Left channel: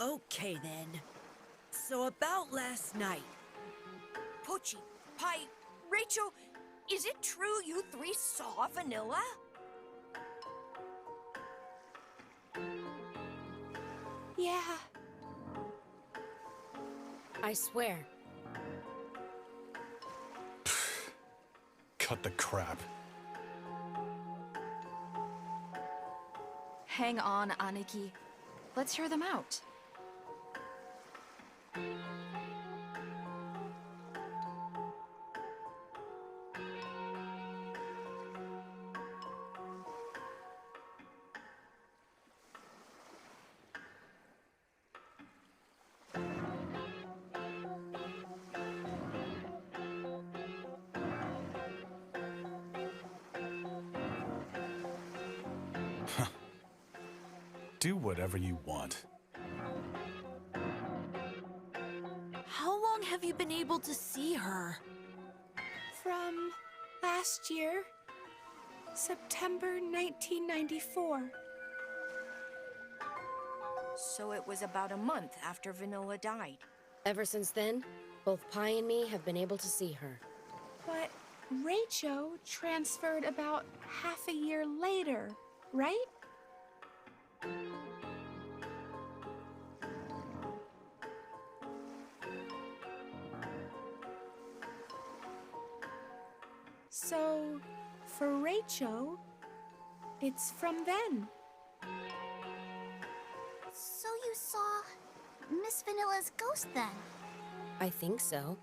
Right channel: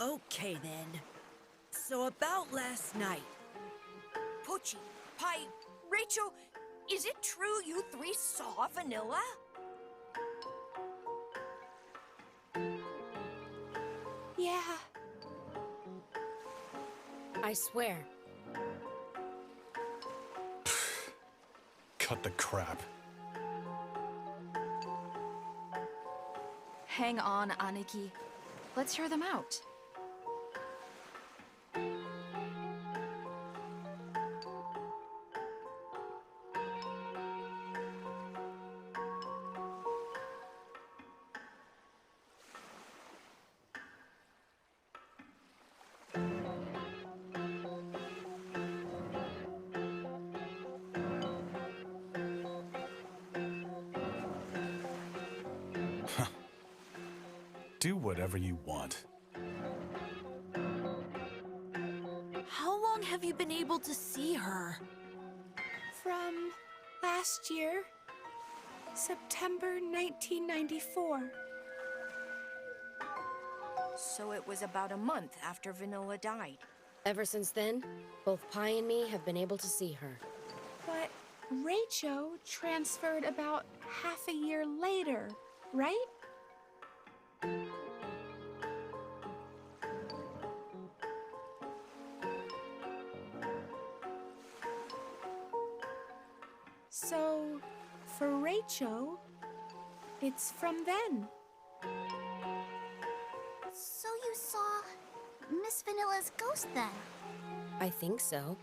Okay then. So about last night. Poochie, Pie, Rachel, is it true you three saw Vanilla? Yeah. I swear. Cut the crap. Hang on, Aniki. Let's hear them out. Do whatever you want. How long have you been able to see her? From last year, September 1994. So it was about a month after Vanilla died. Ever since then, both Pi and me have been able to see her. But Rachel transferred about half a year later, right? So, for Rachel, it's from then. So you saw Miss Vanilla's ghost then? I think so.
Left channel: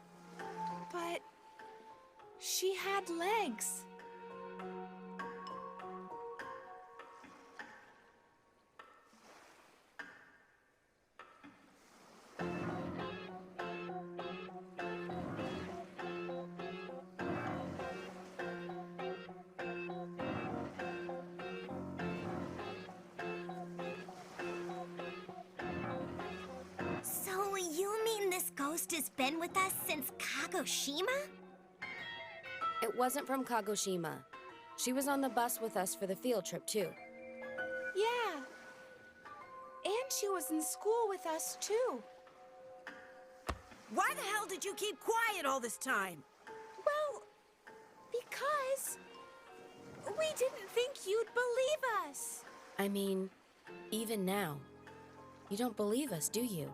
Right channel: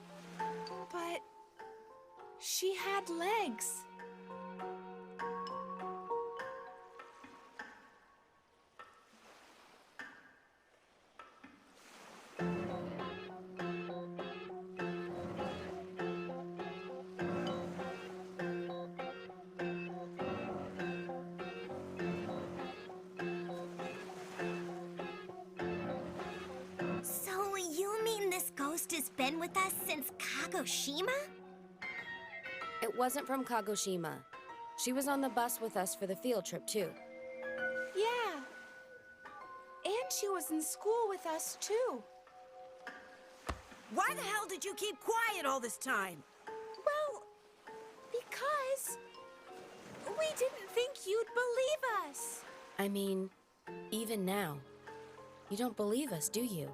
But she had legs. So you mean this ghost has been with us since Kagoshima? It wasn't from Kagoshima. She was on the bus with us for the field trip, too. Yeah. And she was in school with us, too. Why the hell did you keep quiet all this time? Well, because we didn't think you'd believe us. I mean, even now. You don't believe us, do you?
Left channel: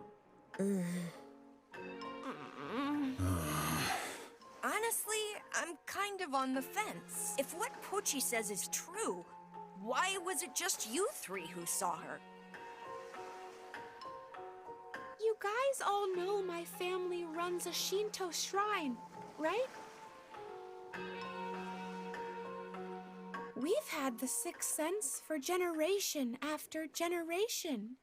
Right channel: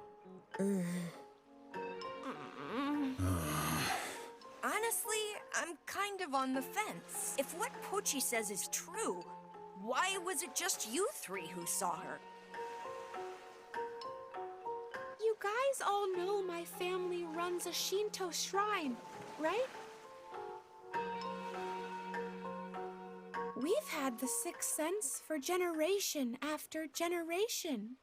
Honestly, I'm kind of on the fence. If what Poochie says is true, why was it just you three who saw her? You guys all know my family runs a Shinto shrine, right? We've had the sixth sense for generation after generation.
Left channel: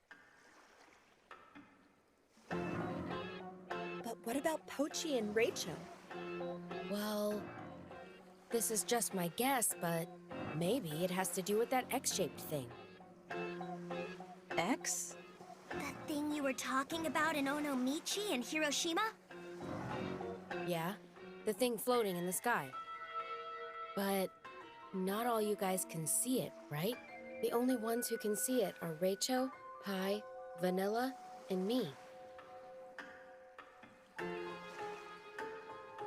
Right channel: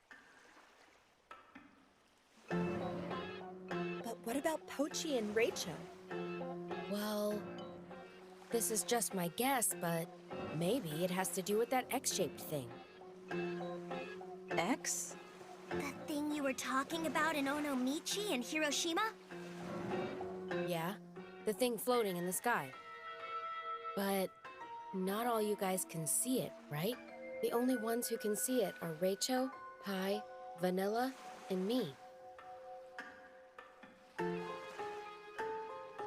But what about Pochi and Rachel? Well, this is just my guess, but maybe it has to do with that X-shaped thing. X? That thing you were talking about in Onomichi and Hiroshima? Yeah, the thing floating in the sky. But not all you guys can see it, right? The only ones who can see it are Rachel, Pi, Vanilla, and me.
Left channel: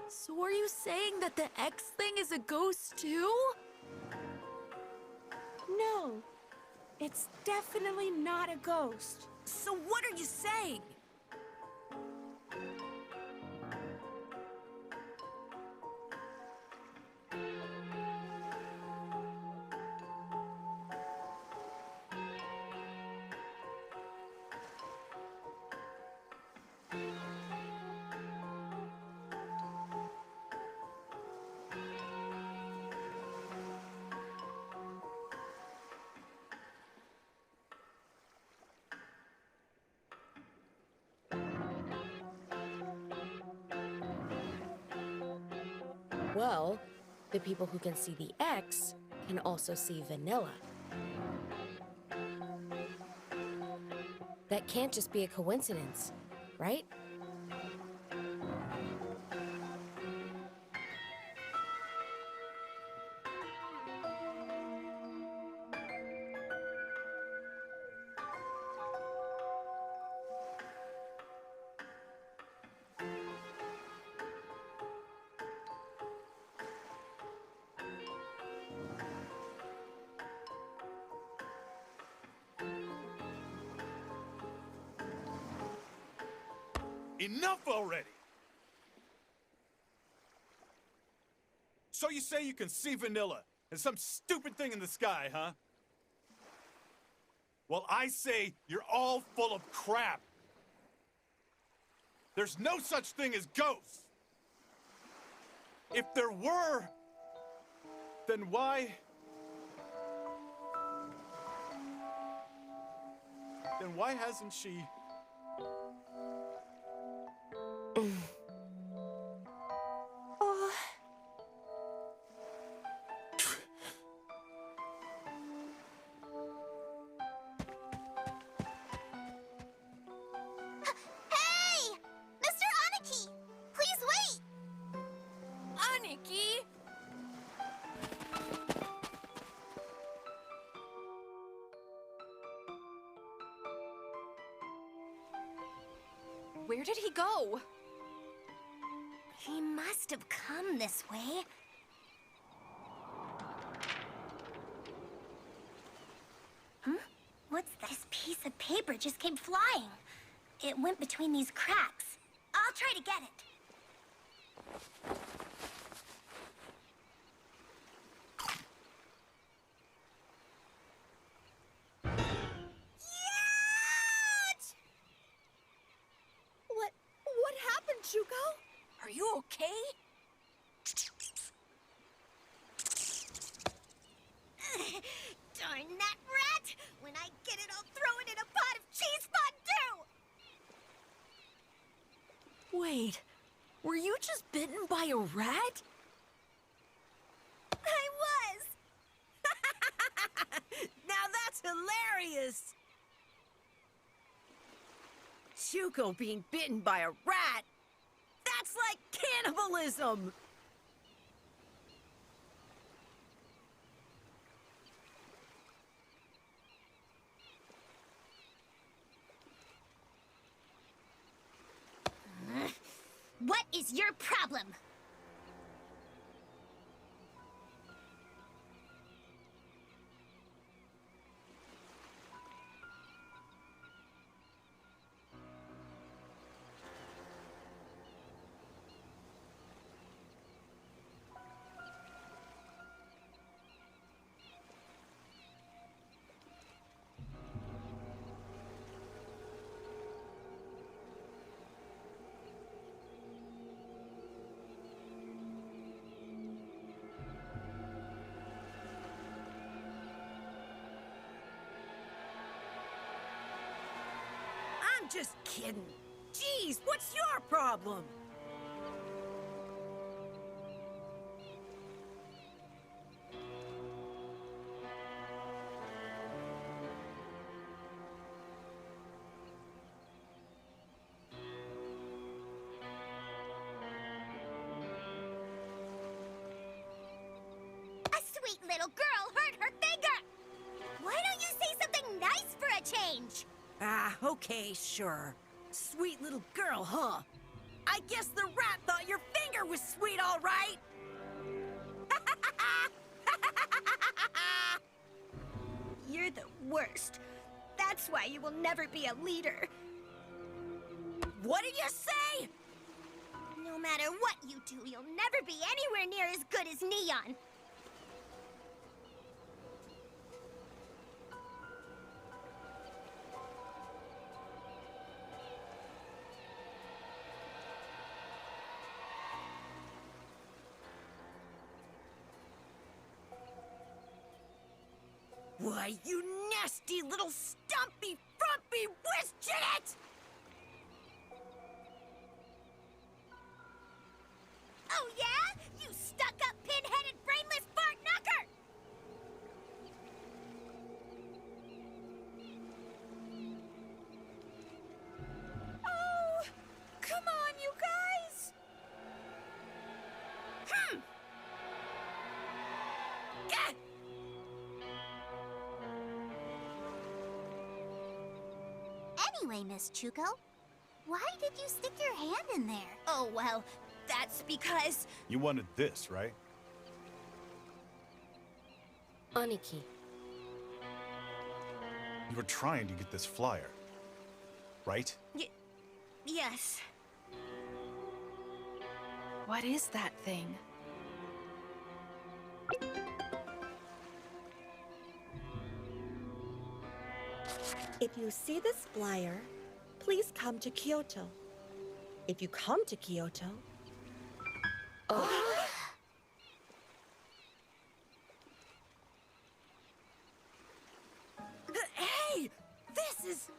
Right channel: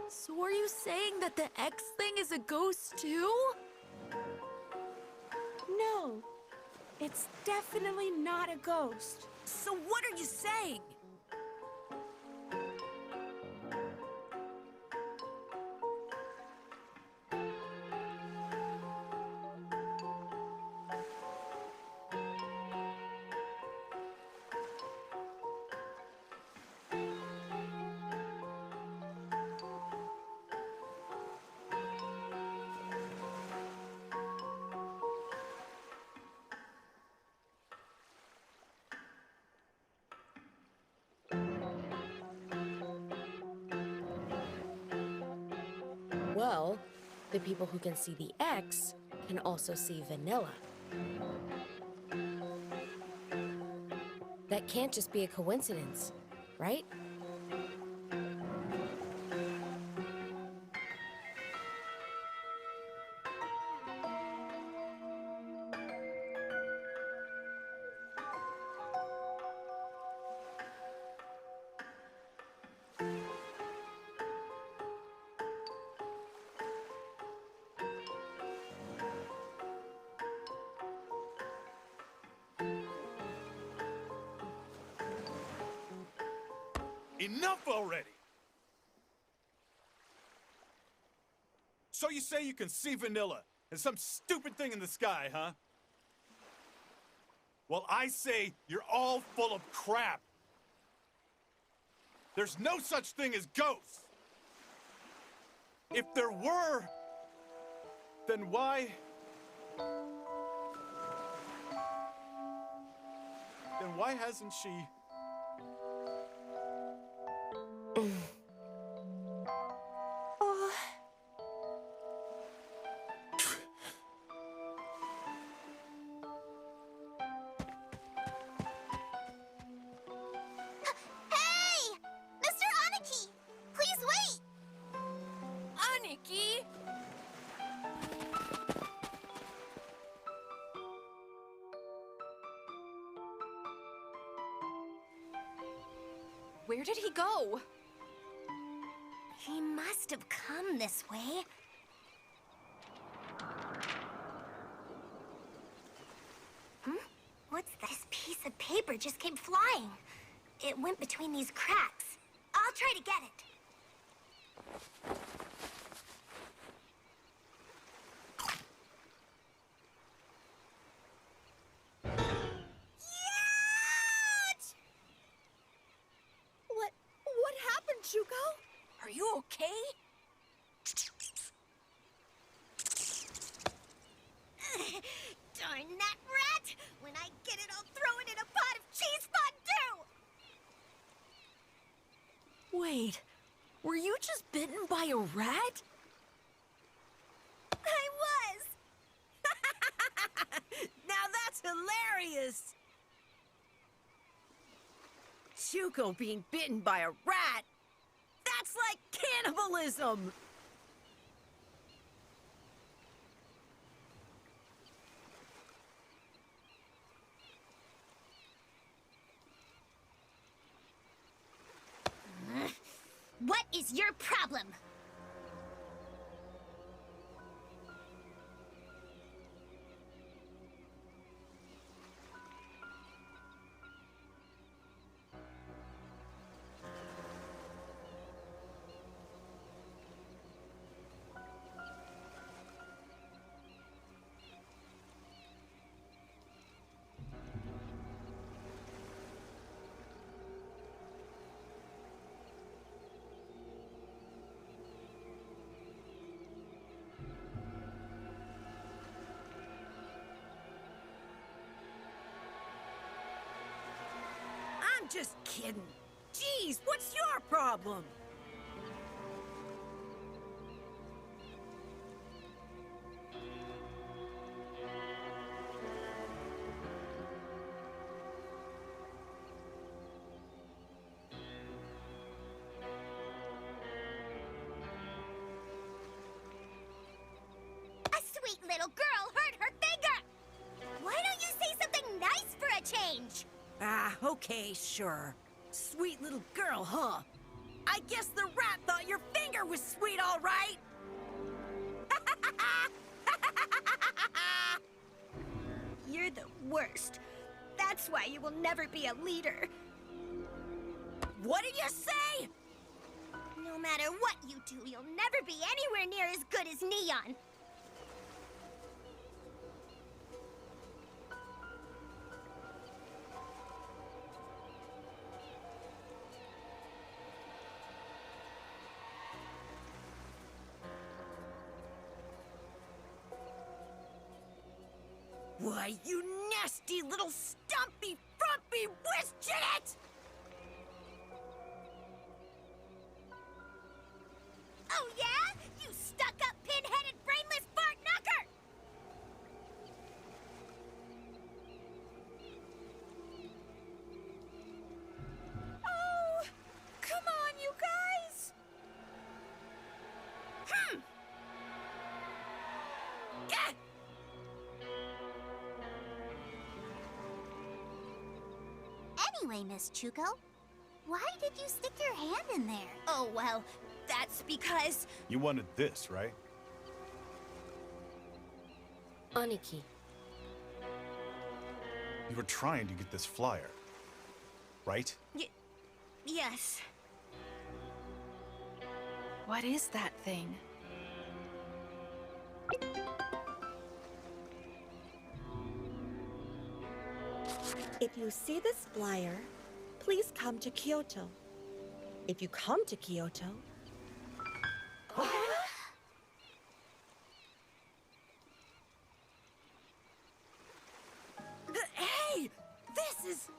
So are you saying that the X thing is a ghost too? No, it's definitely not a ghost. So what are you saying? Well, the people who can see the X can also see Vanilla. That can't just be a coincidence, right? Enough already! So you say you can see vanilla and some stupid thing in the sky, huh? Well, I say you're all full of crap. There's no such thing as ghosts. If there were, then why... Then why hasn't she... Hey! Mr. Aniki! Please wait! Aniki! Where did he go? He must have come this way. What's this piece of paper just came flying? It went between these cracks. I'll try to get it. Yat! What happened, Shuko? Are you okay? Darn that rat! When I get it, I'll throw it in a pot of cheese fondue! Wait, were you just bitten by a rat? I was! Now that's hilarious! Shuko being bitten by a rat? That's like cannibalism! What is your problem? I'm just kidding. Jeez, what's your problem? A sweet little girl hurt her finger! Why don't you say something nice for a change? Ah, okay, sure. Sweet little girl, huh? I guess the rat thought your finger was sweet, all right? You're the worst. That's why you will never be a leader. What did you say? No matter what you do, you'll never be anywhere near as good as Neon. Why, you nasty little stumpy, frumpy wischinet! Oh yeah? You stuck-up, pin-headed, brainless fart knocker! Oh, come on, you guys! Gah! Anyway, Miss Chuko, why did you stick your hand in there? Oh, well, that's because... You wanted this, right? Aniki, You were trying to get this flyer, right? Yes. What is that thing? If you see this flyer, please come to Kyoto. If you come to Kyoto... Hey! This is...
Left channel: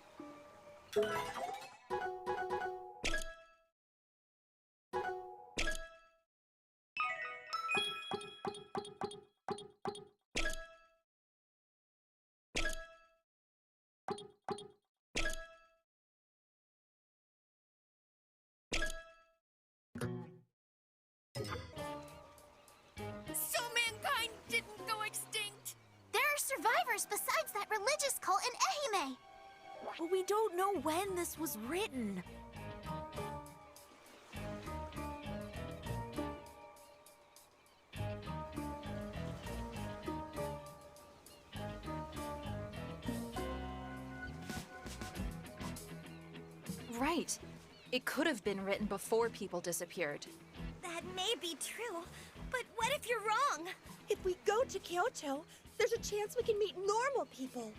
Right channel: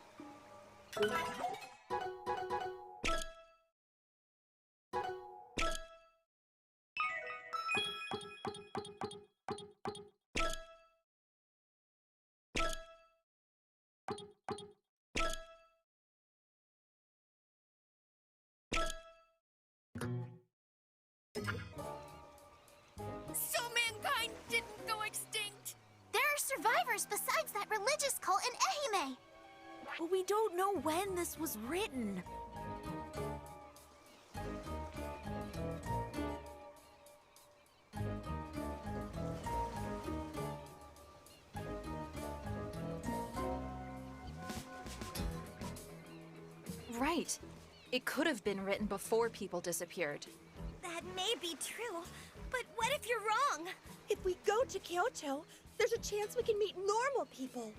So mankind didn't go extinct! There are survivors besides that religious cult in Ehime. But we don't know when this was written. Right. It could have been written before people disappeared. That may be true, but what if you're wrong? If we go to Kyoto, there's a chance we can meet normal people.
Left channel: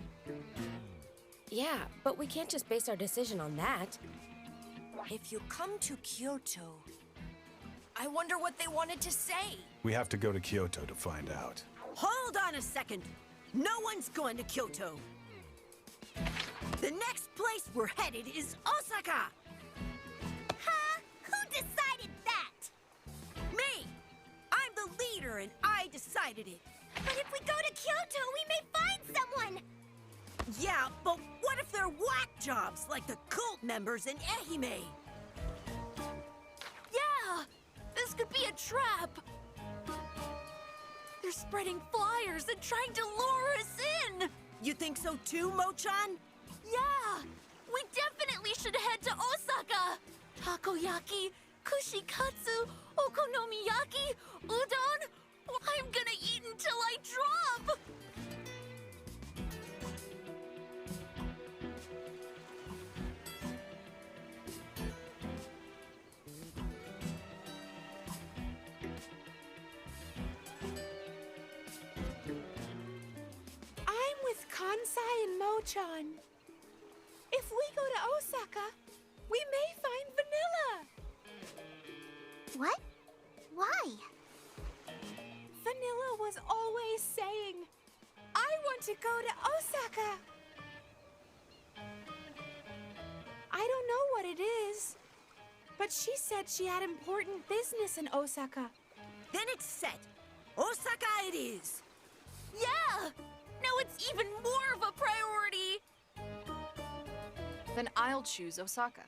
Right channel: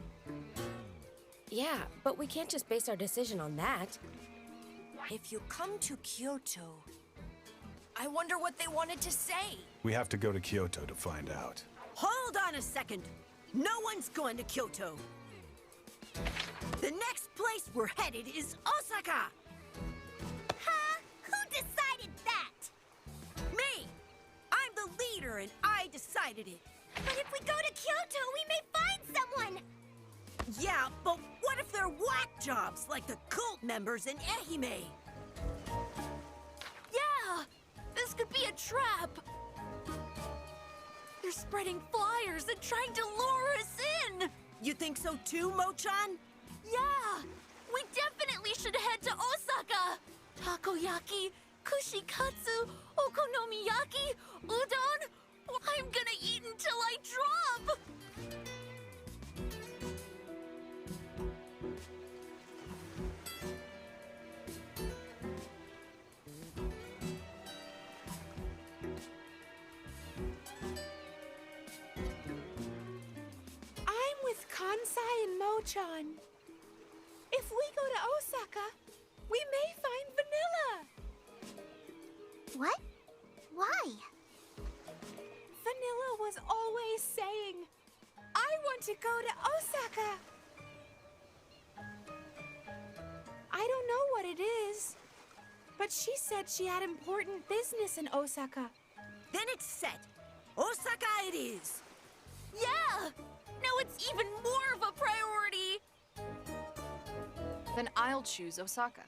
Yeah, but we can't just base our decision on that. If you come to Kyoto, I wonder what they wanted to say. We have to go to Kyoto to find out. Hold on a second. No one's going to Kyoto. The next place we're headed is Osaka. Huh? Who decided that? Me! I'm the leader and I decided it. But if we go to Kyoto, we may find someone! Yeah, but what if they're whack jobs like the cult members in Ehime? Yeah! This could be a trap! They're spreading flyers and trying to lure us in! You think so too, Mochan? Yeah! We definitely should head to Osaka! Takoyaki, kushikatsu, okonomiyaki, udon! I'm gonna eat until I drop! I'm with Kansai and Mochan. If we go to Osaka, we may find Vanilla. What? Why? Vanilla was always saying, I want to go to Osaka. I don't know what it is, but she said she had important business in Osaka. Then it's set. Osaka it is. Yeah! Now it's even more of a priority! Then I'll choose Osaka.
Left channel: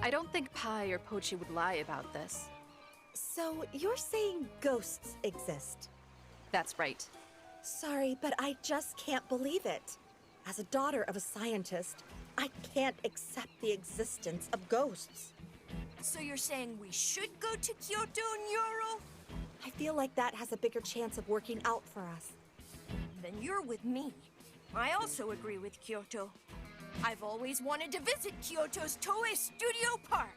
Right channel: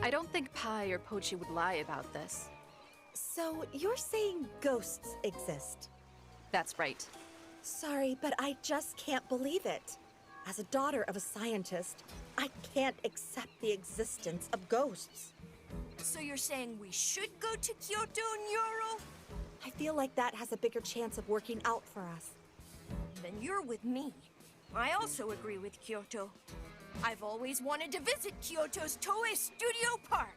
I don't think Pai or Pochi would lie about this. So you're saying ghosts exist? That's right. Sorry, but I just can't believe it. As a daughter of a scientist, I can't accept the existence of ghosts. So you're saying we should go to Kyoto, Nyoro? I feel like that has a bigger chance of working out for us. Then you're with me. I also agree with Kyoto. I've always wanted to visit Kyoto's Toei Studio Park.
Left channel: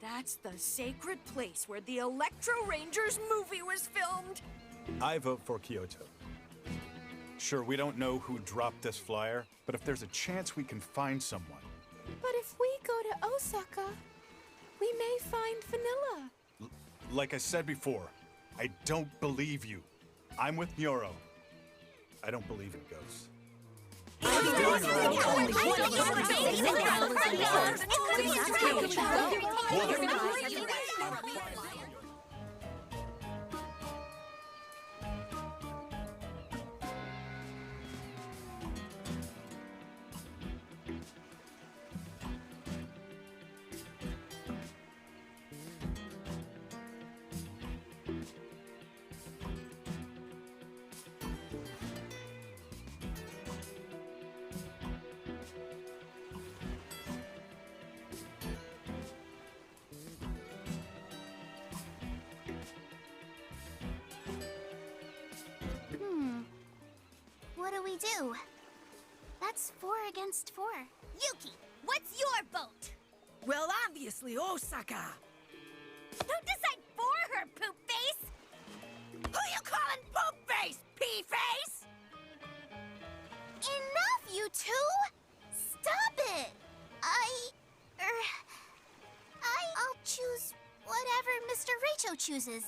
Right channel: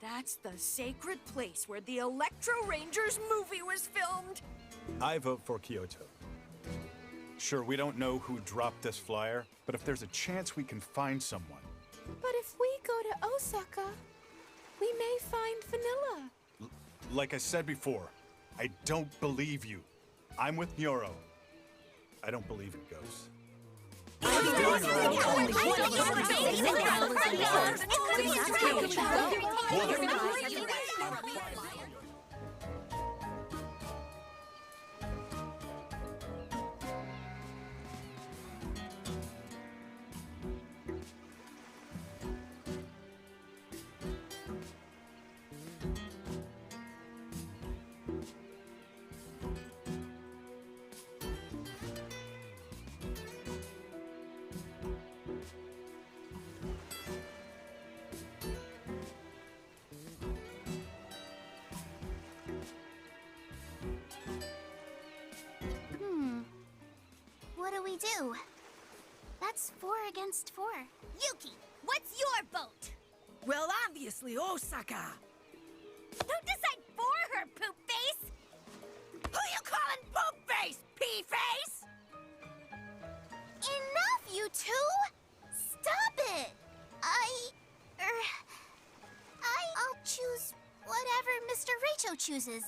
That's the sacred place where the Electro Rangers movie was filmed. I vote for Kyoto. Sure, we don't know who dropped this flyer, but if there's a chance we can find someone. But if we go to Osaka, we may find Vanilla. Like I said before, I don't believe you. I'm with Nyoro. I don't believe in ghosts. What do we do? That's 4 against 4. Yuki, what's your vote? Well, obviously Osaka. Don't decide for too? Stop it! I'll choose whatever Mr. Rachel chooses.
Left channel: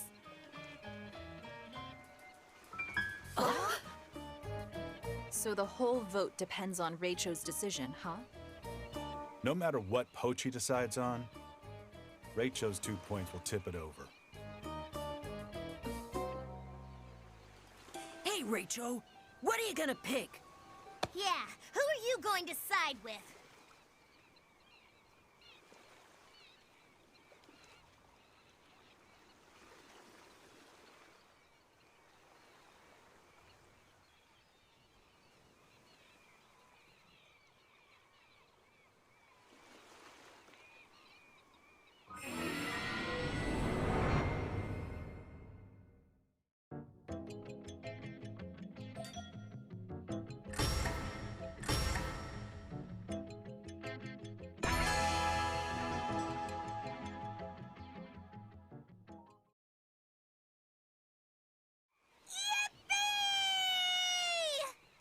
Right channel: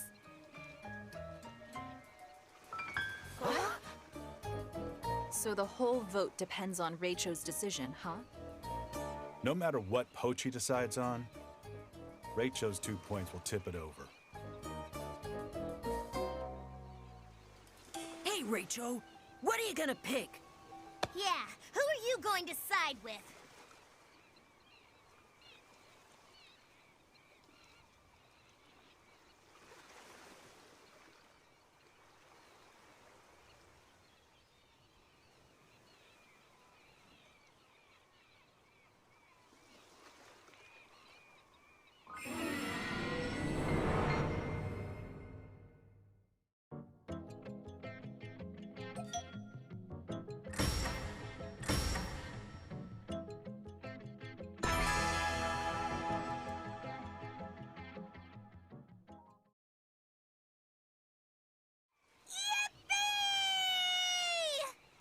So the whole vote depends on Rachel's decision, huh? No matter what Pochi decides on, Rachel's 2 points will tip it over. Hey, Rachel, what are you gonna pick? Yeah, who are you going to side with?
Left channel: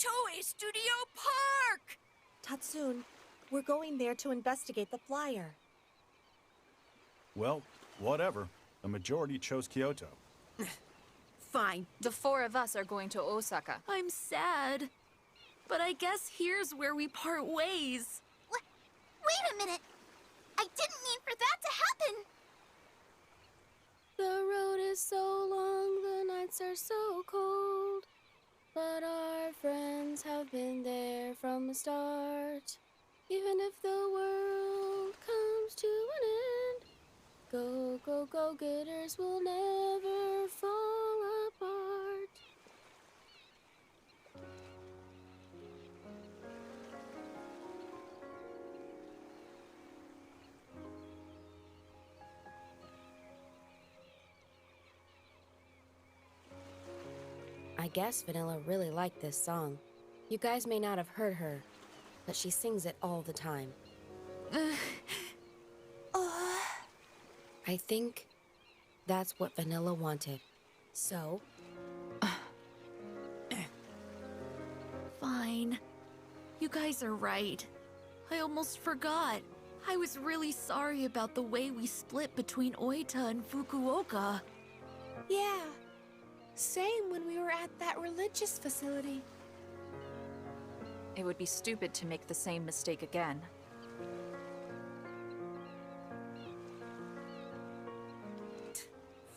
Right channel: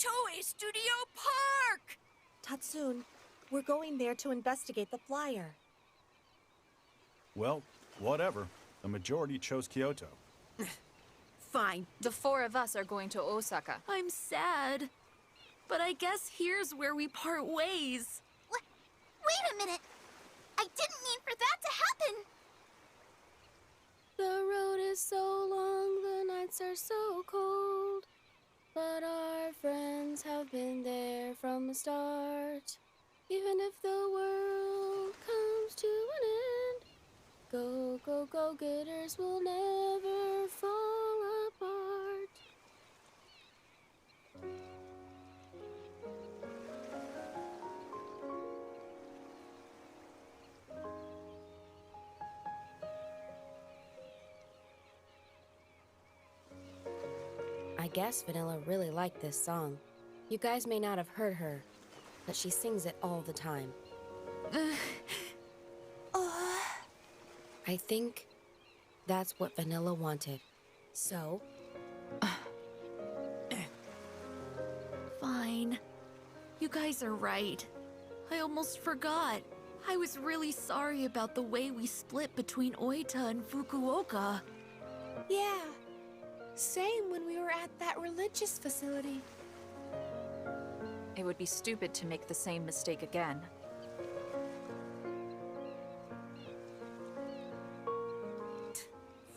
Toei Studio Park! Tatsun, we're going there to investigate the flyer. Well, whatever. The majority chose Kyoto. Fine. The four of us are going to Osaka. I'm sad. But I guess here's where we part ways. Wait a minute! I didn't mean for that to happen! The road is so long, the nights are so cold. But our friends have been there from the start. Even if the world comes to an end, go, go, go getters will never fall apart. I guess Vanilla really liked this song. You guys may not have heard her, but she sings it all the time. I think that's what Vanilla wanted. So, Fine. You guys are right. I almost forgot. I was really sorry about the way we split between Oita and Fukuoka. Yeah. Same when we were at that religious facility. It would be stupid to make the same mistake again.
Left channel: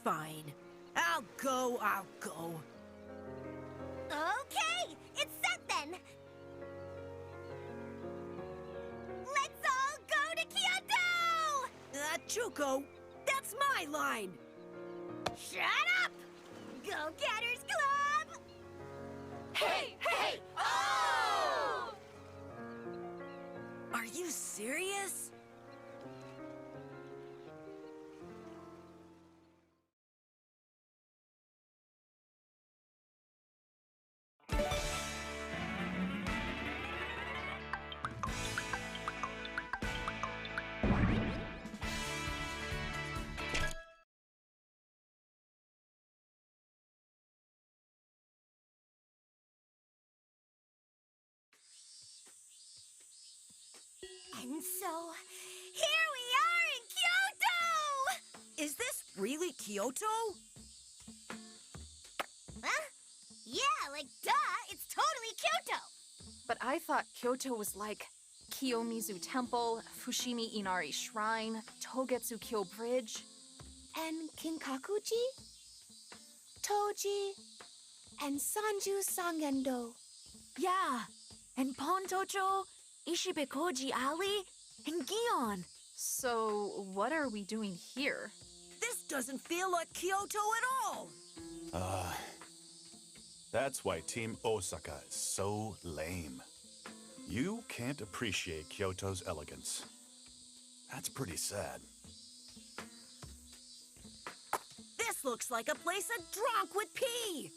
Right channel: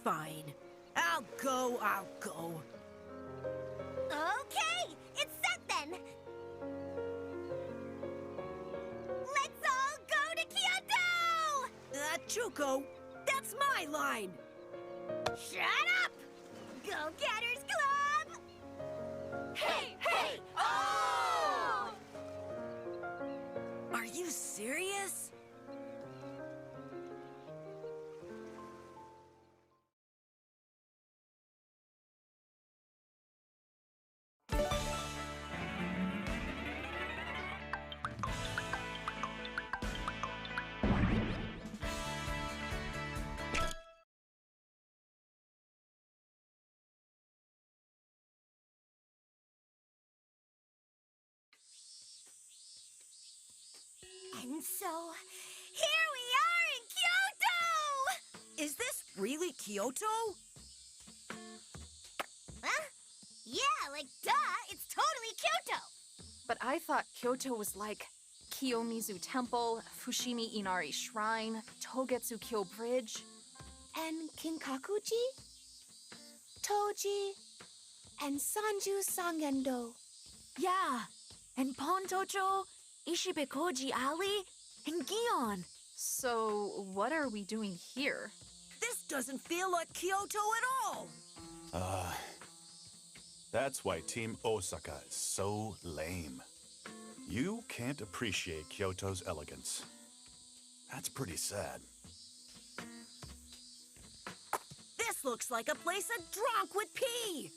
Fine. I'll go. Okay, it's set then! Let's all go to Kyoto! Chuko, that's my line! Shut up! Go-Getters Club! Hey, hey, oh! Are you serious? And so, here we are in Kyoto! Is this really Kyoto? Huh? Yeah, like, duh, it's totally Kyoto! But I thought Kyoto was like Kiyomizu Temple, Fushimi Inari Shrine, Togetsu Kyo Bridge. And Kinkakuji? Toji? And Sanju Sangendo. Yeah. And Pontocho, Ishibekoji Alley, and Gion. So, what are we doing here? This doesn't feel like Kyoto at all! That's why Team Osaka is so lame. You can't appreciate Kyoto's elegance. That's pretty sad. This looks like a place a drunk would pee!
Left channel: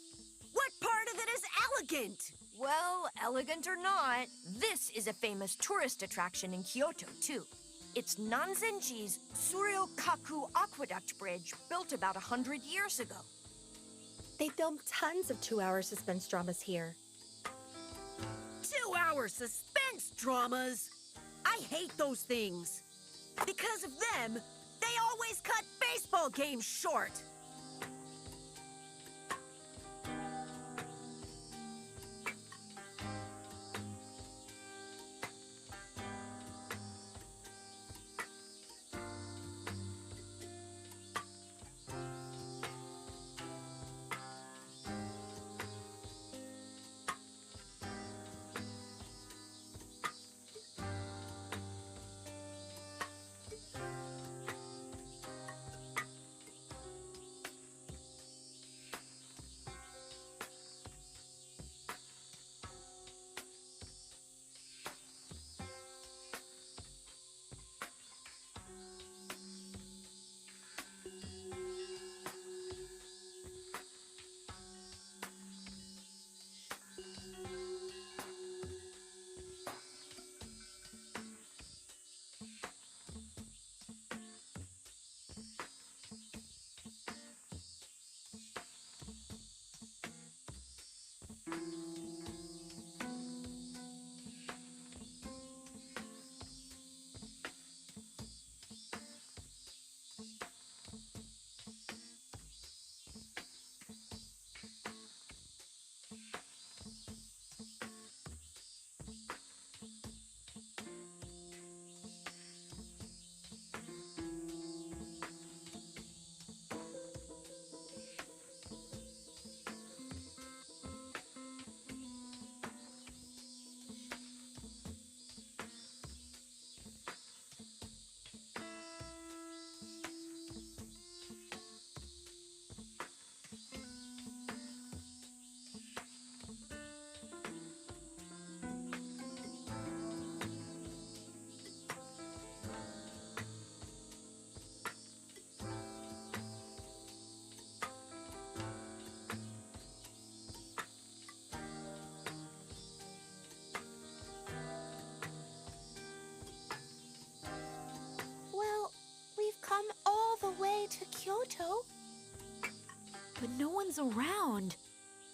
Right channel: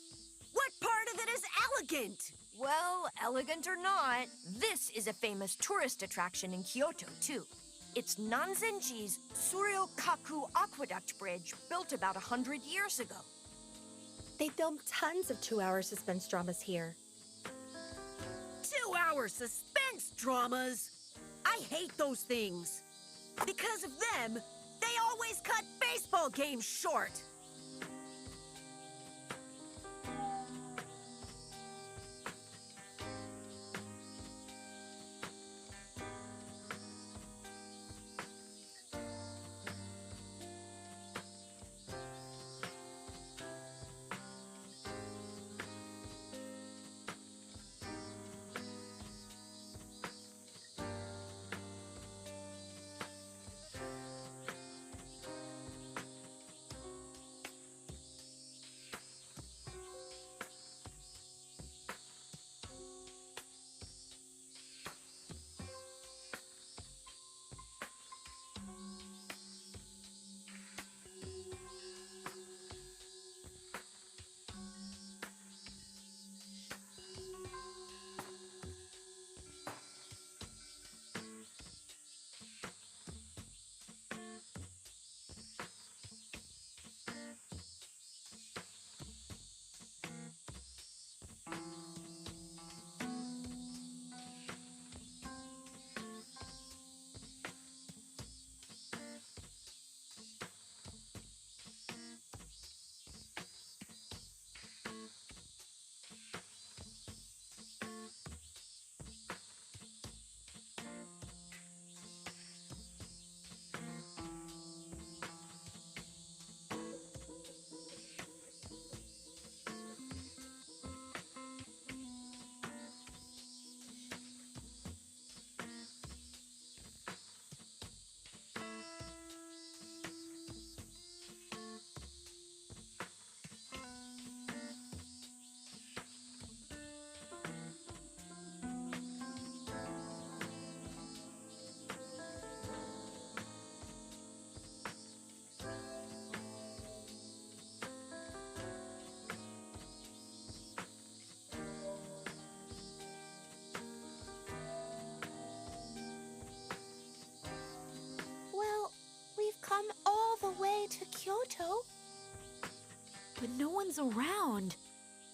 What part of it is elegant? Well, elegant or not, this is a famous tourist attraction in Kyoto, too. It's Nanzenji's Suryokaku Aqueduct Bridge, built about 100 years ago. They filmed tons of 2-hour suspense dramas here. 2-hour suspense Thanks, dramas. I hate those things. Because of them, they always cut baseball games short. Well, we've come all the way to Kyoto. But no one's around.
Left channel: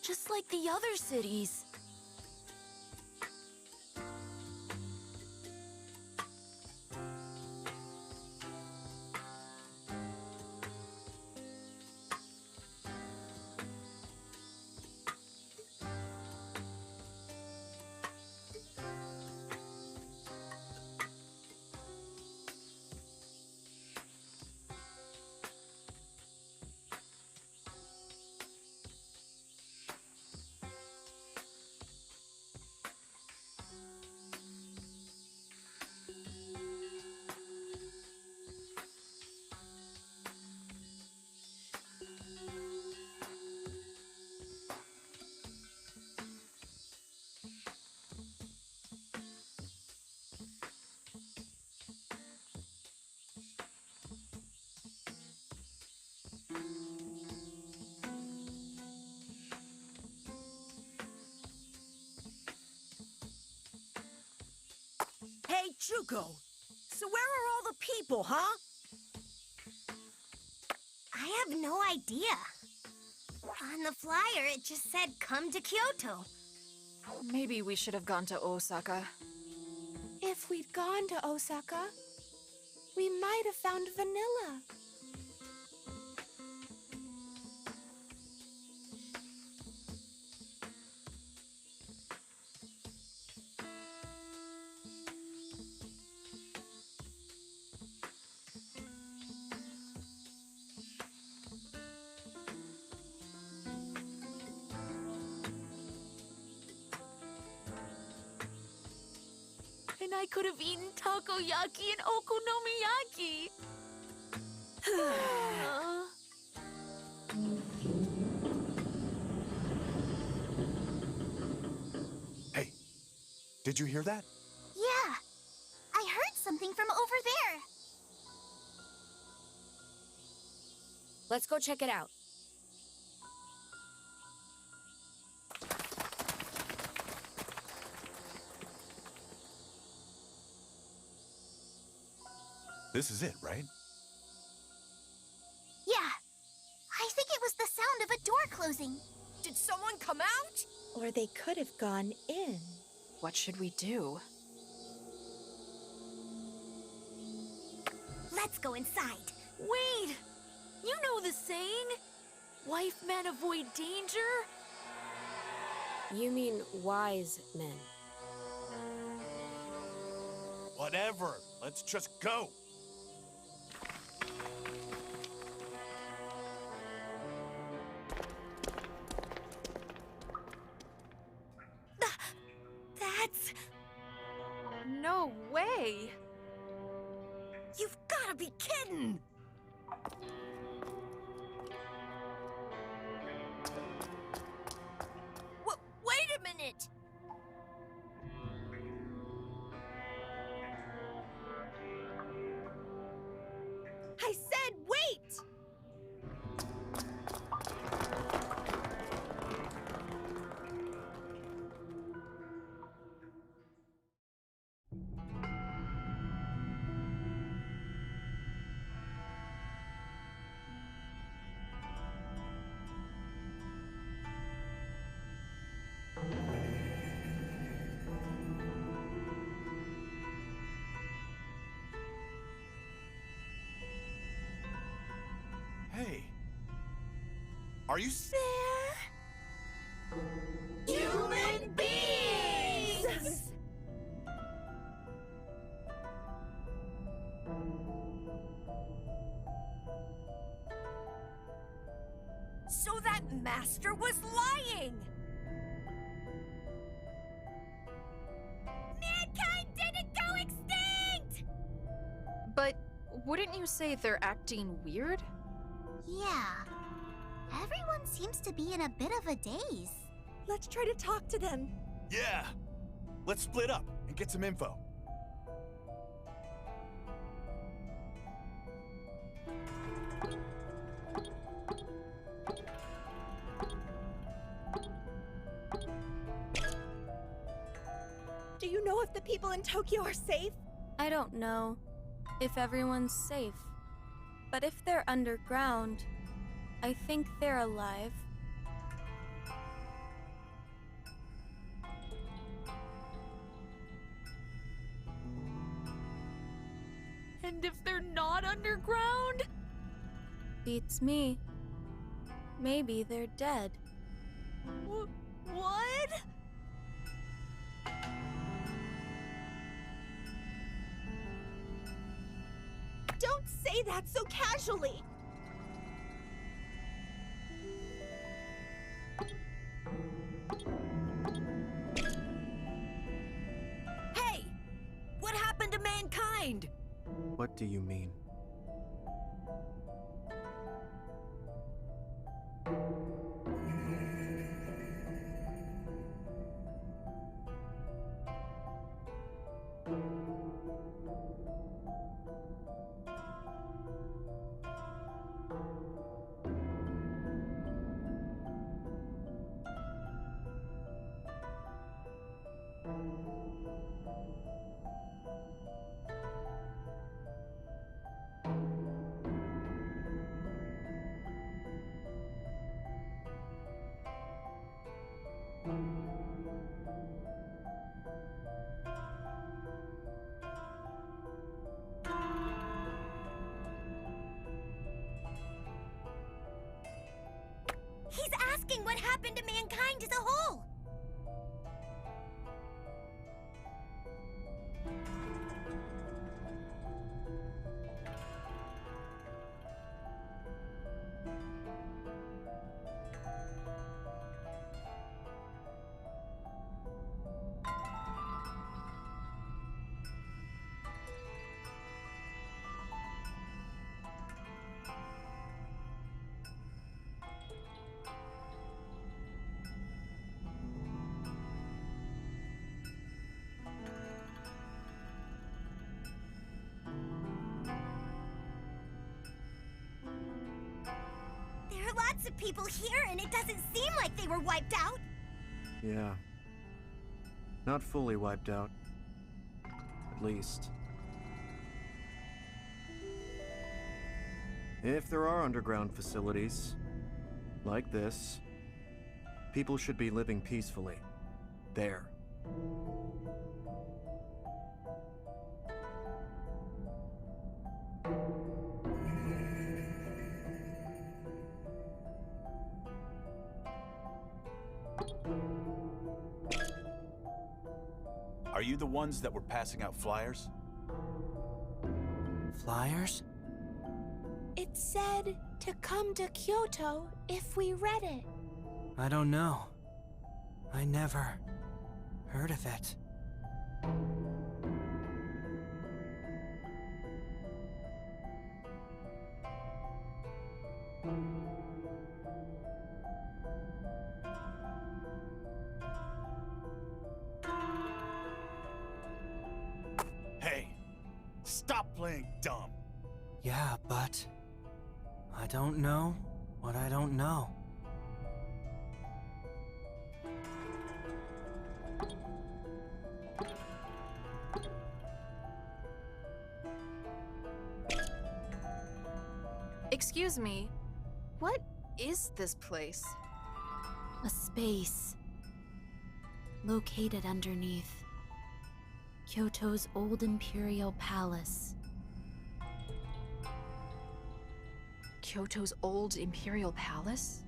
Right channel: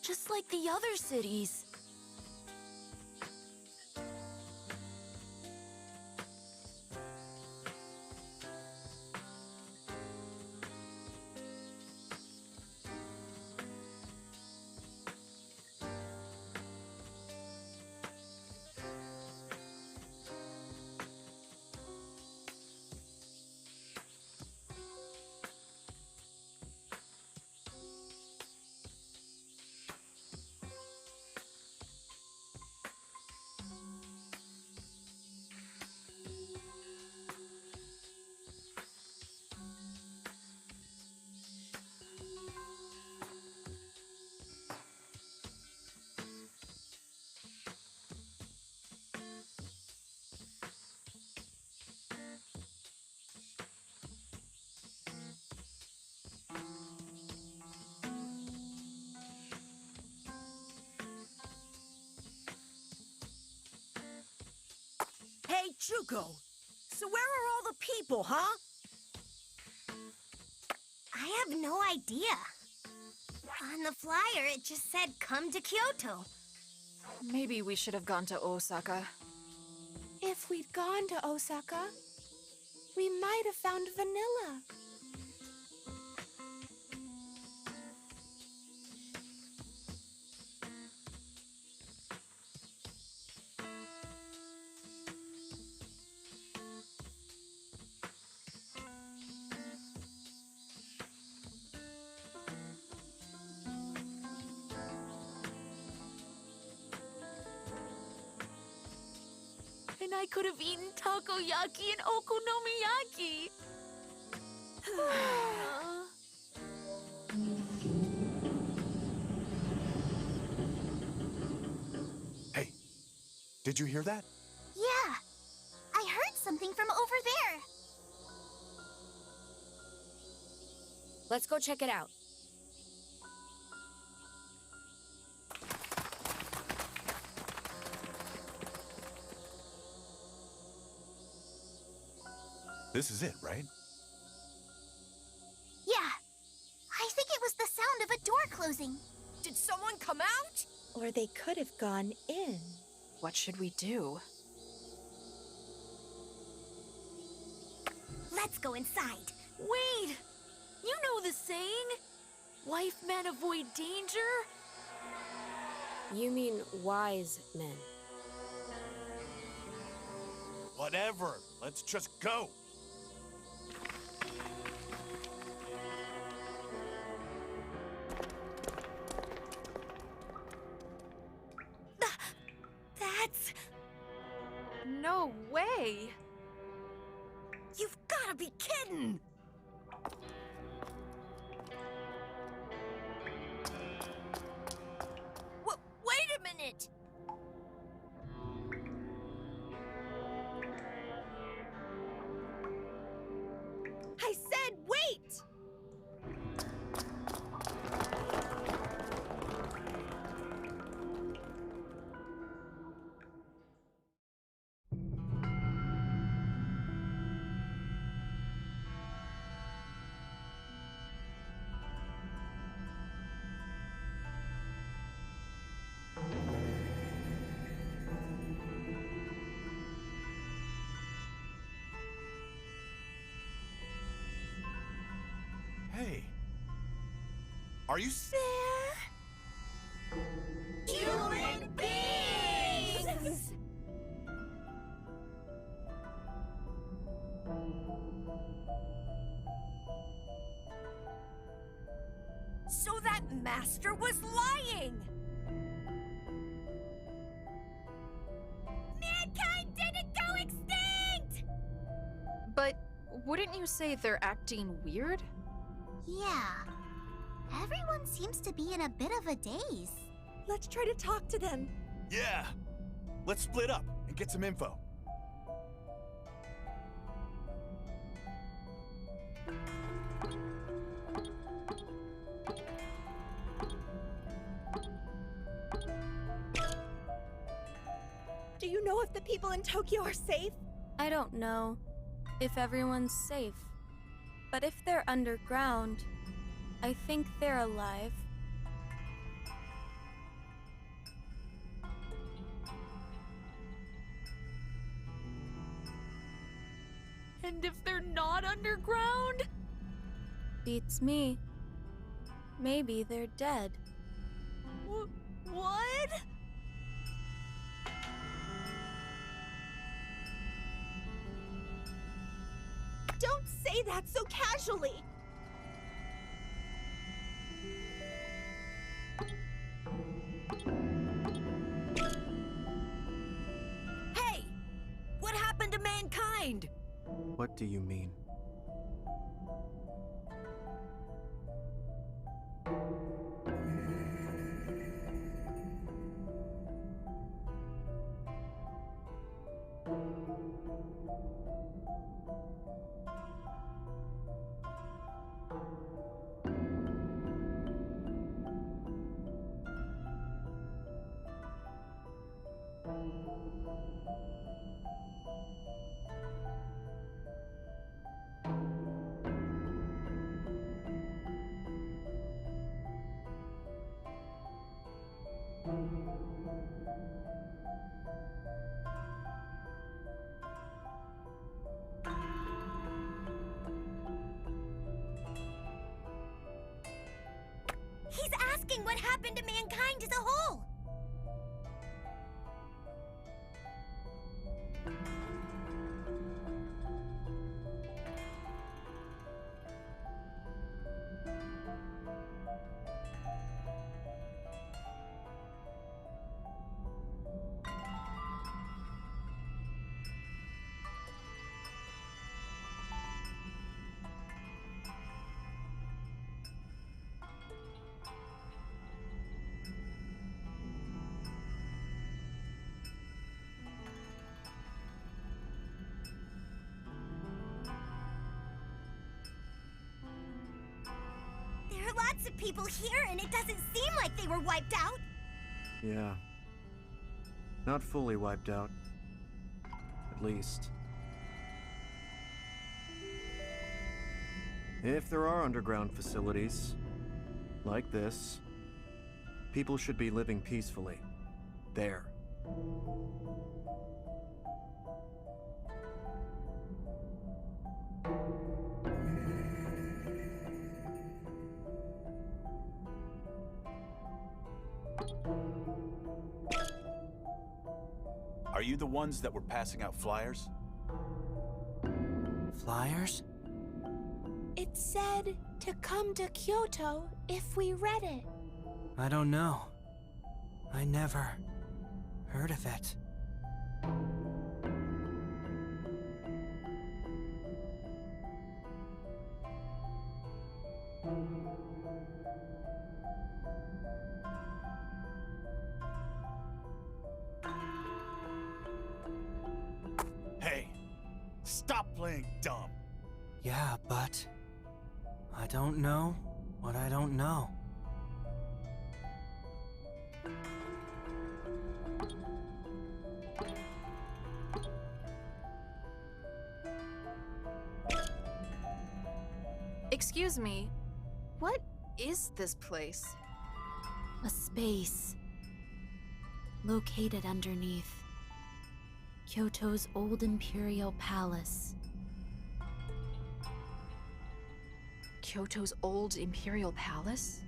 Just like the other cities. Hey, Juko. So where are all the people, huh? I have no idea. On the flyer, it just said come to Kyoto. Maybe we should have gone to Osaka. If we'd gone to Osaka, we might have found Vanilla. And I could have eaten takoyaki and okonomiyaki. Hey, did you hear that? Yeah, I heard something from over there. Let's go check it out. This is it, right? Yeah, I think it was the sound of a door closing. Did someone come out? Or they could have gone in. What should we do? Let's go inside. Wait! You know the saying? Wife men avoid danger? You mean wise men. Whatever. Let's just go. That's... No way! You've gotta be kidding! Wait a minute! I said wait! Hey. Are you Human beings! So that master was lying! Mankind didn't go extinct! But wouldn't you say they're acting weird? Yeah. Everyone seems to be in a bit of a daze. Let's try to talk to them. Yeah. Let's split up and get some info. Do you know if the people in Tokyo are safe? I don't know if everyone's safe, but if they're underground, I think they're alive. And if they're not underground? Beats me. Maybe they're dead. What? Don't say that so casually! Hey! What happened to mankind? What do you mean? He's asking what happened to mankind as a whole. There are lots of people here, and it doesn't seem like they were wiped out. Yeah. Not fully wiped out. At least. If there are underground facilities, like this, people should be living peacefully. There. Are you the ones that were passing out flyers? Flyers? It said to come to Kyoto if we read it. I don't know. I never heard of it. Hey, stop playing dumb. Yeah, but I don't know what I don't know. Excuse me, what is this place? A space located underneath Kyoto's old imperial palace. Kyoto's old imperial palace?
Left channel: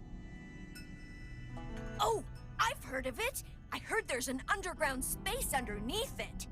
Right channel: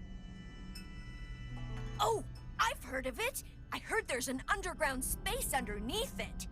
Oh, I've heard of it! I heard there's an underground space underneath it!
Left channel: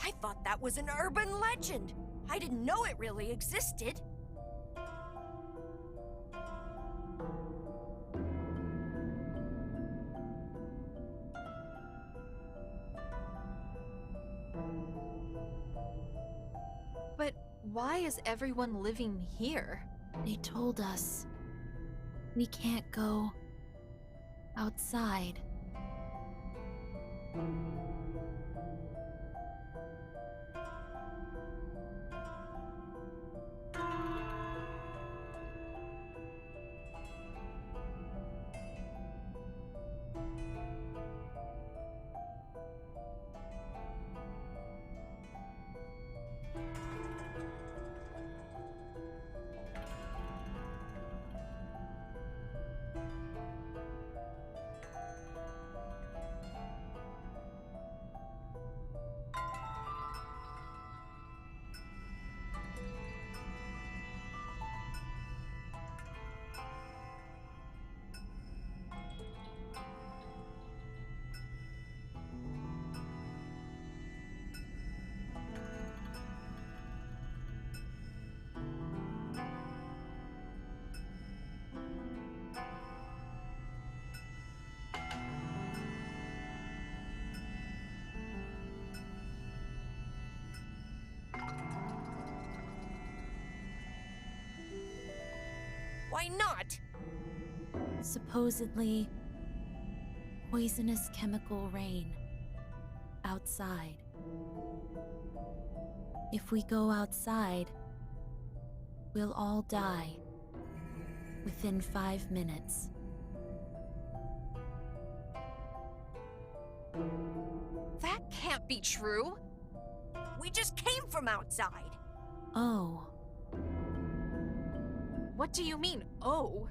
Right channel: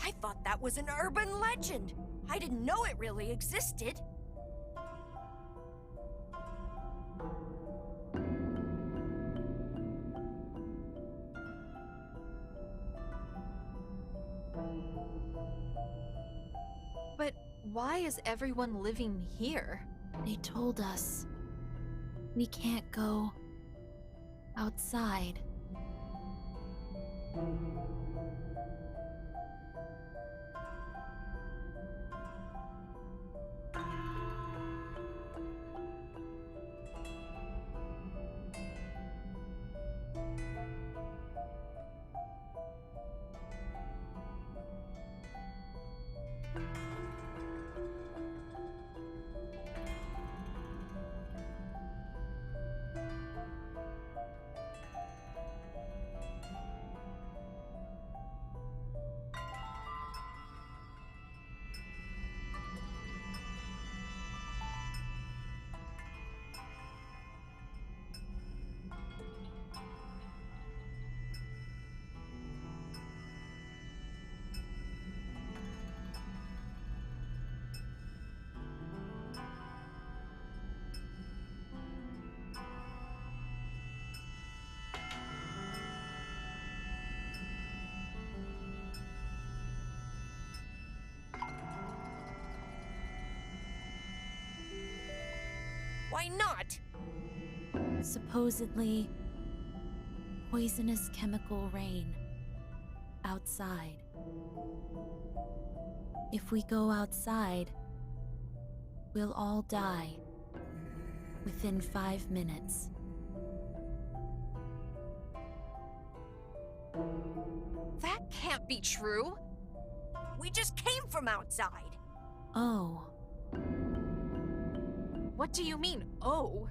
I thought that was an urban legend. I didn't know it really existed. But why is everyone living here? They told us we can't go outside. Why not? Supposedly poisonous chemical rain outside. If we go outside, we'll all die within 5 minutes. That can't be true. We just came from outside. Oh, What do you mean, oh?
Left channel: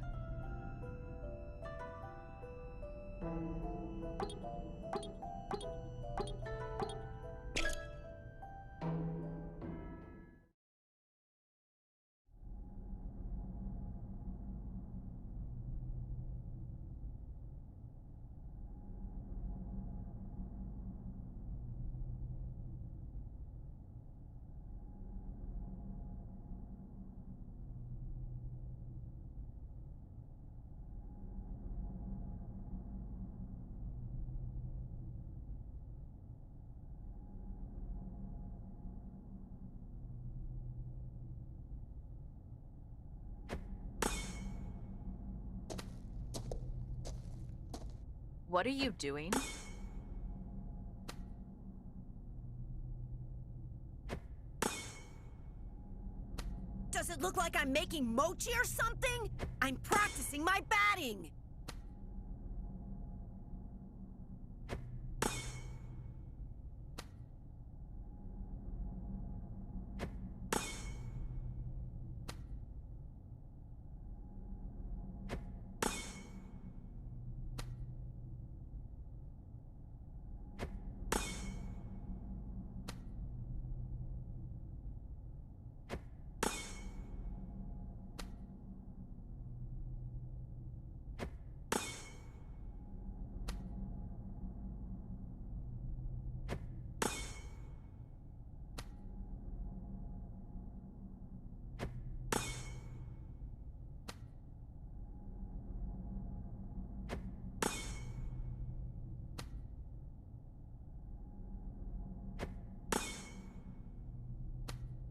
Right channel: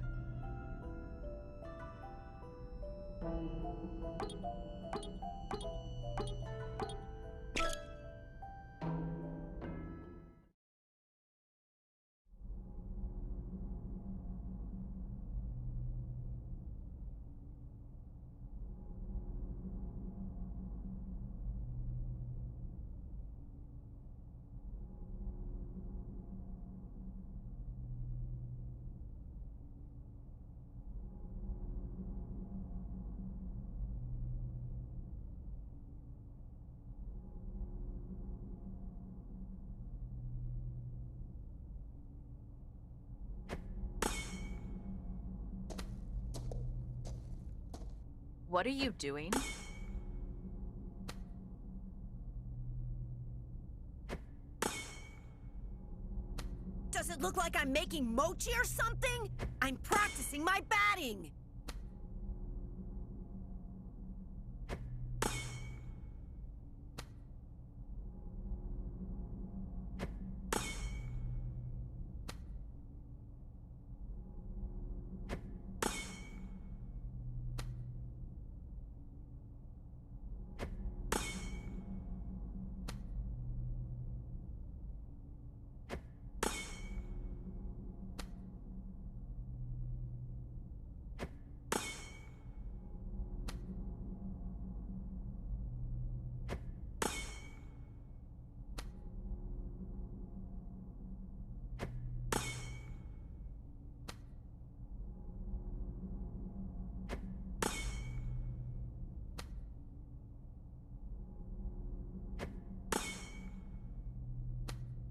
What are you doing? Does it look like I'm making mochi or something? I'm practicing my batting.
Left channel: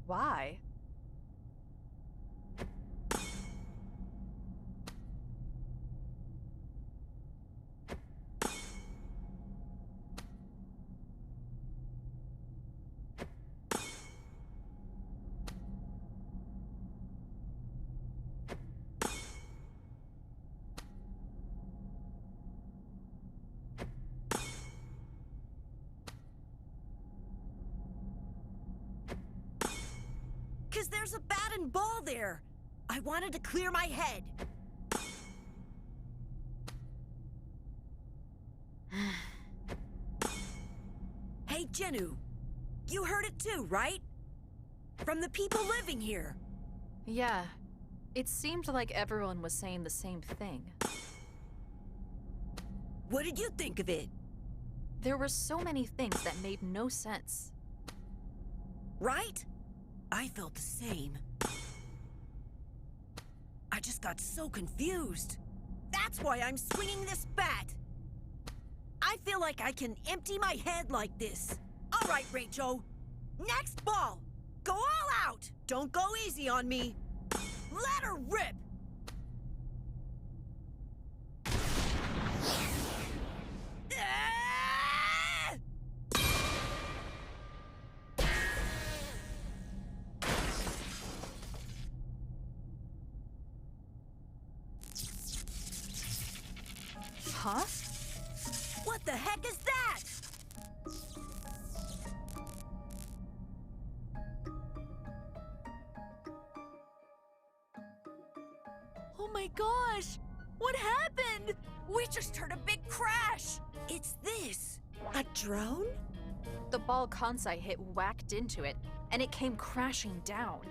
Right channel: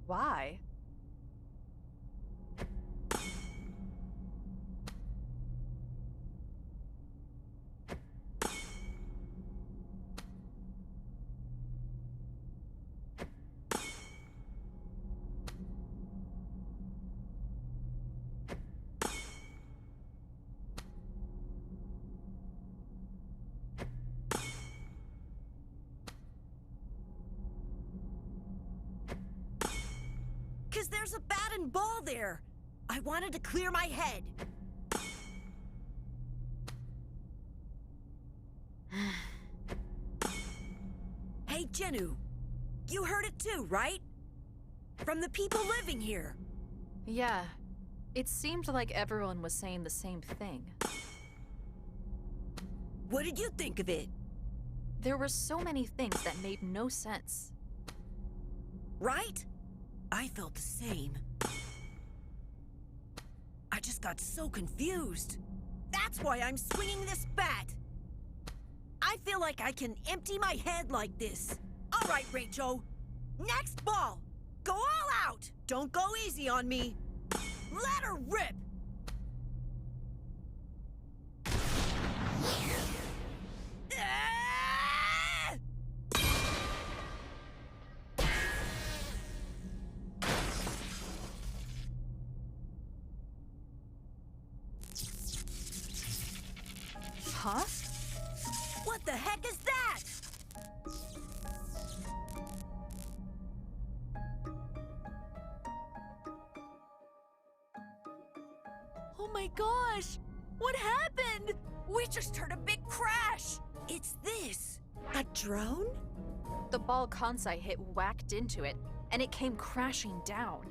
Why? Because there's a bat and ball there. I wanted to clear my head. Hey, Jennu. You heard it too, right? From the people living here. Yeah. It seemed like everyone was saying the same thing. What did you think of it? There were so many things that made no sense. Right? I felt the same. I just got so confused. That's why I'm swinging this bat. I feel like I can empty my head like this. All right, Rachel. Next ball. Go all out. Don't go easy on me. Let her rip. Ah! Huh? What the heck is that? Oh my gosh! What happened? We just heard a big crash! It's this. A drone? The ball Kansai hit whacked into it, and it came crashing down.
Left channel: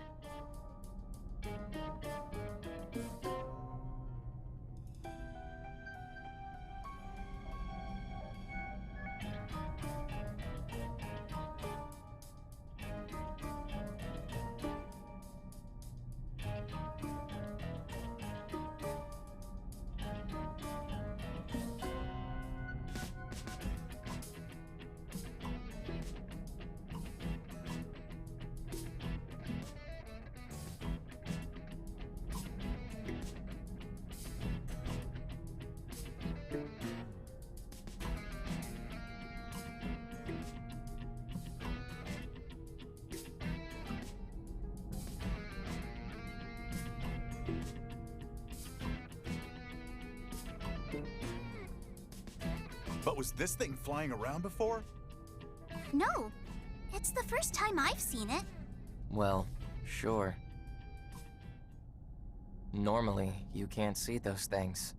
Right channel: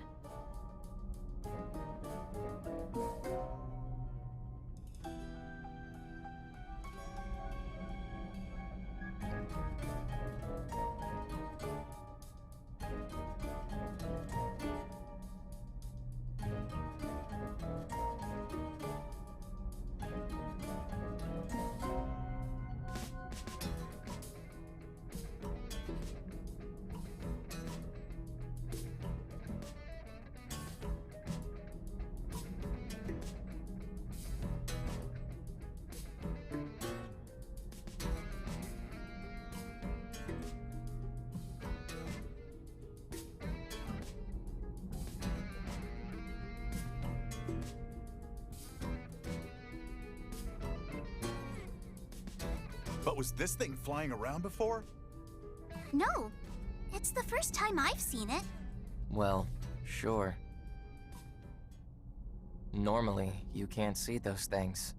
But was this thing flying around before? No, it's the first time I've seen it. Well, sure. Normally, you can't see those things.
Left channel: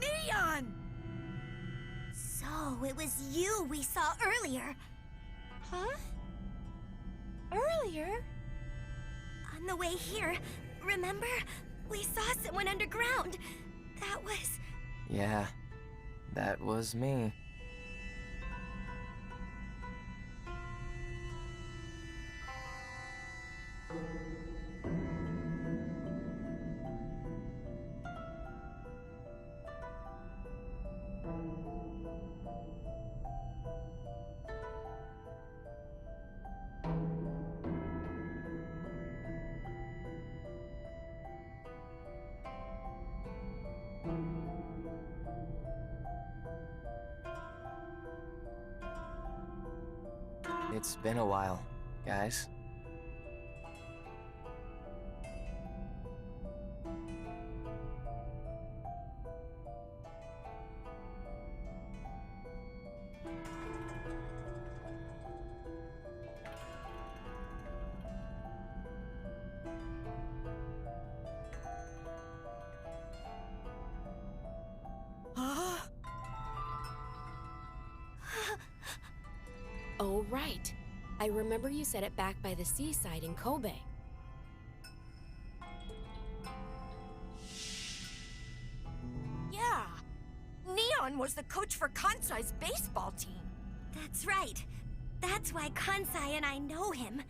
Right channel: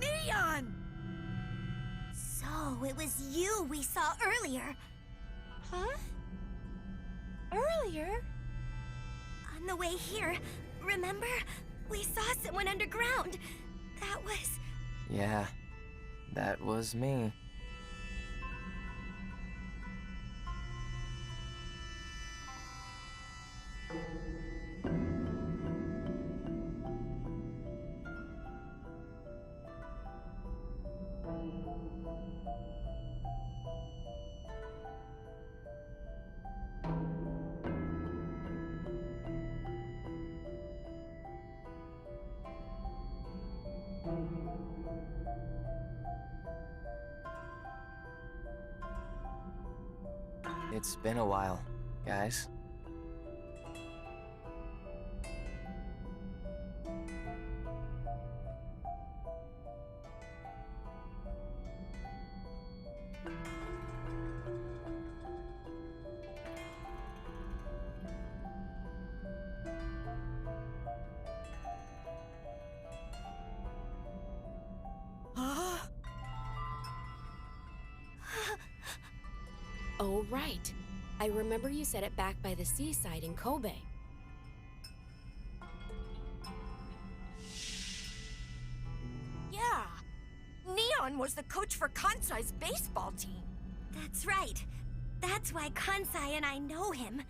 Neon! So, it was you we saw earlier. Huh? Earlier? On the way here, remember? We saw someone underground. That was... Yeah, that was me. It's been a while, guys. Oh, right. I remember you said it back by the seaside in Kobe. Yeah. Neon was the coach for Kansai's baseball team. That's right. That's why Kansai and I know him.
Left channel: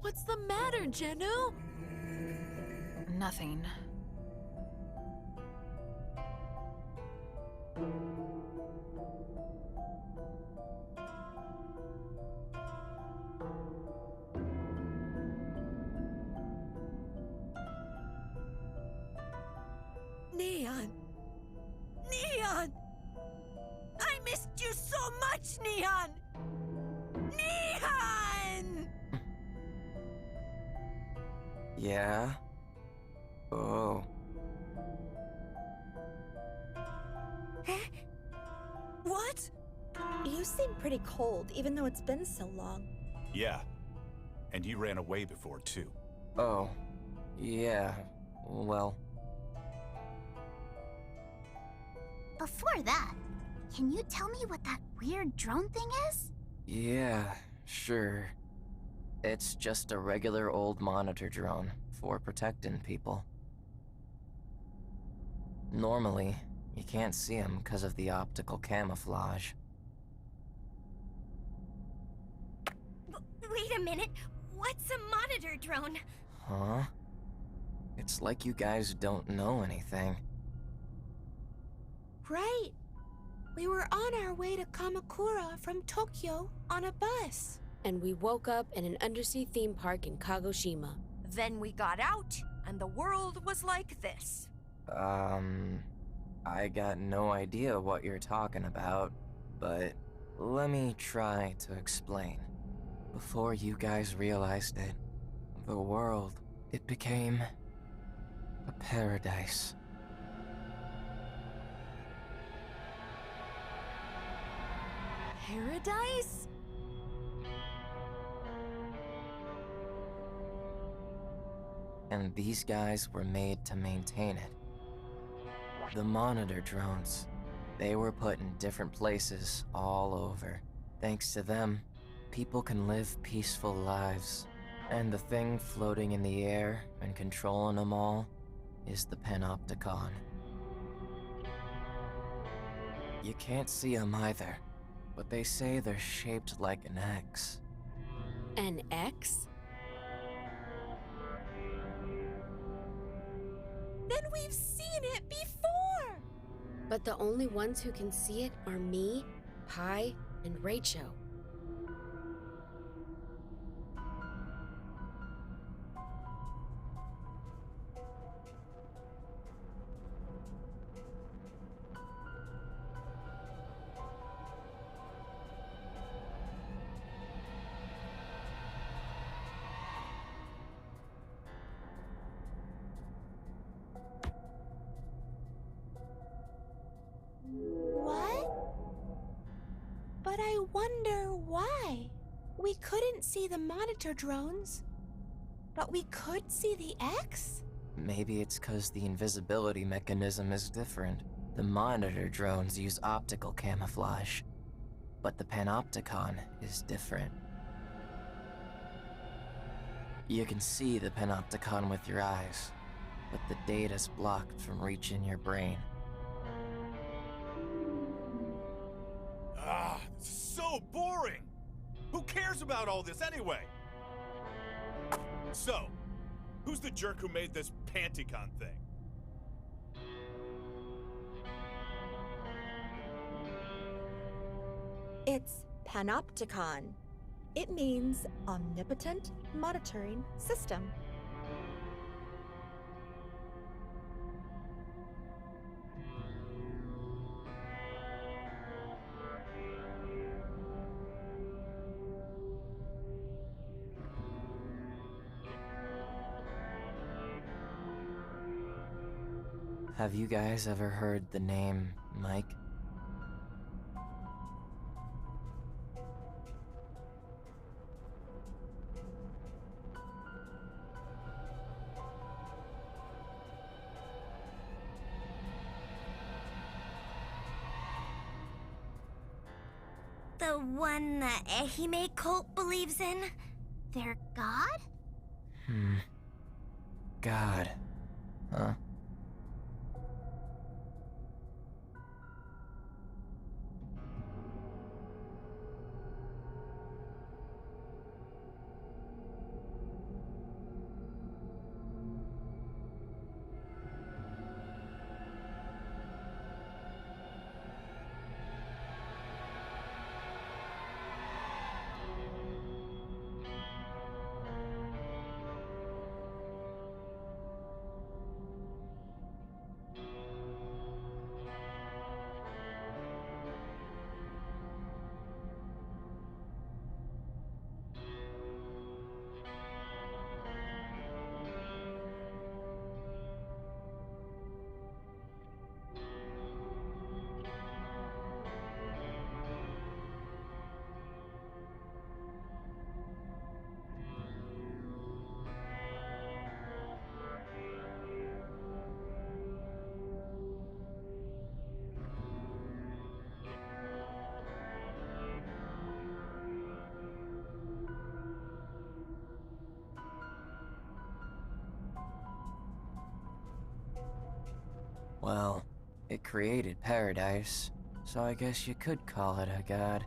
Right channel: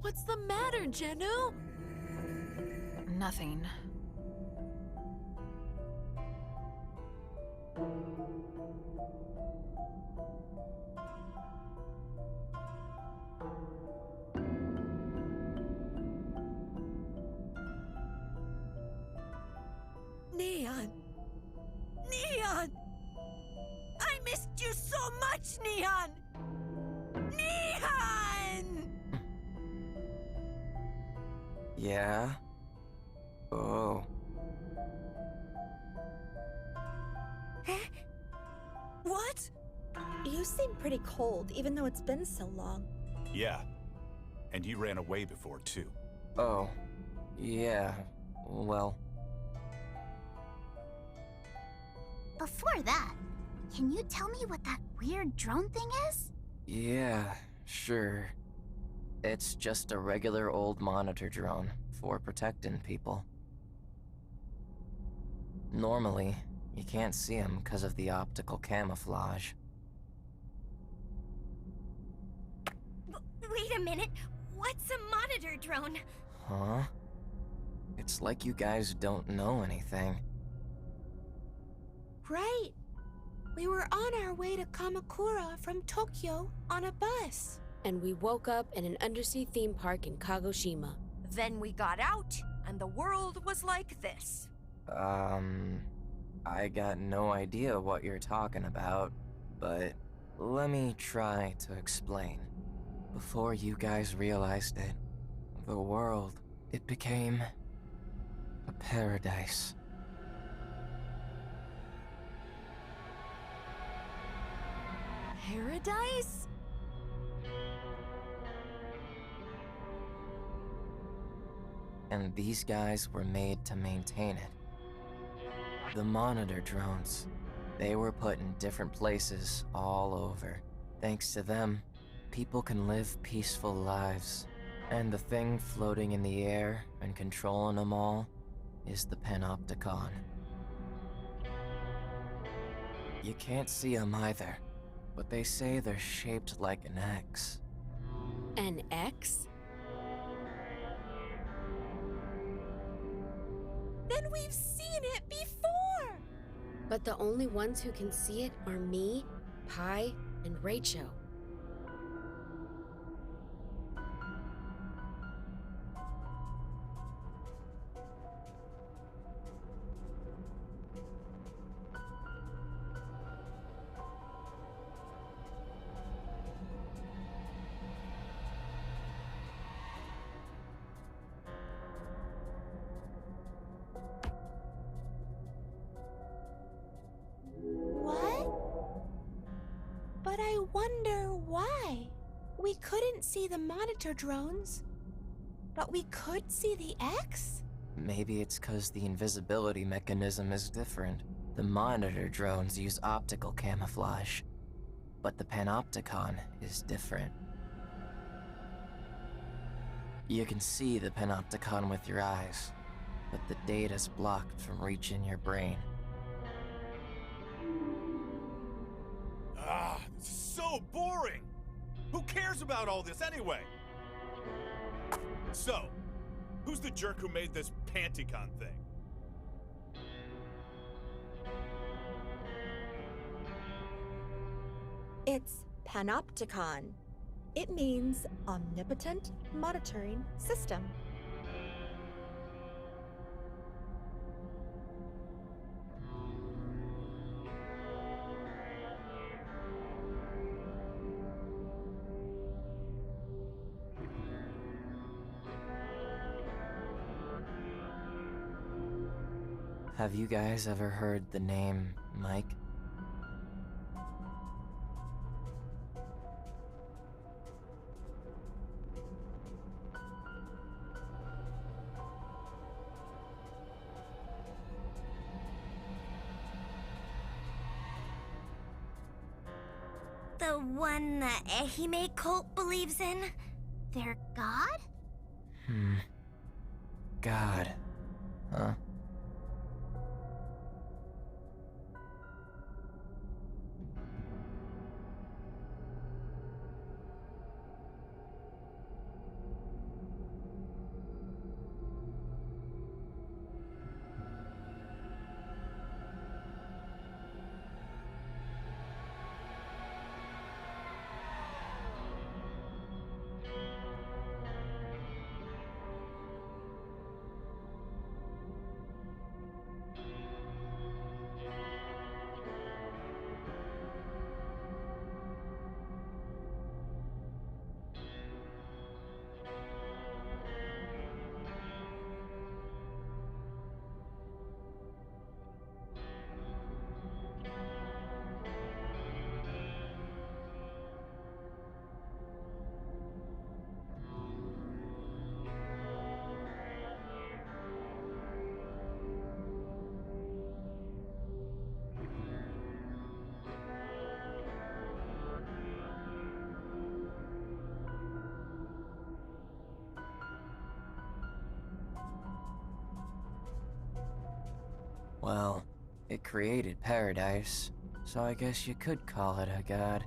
What's the matter, Jenu? Nothing. Neon! Neon! I missed you so much, Neon! Neon! Yeah? Oh. What? You seem pretty cold, even though it's been so long. Yeah. And you ran away before, too. Oh. Yeah. Well. Before that, can you tell me what that weird drone thing is? Yeah, sure. It's just a regular old monitor drone for protecting people. Normally, you can't see them because of the optical camouflage. Wait a minute. What's a monitor drone? Huh? It's like you guys don't know anything. Right. We were on our way to Kamakura from Tokyo on a bus. And we woke up in an undersea theme park in Kagoshima. Then we got out, and the world was like this. I got no idea what you're talking about, but let me try to explain. Before you guys realized it, the world, it became a paradise. Paradise? And these guys were made to maintain it. The monitor drones, they were put in different places all over. Thanks to them, people can live peaceful lives. And the thing floating in the air and controlling them all is the Panopticon. You can't see them either, but they say they're shaped like an X. An X? Then we've seen it before! But the only ones who can see it are me, Pi, and Rachel. What? But I wonder why. We couldn't see the monitor drones, but we could see the X? Maybe it's because the invisibility mechanism is different. The monitor drones use optical camouflage, but the Panopticon is different. You can see the Panopticon with your eyes, but the data's blocked from reaching your brain. Ah, this is so boring! Who cares about all this anyway? So, who's the jerk who made this Panticon thing? It's Panopticon. It means Omnipotent Monitoring System. Have you guys ever heard the name Mike? The one the Ehime cult believes in? Their god? God. Huh? Well, it created paradise, so I guess you could call it a god.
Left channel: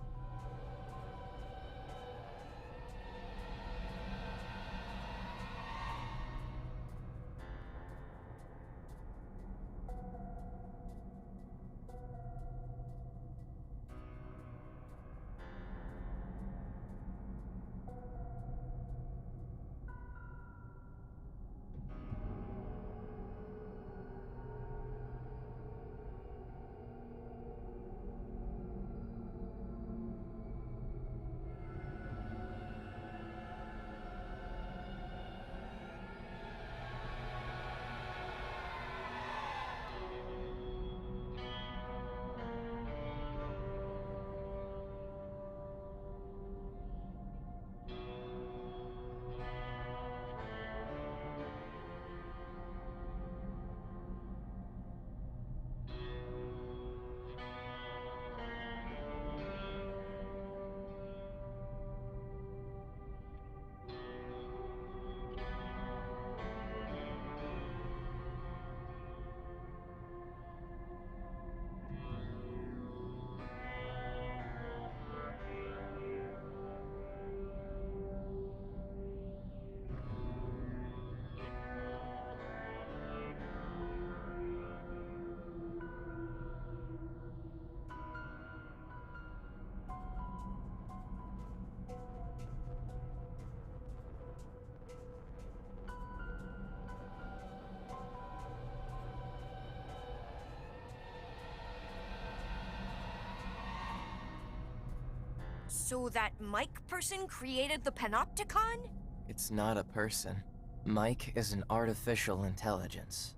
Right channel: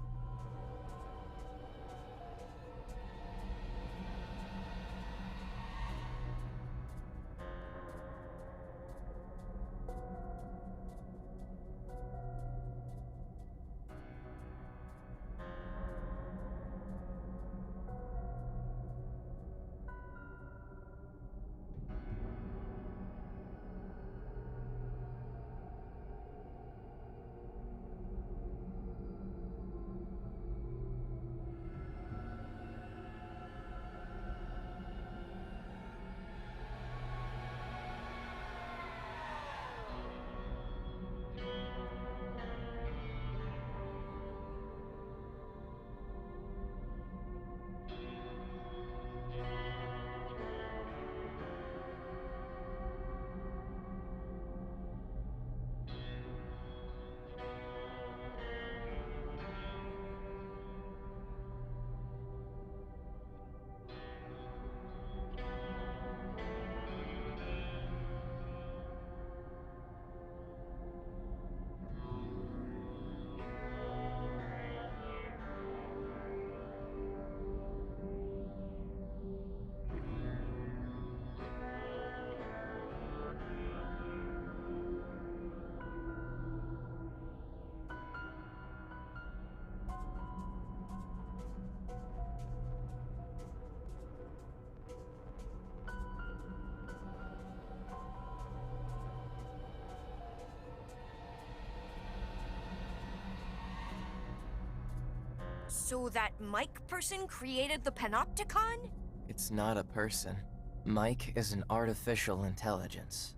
So that Mike person created the Panopticon? It's not a person. Mike is an artificial intelligence.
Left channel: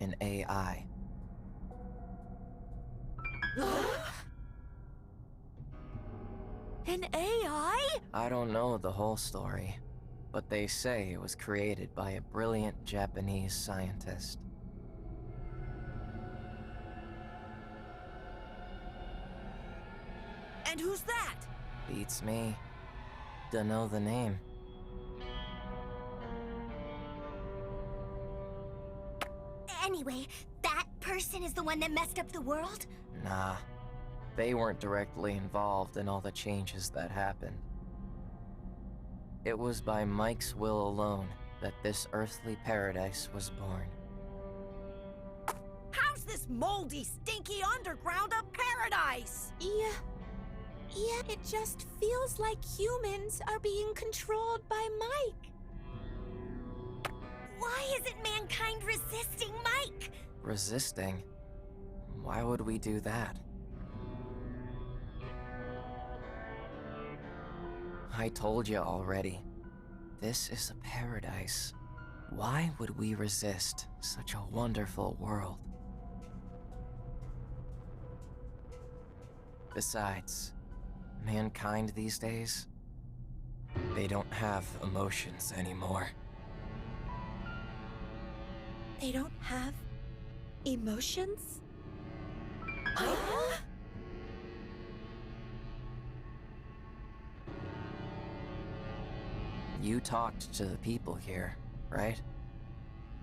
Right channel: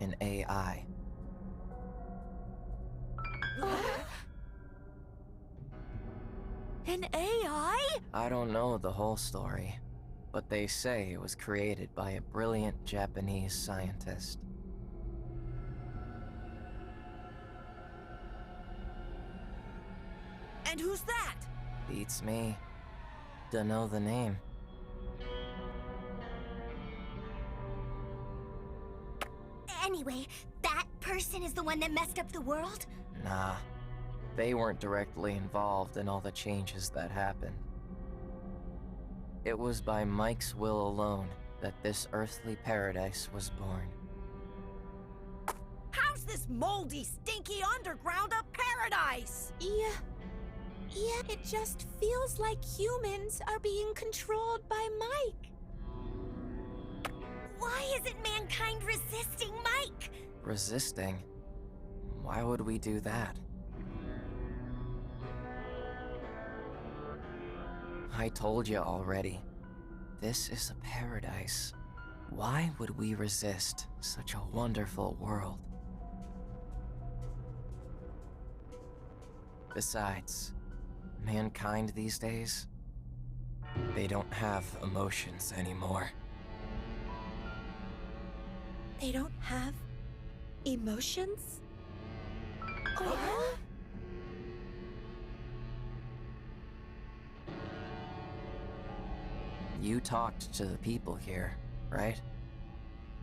An AI. An AI? I don't know the whole story, but they say it was created by a brilliant Japanese scientist. And who's that? Beats me. Dunno the name. Anyway, that person is the one that messed up the world? Nah. They weren't directly involved in all the changes that happened. It was by Mike's will alone that this earthly paradise was born. How's this moldy, stinky underground a paradise? Yeah, it just feels like humans are being controlled by Mike. Why isn't mankind resisting Mike? Resisting? Why would we do that? I told you already. This is a paradise. Why would we resist such a wonderful world? Besides, mankind these days, they don't have emotions anymore. They don't have emotions? You talked to the people here, right?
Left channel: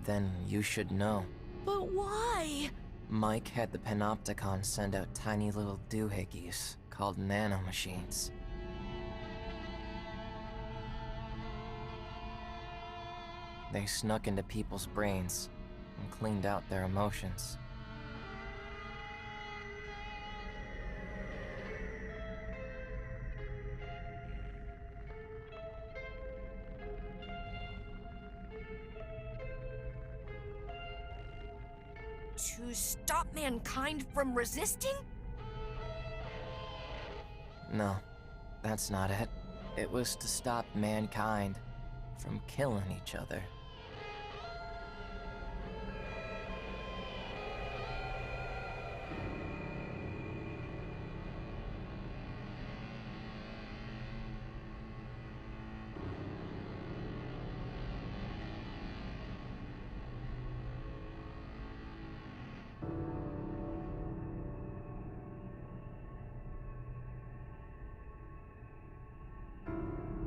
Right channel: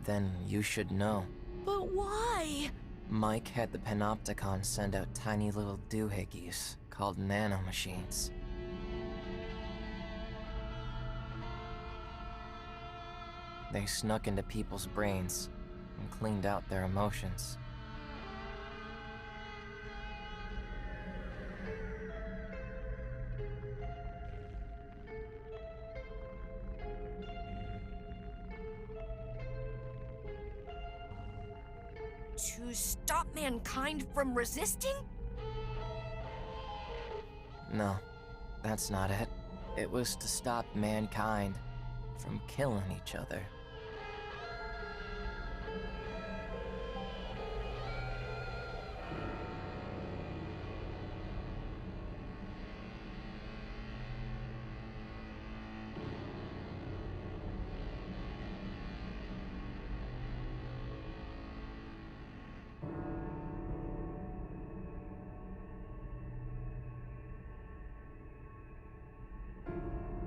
Then you should know. But why? Mike had the Panopticon send out tiny little doohickeys called nanomachines. They snuck into people's brains and cleaned out their emotions. To stop mankind from resisting? No, that's not it. It was to stop mankind from killing each other.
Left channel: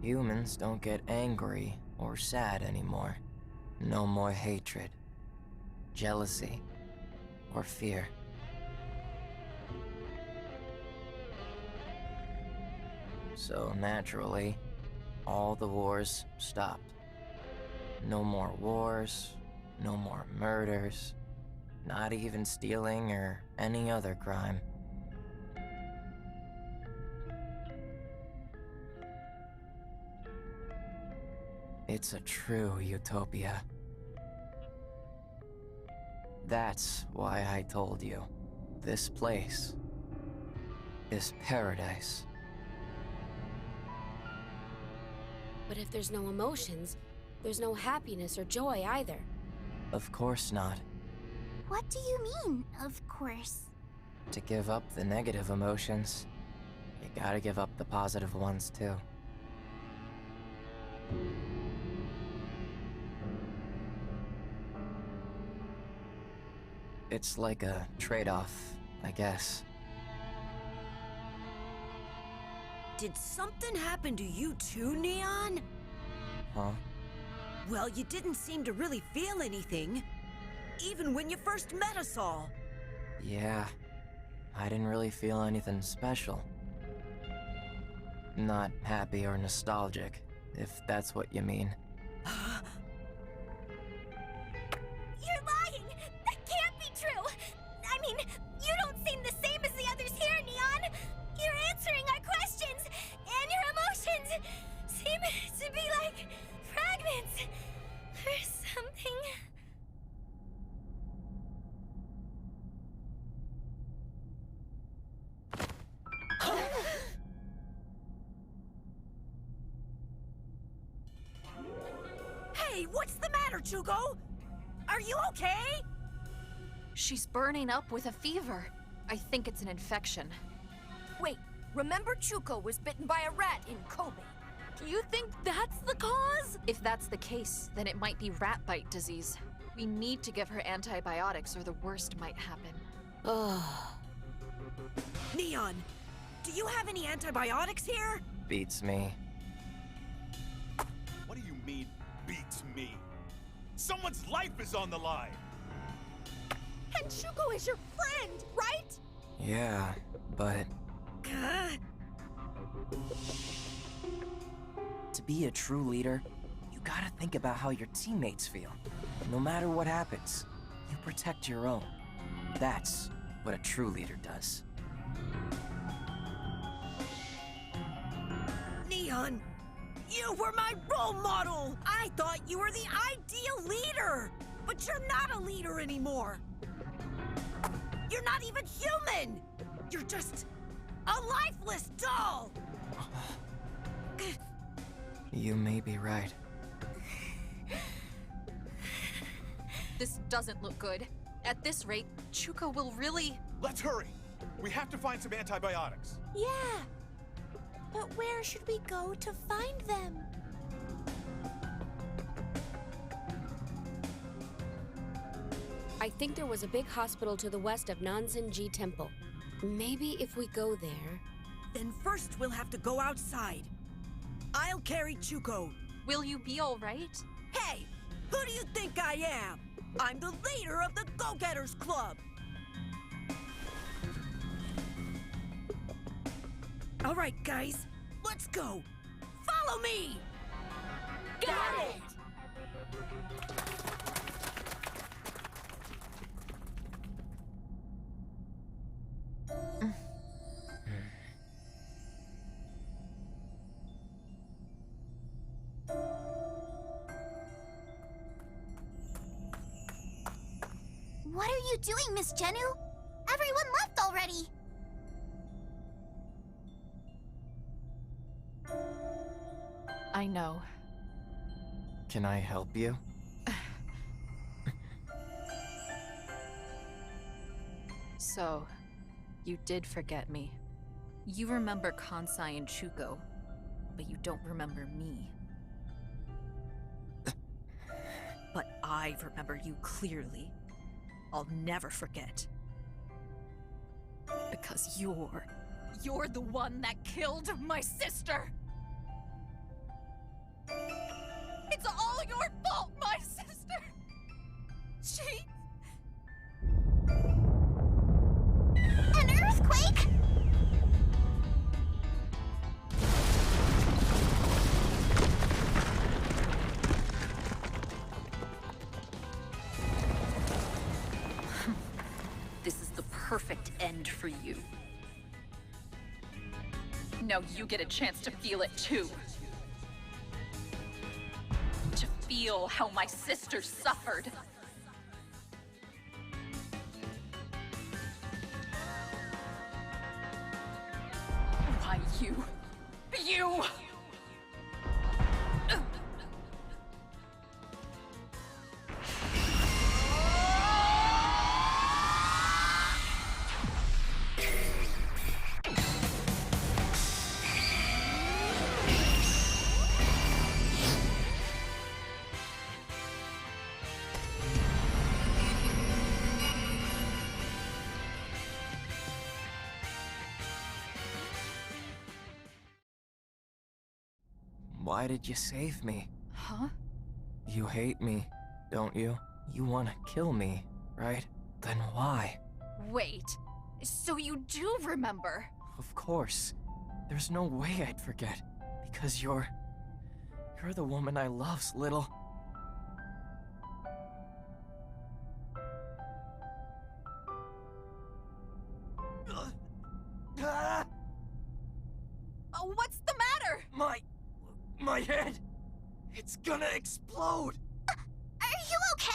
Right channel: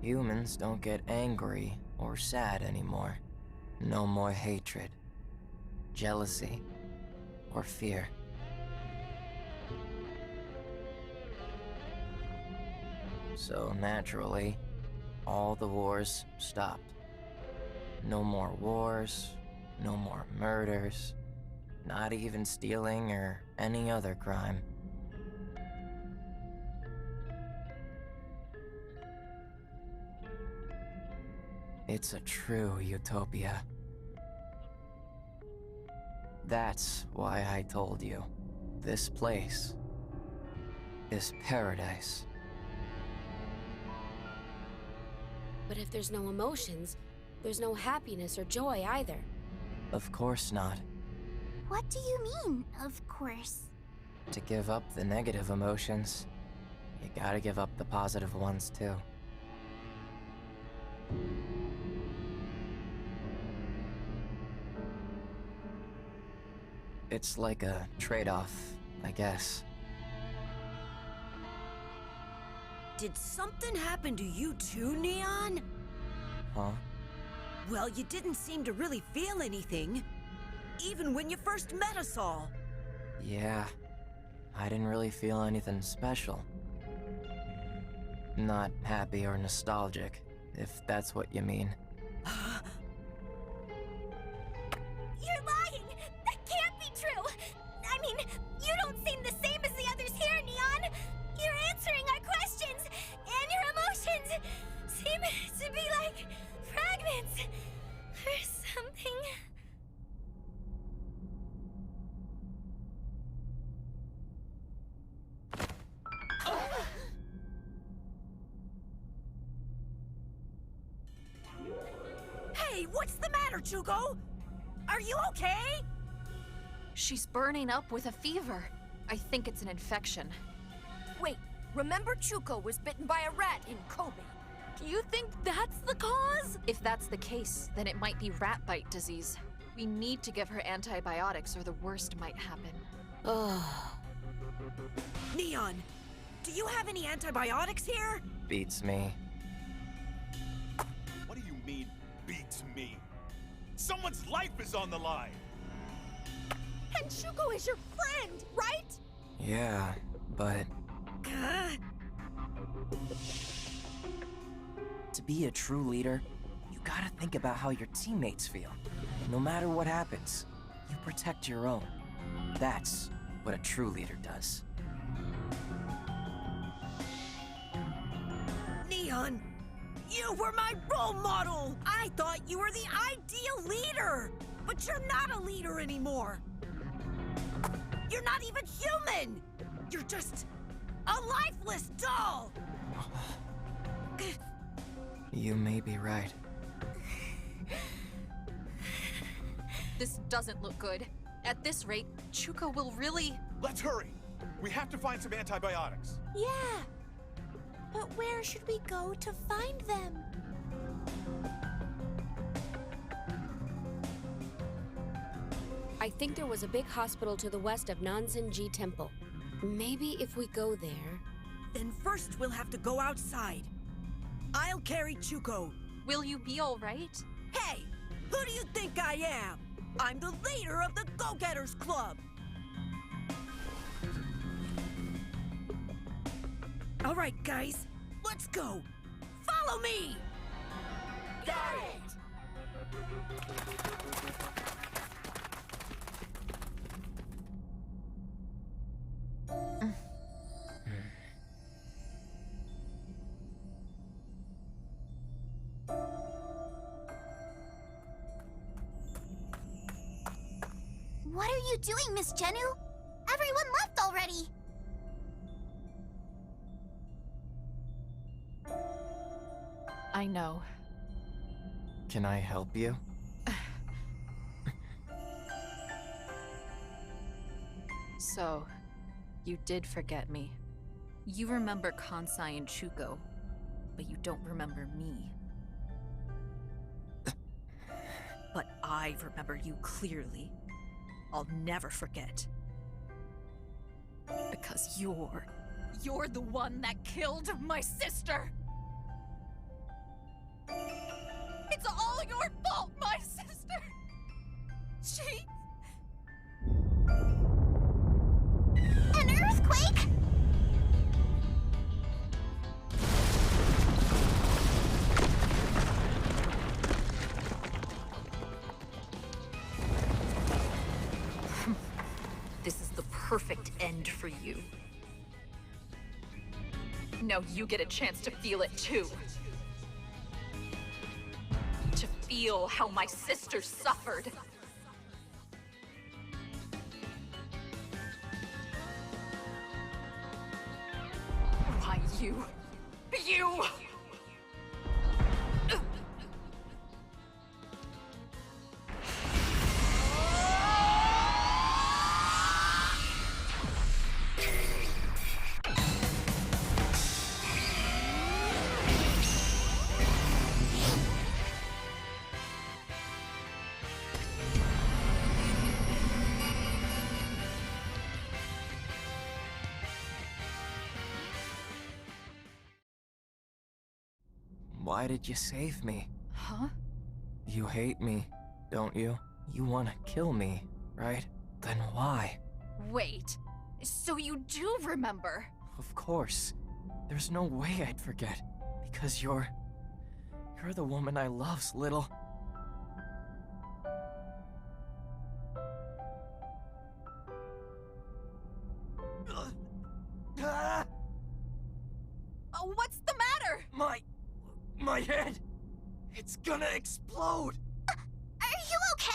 Humans don't get angry or sad anymore. No more hatred, jealousy, or fear. So naturally, all the wars stopped. No more wars, no more murders, not even stealing or any other crime. It's a true utopia. That's why I told you. This place is paradise. But if there's no emotions, there's no happiness or joy either. Of course not. What do you mean, of course? To give up the negative emotions, you gotta give up the positive ones too. It's like a trade-off, I guess. Did something happen to you too, Neon? Huh? Well, you didn't seem to really feel anything. Even when you first met us all. Yeah, I didn't really feel anything special. Not happy or nostalgic, if that's what you mean. You're lying! That can't be true! I mean, you don't seem the same as the others here, Neon! You're answering our questions, and your emotions seem to be like fragments or something. Hey, what's the matter, Chuko? Are you okay? She's burning up with a fever. I think it's an infection. Wait, remember Chuko was bitten by a rat in Kobe? You think that's the cause? If that's the case, then it might be rat bite disease. We need to give her antibiotics or the worst might happen. Ugh. Neon, do you have any antibiotics here? Beats me. What do you mean, beats me? Someone's life is on the line! And Shuko is your friend, right? Yeah, but to be a true leader, you gotta think about how your teammates feel. No matter what happens, you protect your own. That's what a true leader does. Neon, you were my role model! I thought you were the ideal leader! But you're not a leader anymore! You're not even human! You're just a lifeless doll! You may be right. This doesn't look good. At this rate, Chuko will really... Let's hurry! We have to find some antibiotics. Yeah. But where should we go to find them? I think there was a big hospital to the west of Nanzenji Temple. Maybe if we go there... Then first we'll have to go outside. I'll carry Chuko. Will you be all right? Hey, who do you think I am? I'm the leader of the Go-Getters Club. All right, guys, let's go. Follow me. Got it! What are you doing, Miss Jennu? Everyone left already! I know. Can I help you? So, you did forget me. You remember Kansai and Chuko, but you don't remember me. But I remember you clearly. I'll never forget. Because you're the one that killed my sister! It's all your fault, my sister! She... earthquake? This is the perfect end for you. Now you get a chance to feel it too. To feel how my sister suffered. You! Why did you save me? Huh? You hate me, don't you? You want to kill me, right? Then why? Wait. So you do remember? Of course. There's no way I'd forget. Because you're the woman I love's, little. What's the matter? My head! It's gonna explode! Are you okay?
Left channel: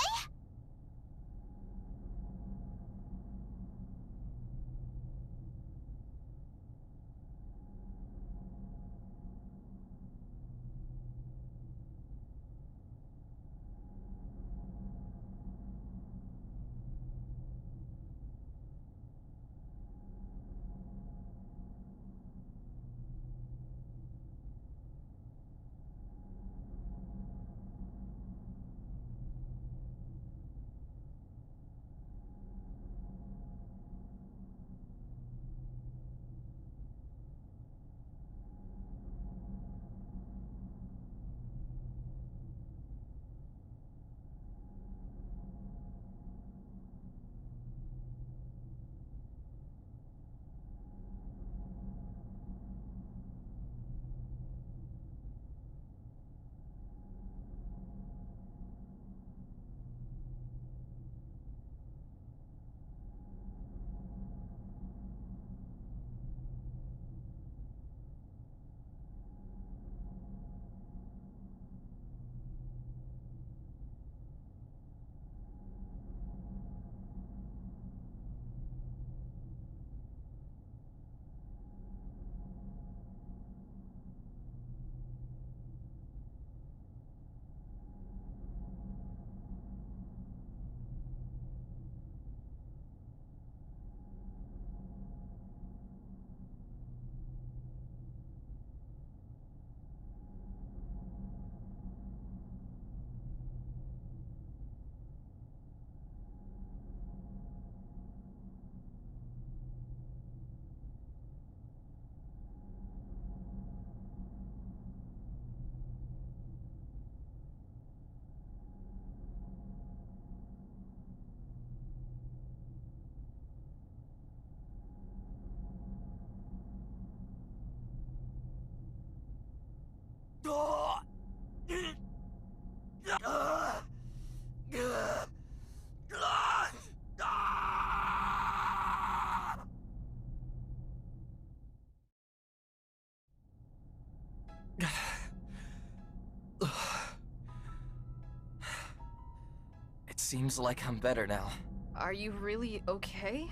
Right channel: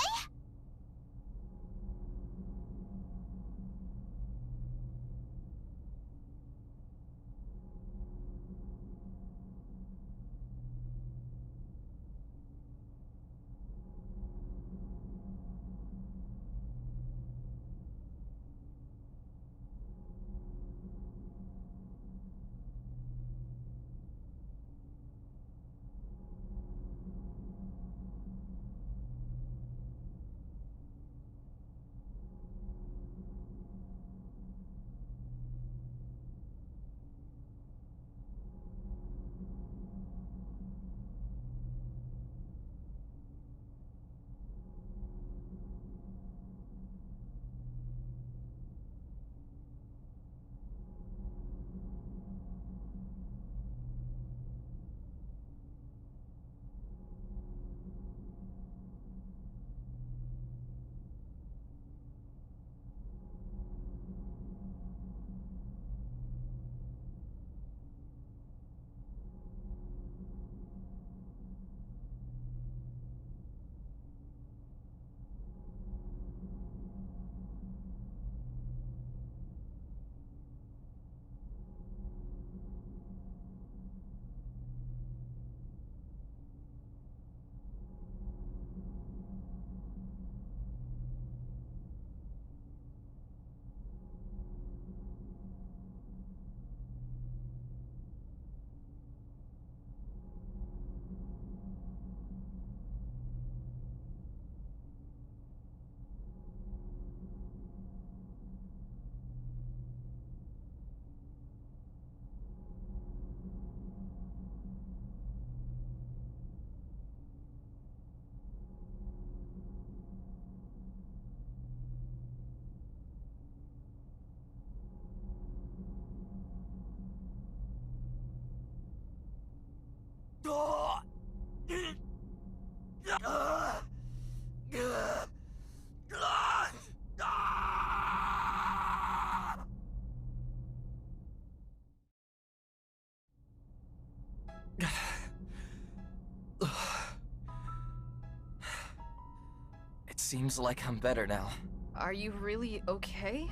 It seems like I'm better now. Are you really okay?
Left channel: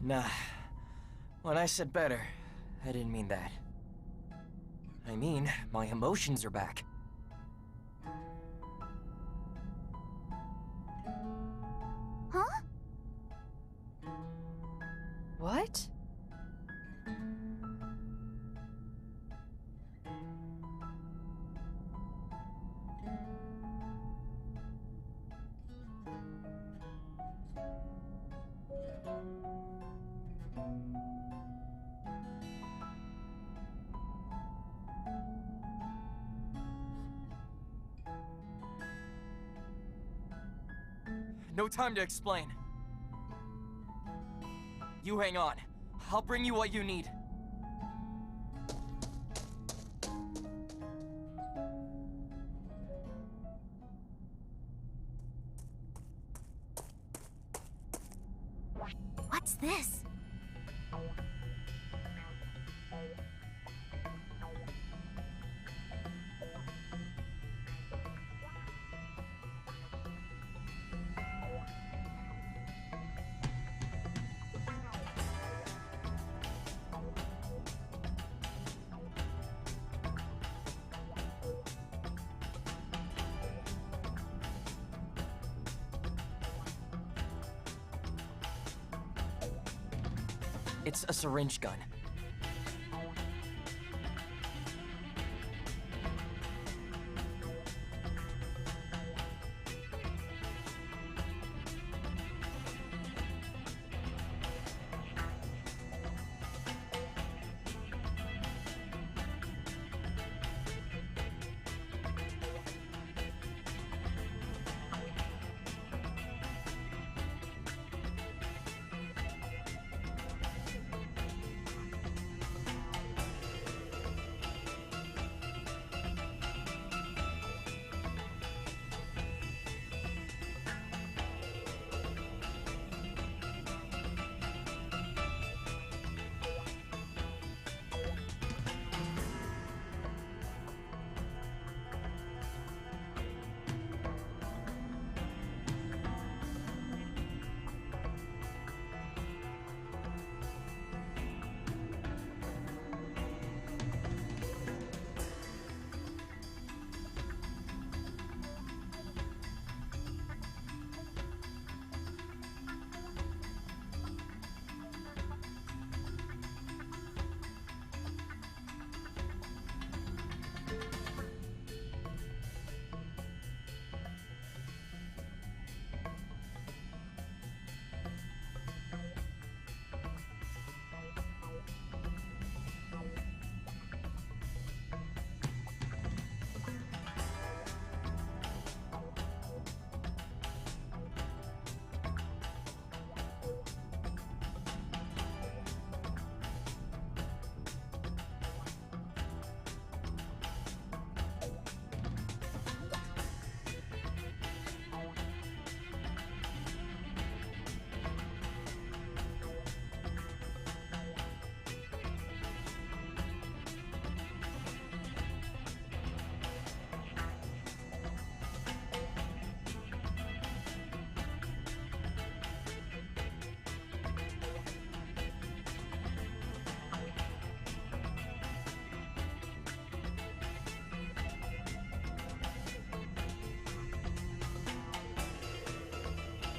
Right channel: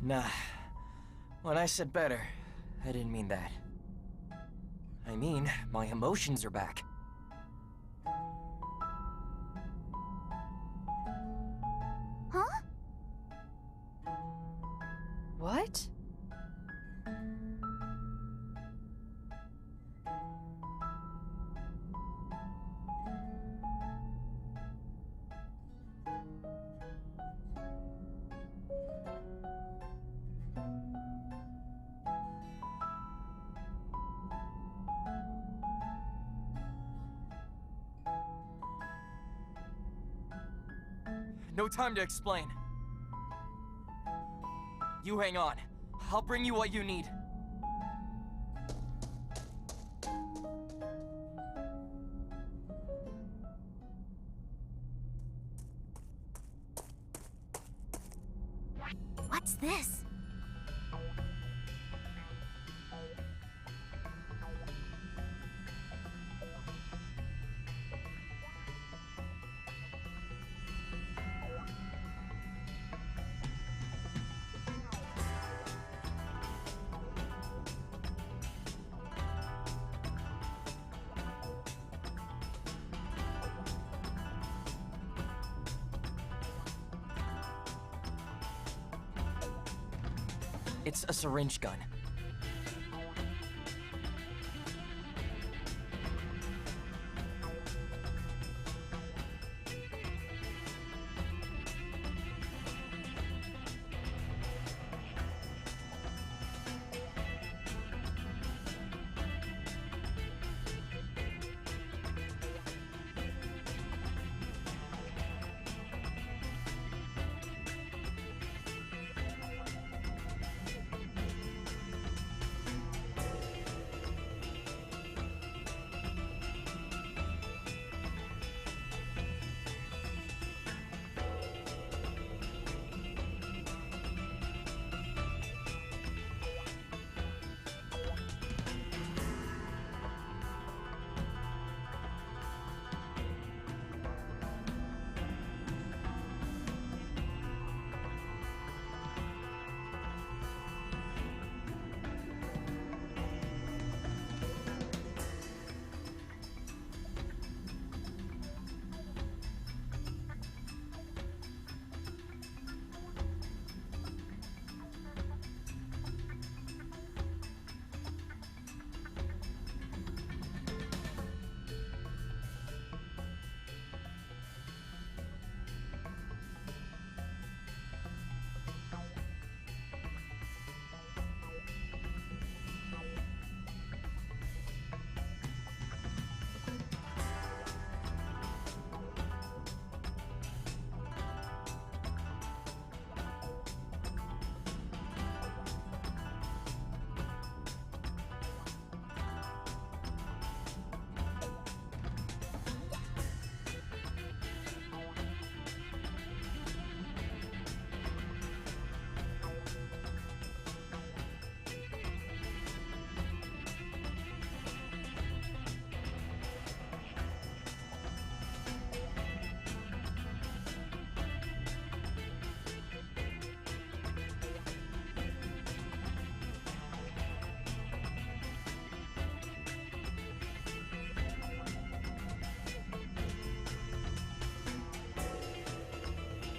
Nah. When I said better, I didn't mean that. I mean, my emotions are back. Huh? What? No time to explain. You hang on. I'll bring you what you need. What's this? It's a syringe gun.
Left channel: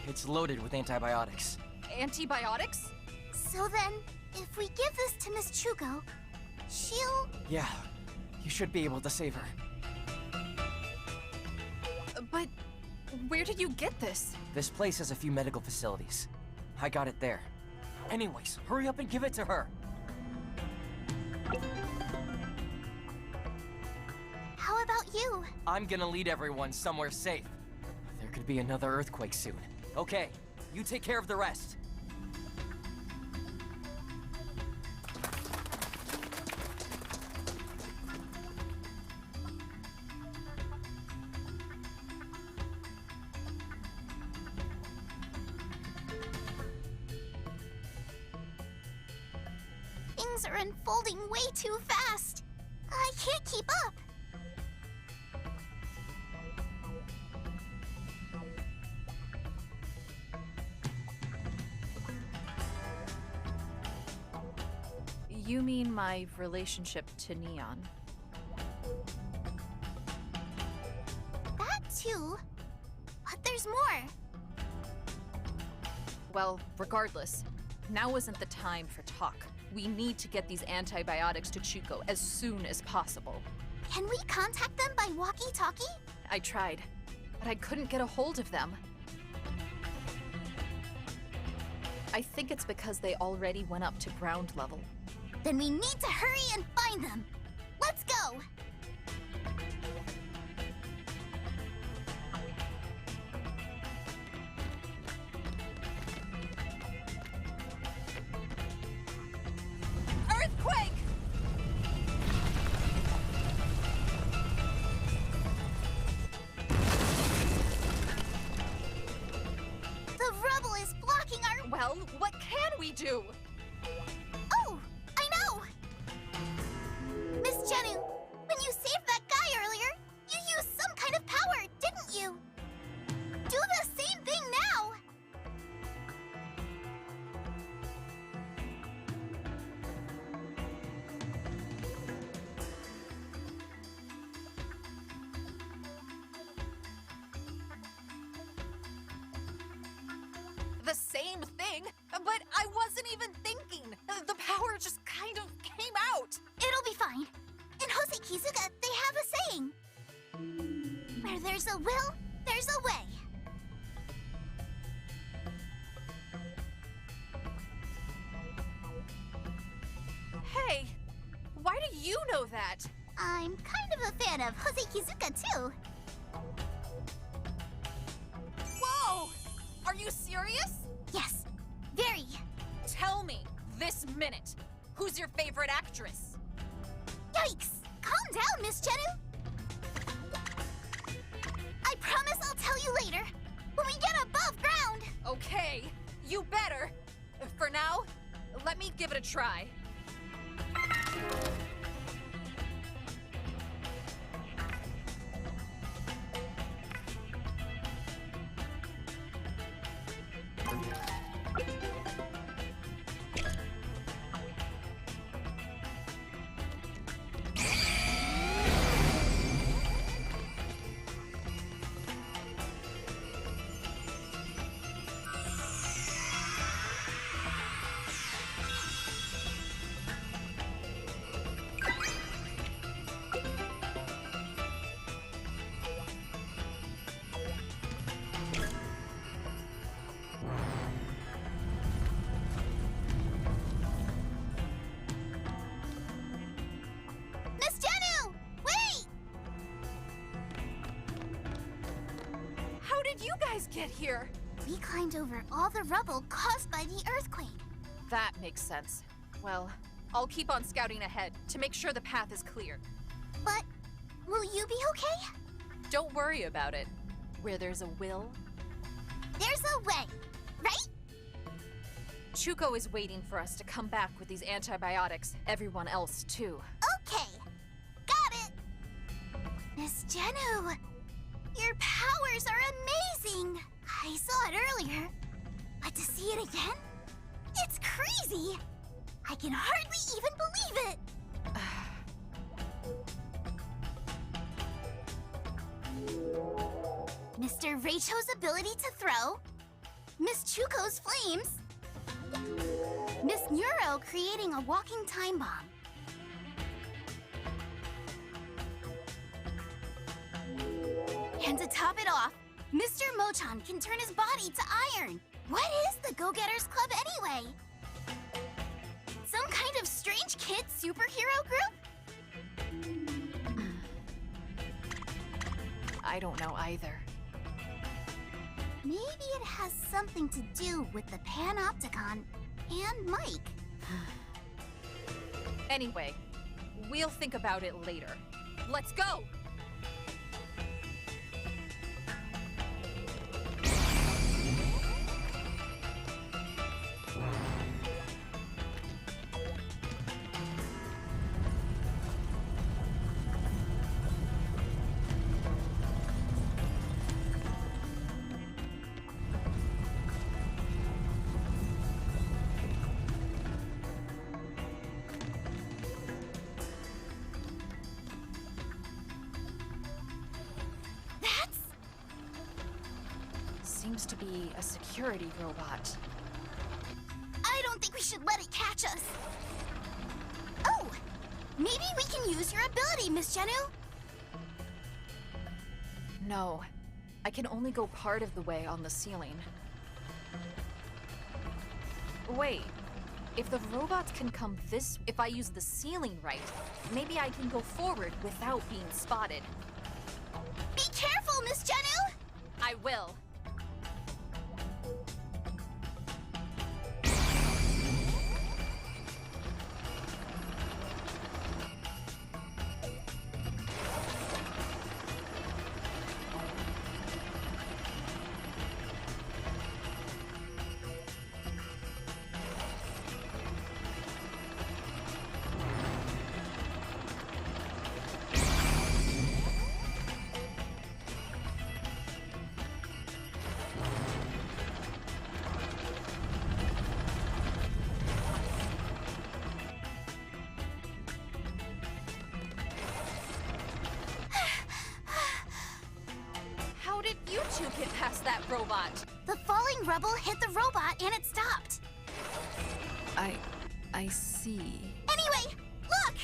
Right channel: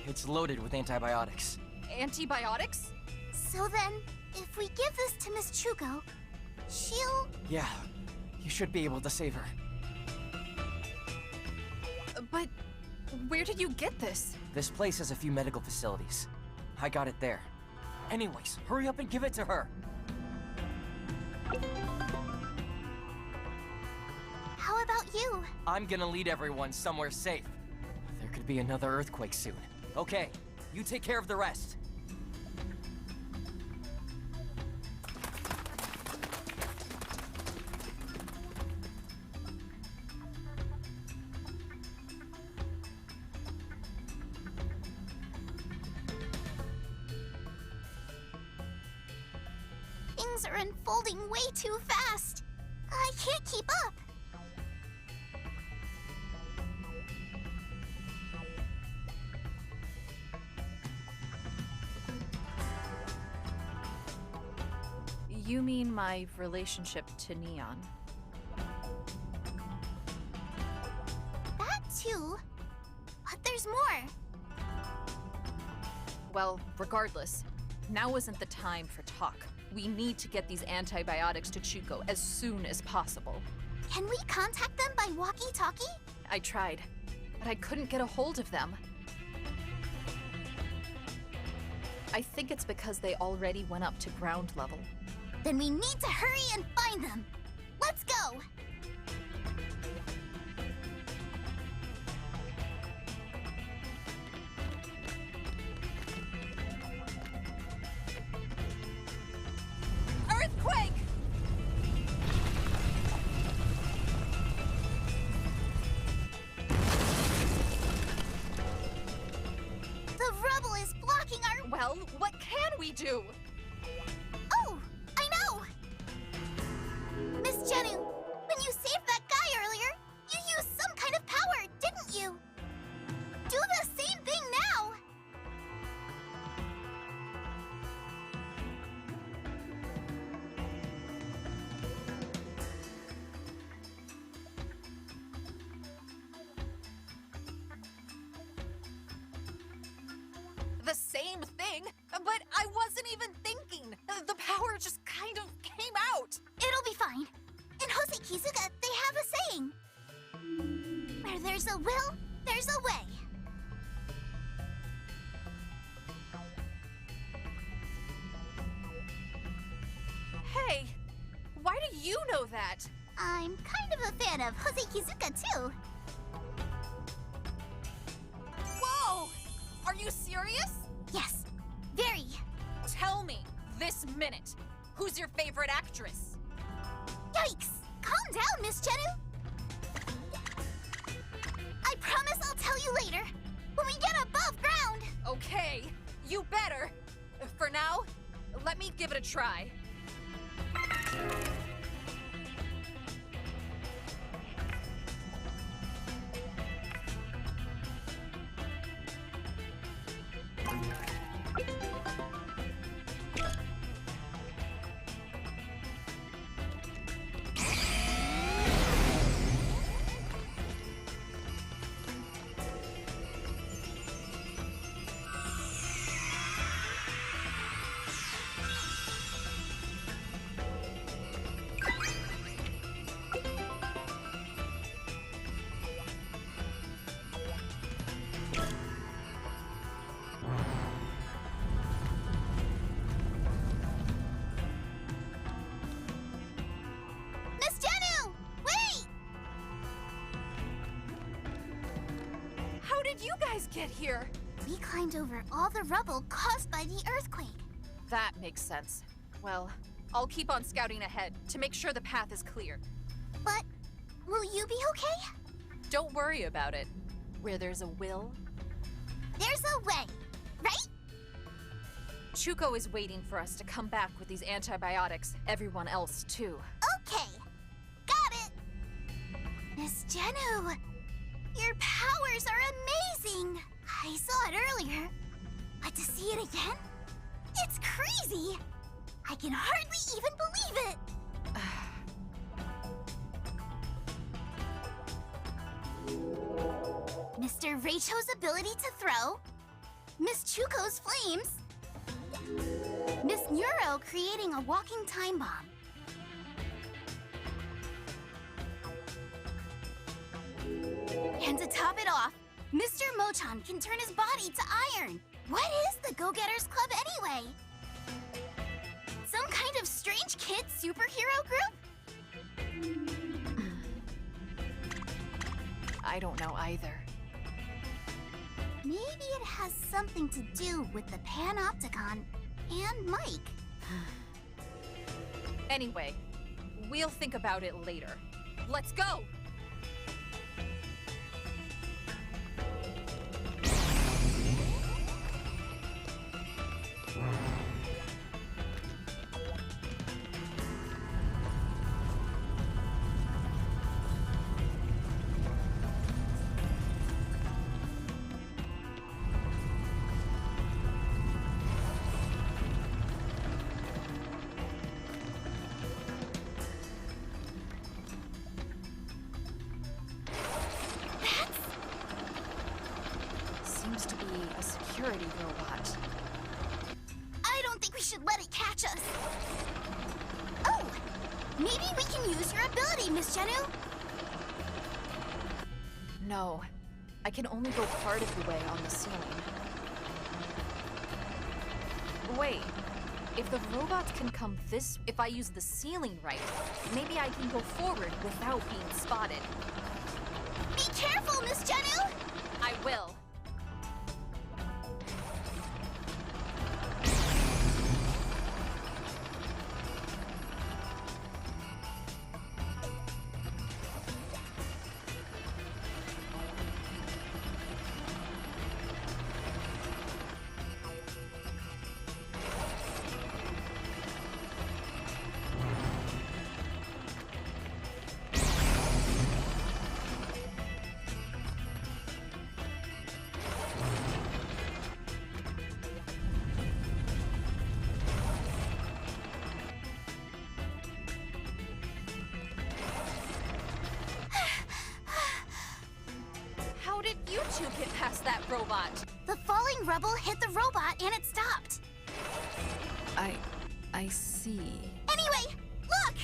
It's loaded with antibiotics. Antibiotics? So then, if we give this to Miss Chuko, she'll... Yeah, you should be able to save her. But where did you get this? This place has a few medical facilities. I got it there. Anyways, hurry up and give it to her. How about you? I'm gonna lead everyone somewhere safe. There could be another earthquake soon. Okay, you take care of the rest. Things are unfolding way too fast. I can't keep up. You mean my relationship to Neon? That too. But there's more. Well, regardless, now isn't the time for talk. We need to get these antibiotics to Chuko as soon as possible. Can we contact them by walkie-talkie? I tried, but I couldn't get a hold of them. I think it's because they already went up to ground level. Then we need to hurry and find them. Let's go! too. Oh, I know! Miss Jennu, when you saved that guy earlier, you used some kind of power, didn't you? Do the same thing now! The same thing? But I wasn't even thinking. The power just kind of came out. It'll be fine. In Hosei Kizuga, they have a saying. Where there's a will, there's a way. Hey, why do you know that? I'm kind of a fan of Hosei Kizuga, too. Whoa! Are you serious? Yes, very. Tell me, this minute, who's your favorite actress? Yikes! Calm down, Miss Jennu. I promise I'll tell you later, when we get above ground. Okay, you better. For now, let me give it a try. Miss Jennu! Wait! How did you guys get here? We climbed over all the rubble caused by the earthquake. That makes sense. Well, I'll keep on scouting ahead to make sure the path is clear. But will you be okay? Don't worry about it. Where there's a will, There's a way, right? Chuko is waiting for us to come back with these antibiotics. Everyone else, too. Okay, got it. Miss Jennu, your powers are amazing. I saw it earlier, but to see it again, it's crazy. I can hardly even believe it. Mr. Reicho's ability to throw, Miss Chuko's flames, Miss Neuro creating a walking time bomb. And to top it off, Mr. Mochan can turn his body to iron. What is the Go-Getters Club anyway? Some kind of strange kid superhero group? I don't know either. Maybe it has something to do with the Panopticon and Mike. Anyway, we'll think about it later. Let's go! Seems to be a security robot. I don't think we should let it catch us. Oh, maybe we can use your ability, Miss Jennu. No, I can only go part of the way on the ceiling. Wait, if the robots can come if I use the ceiling right, maybe I can go forward without being spotted. Be careful, Miss Jennu! I will. get past that robot. The falling rubble hit the robot and it stopped. I see. Anyway, look!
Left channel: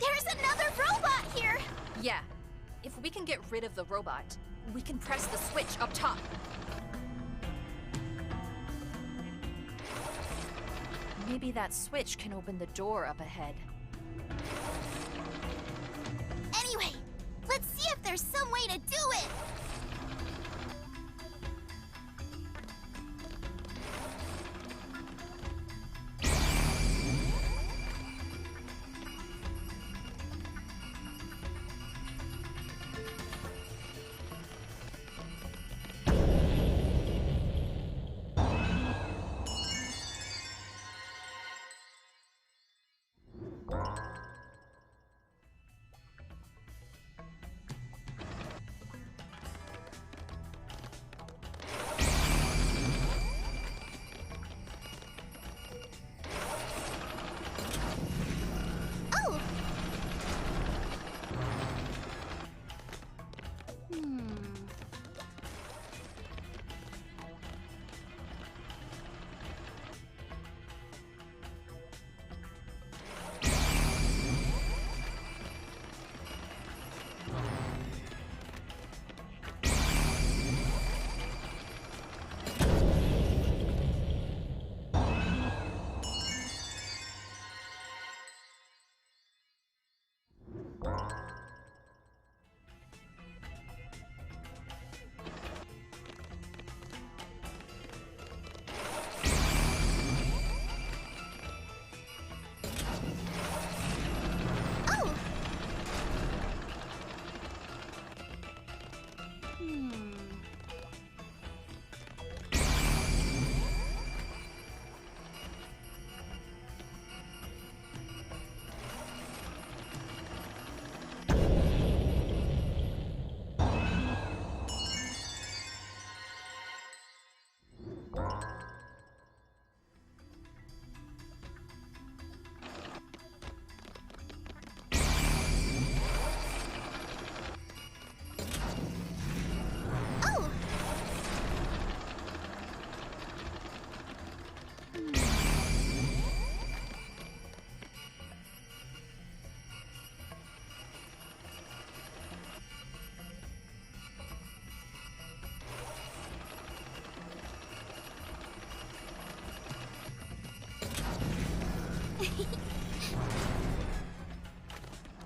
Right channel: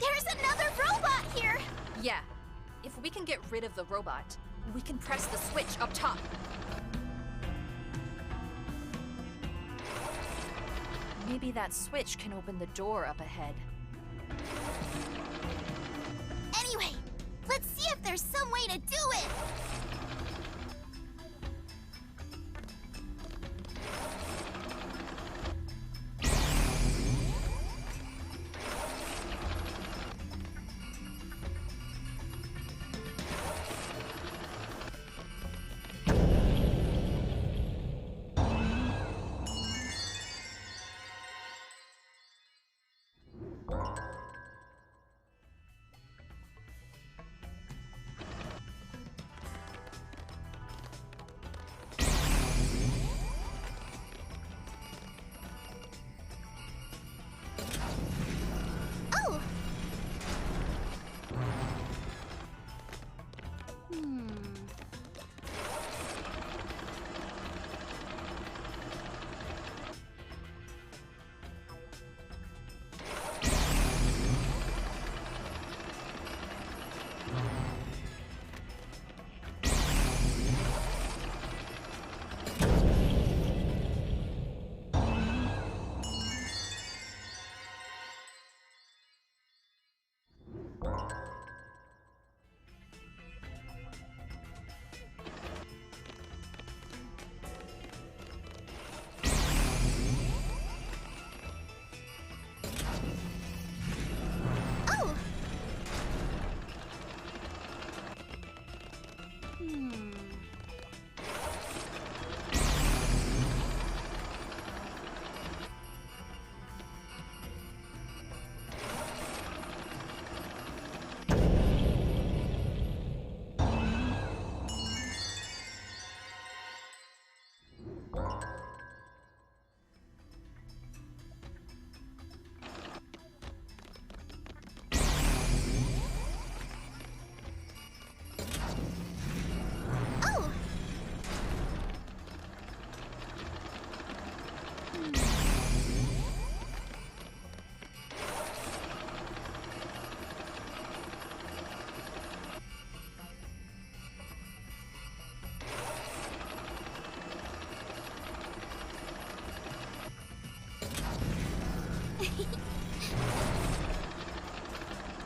There's another robot here! Yeah. If we can get rid of the robot, we can press the switch up top. Maybe that switch can open the door up ahead. Anyway, let's see if there's some way to do it! Oh! Oh! Oh!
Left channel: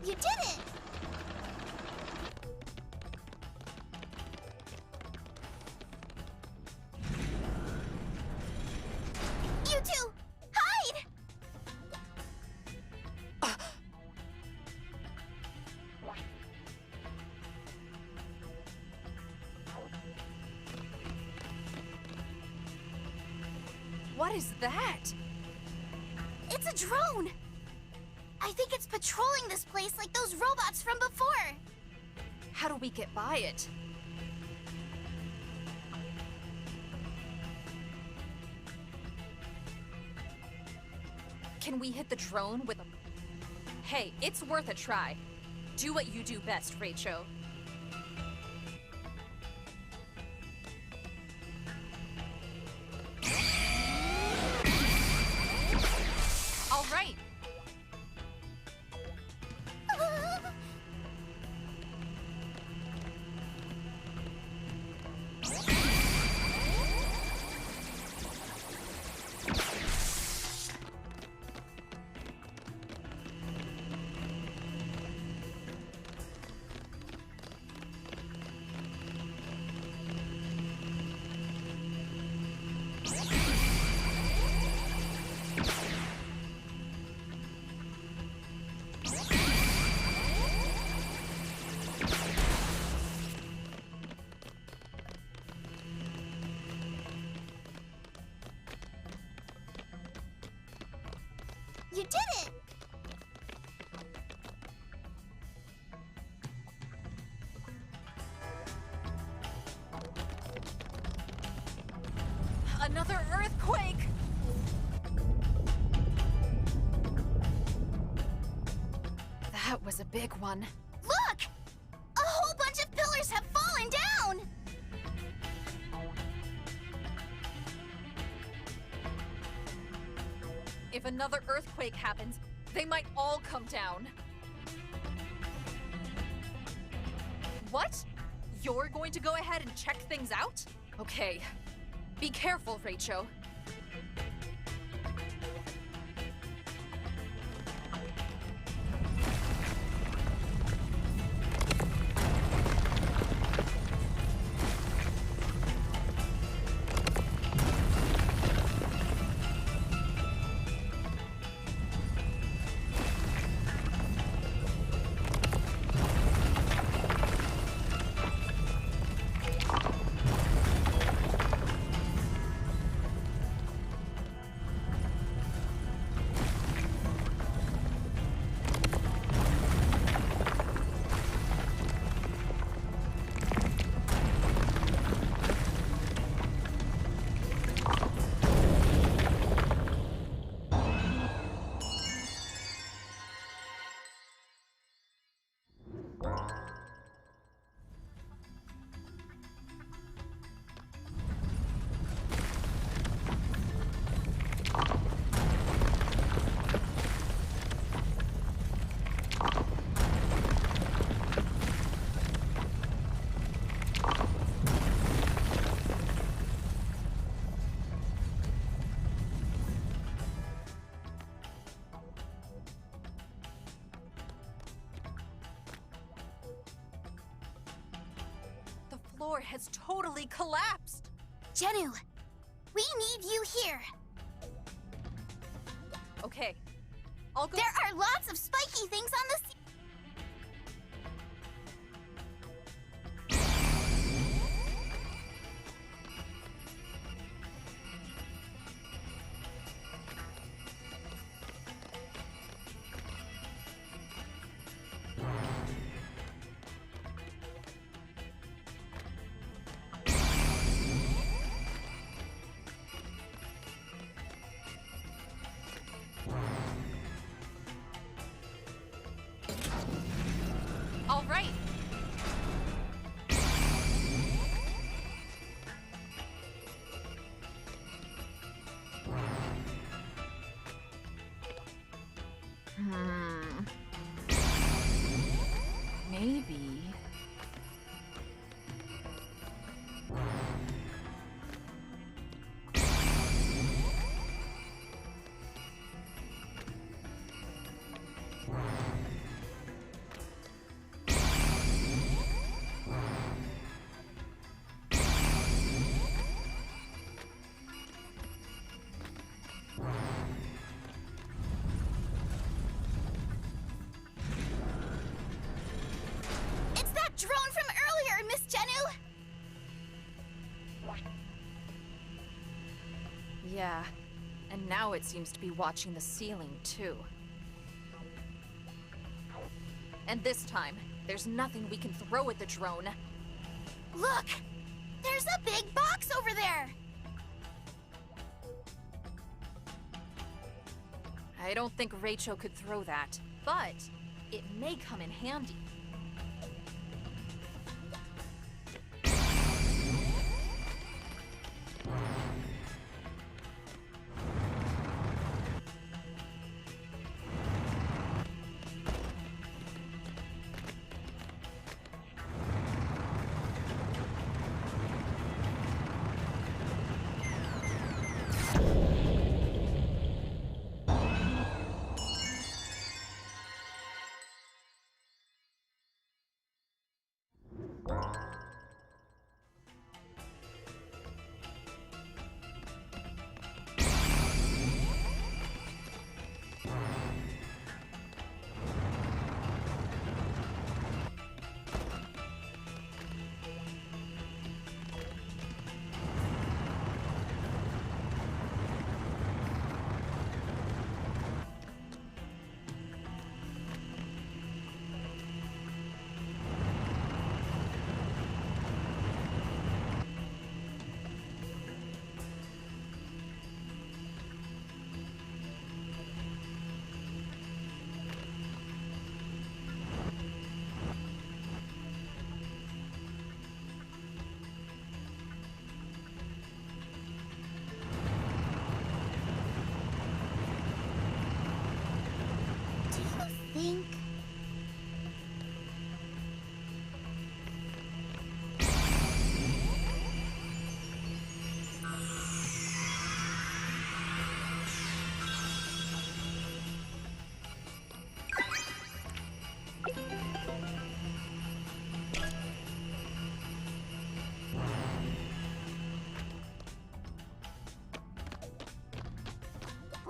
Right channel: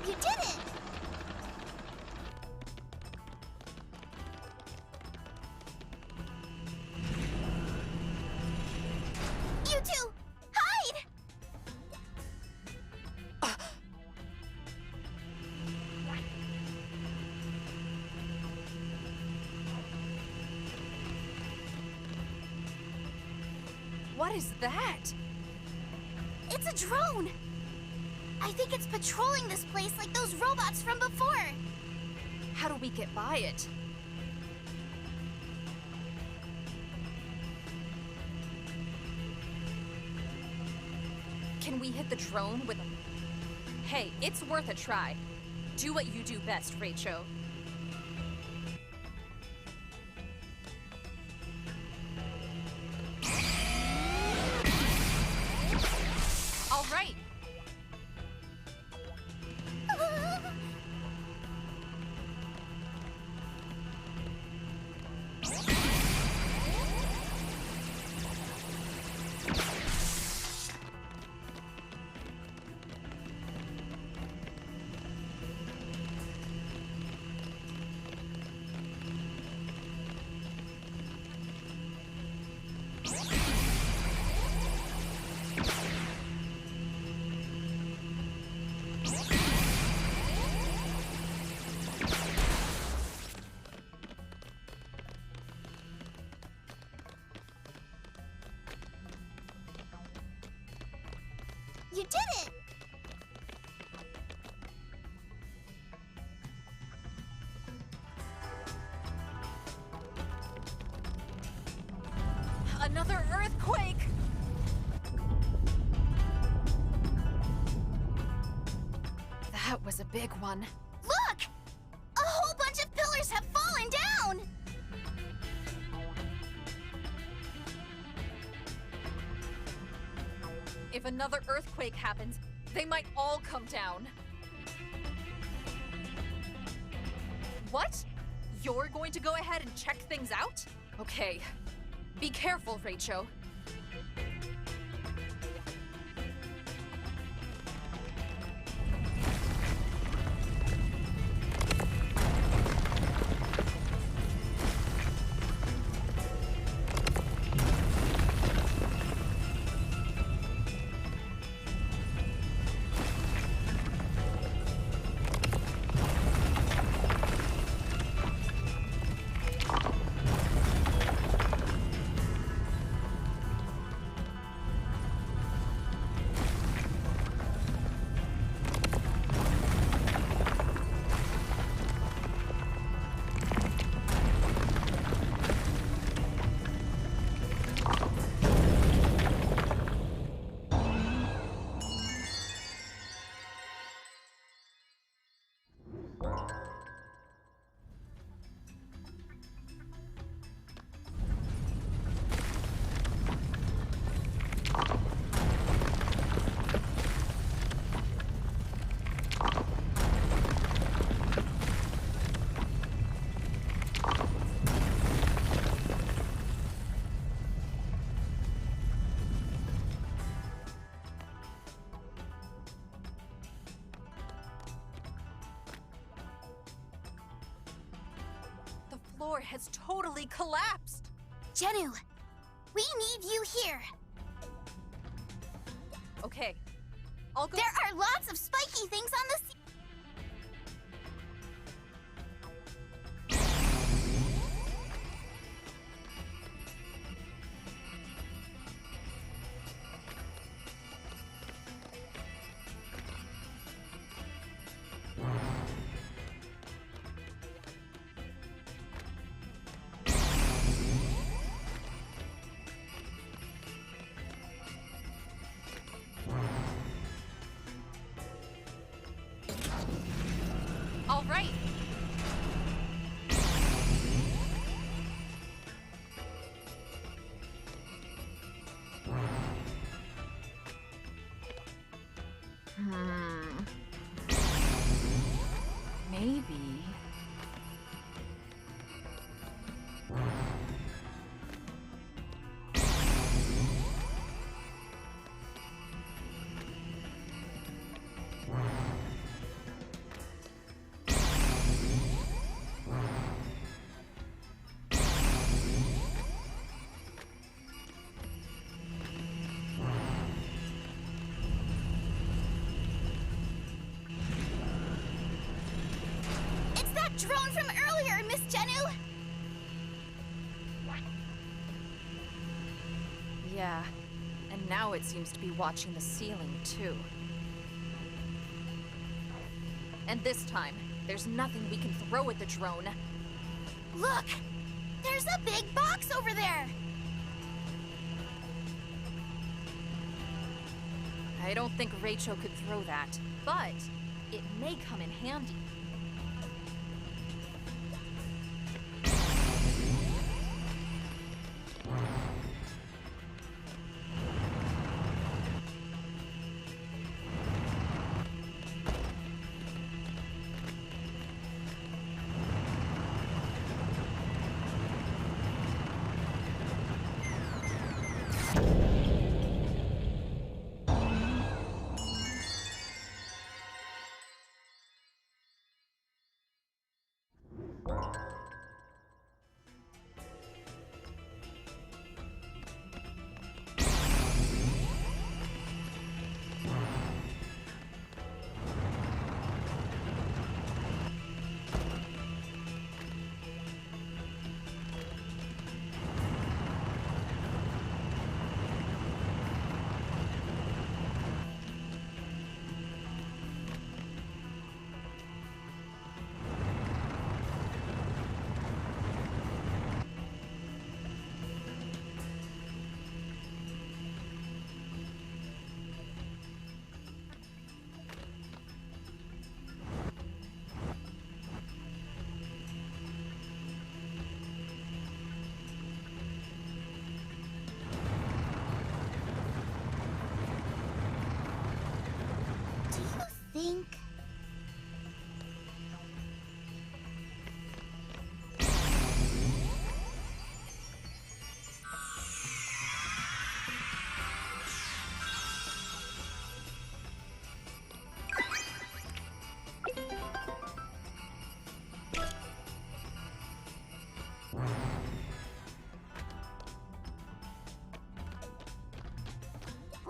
You did it! You two, hide! What is that? It's a drone! I think it's patrolling this place like those robots from before. How do we get by it? Can we hit the drone with a... Hey, it's worth a try. Do what you do best, Rachel. All right. You did it! Another earthquake! That was a big one. Look! If another earthquake happens, they might all come down. What? You're going to go ahead and check things out? Okay. Be careful, Rachel. The floor has totally collapsed. Jennu, we need you here. Okay, I'll go. There are lots of spiky things on the ceiling. All right. Maybe. It's that drone from earlier, Miss Jennu. Yeah, and now it seems to be watching the ceiling, too. And this time, there's nothing we can throw at the drone. Look! There's a big box over there! I don't think Rachel could throw that, but it may come in handy. think.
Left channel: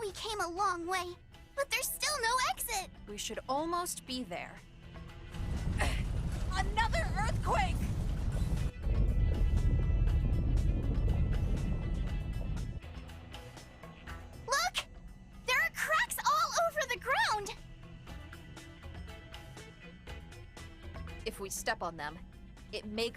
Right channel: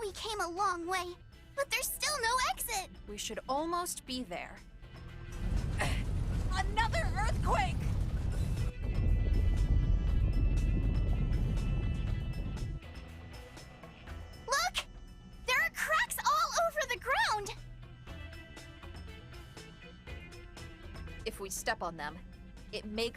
We came a long way, but there's still no exit. We should almost be there. Another earthquake! Look! There are cracks all over the ground! If we step on them, it may...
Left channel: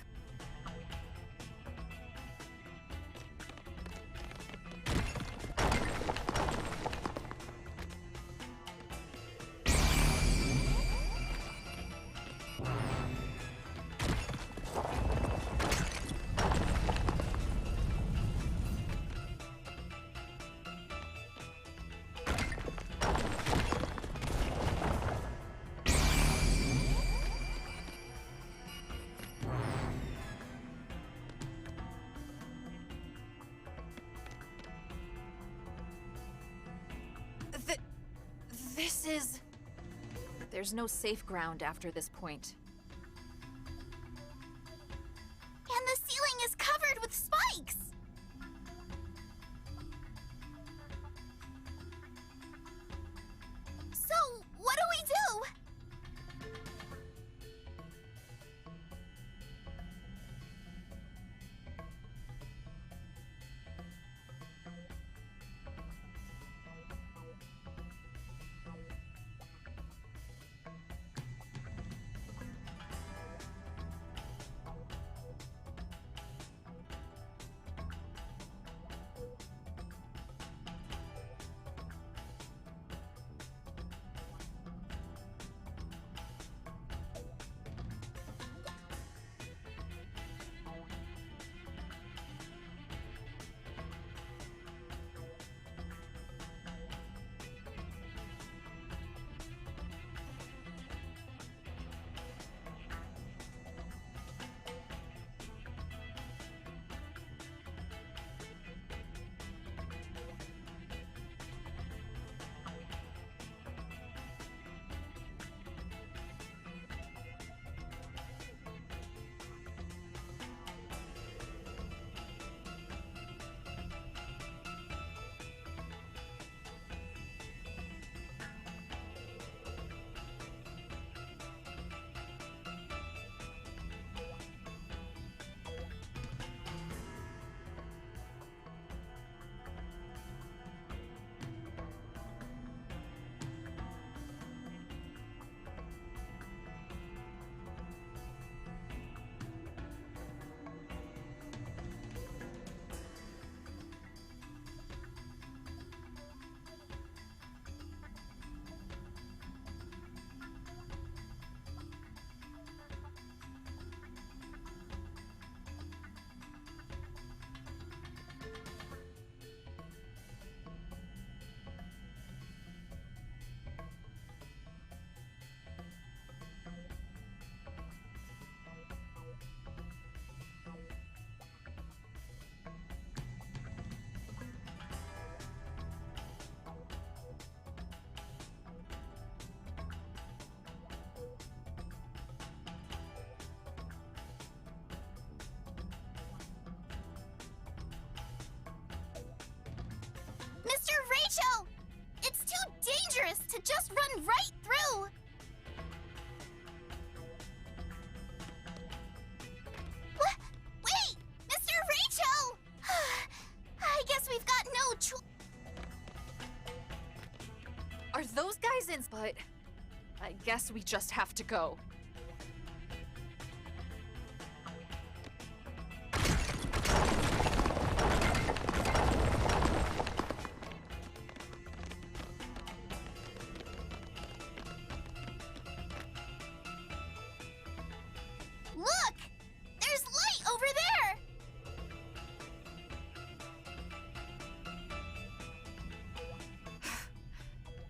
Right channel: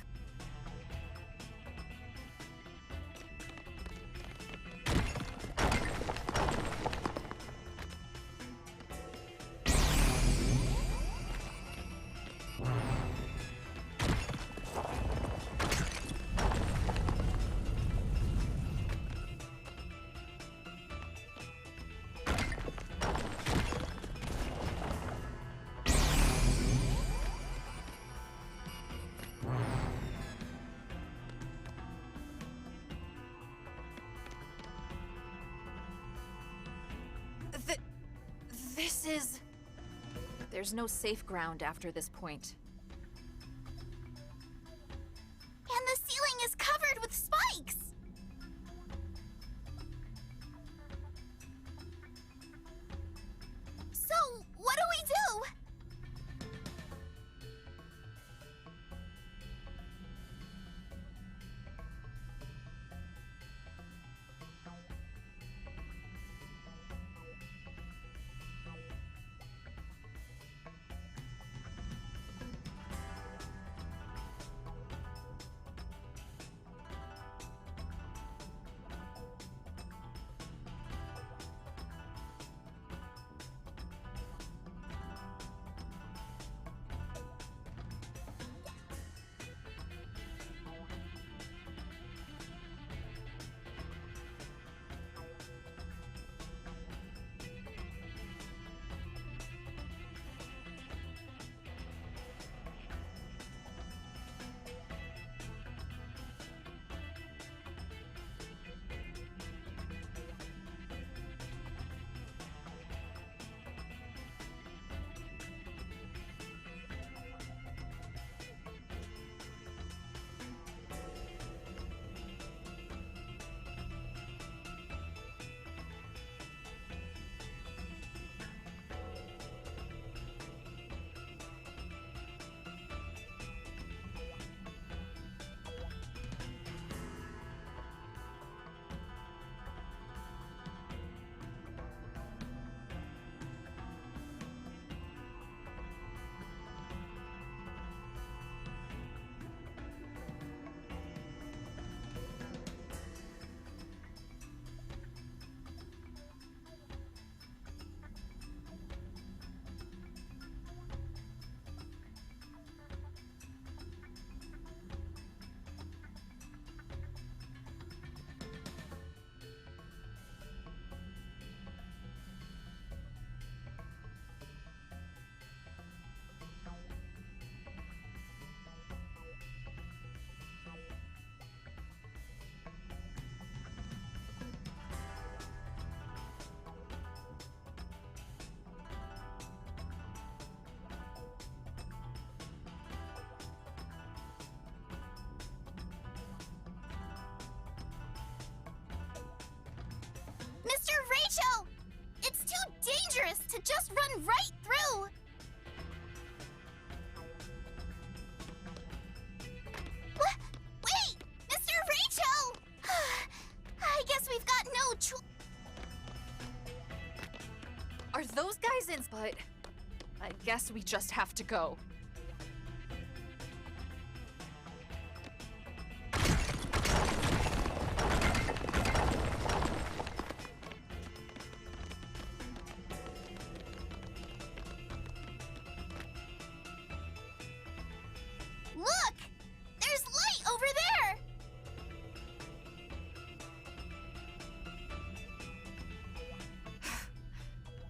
This is... There's no safe ground after this point. And the ceiling is covered with spikes! So, what do we do? Mr. Rachel! It's too dangerous to just run right through! What? Wait! Mr. Rachel! I guess we've got no choice. Are those guys in? But I guess we just have to go. Look! There's light over there!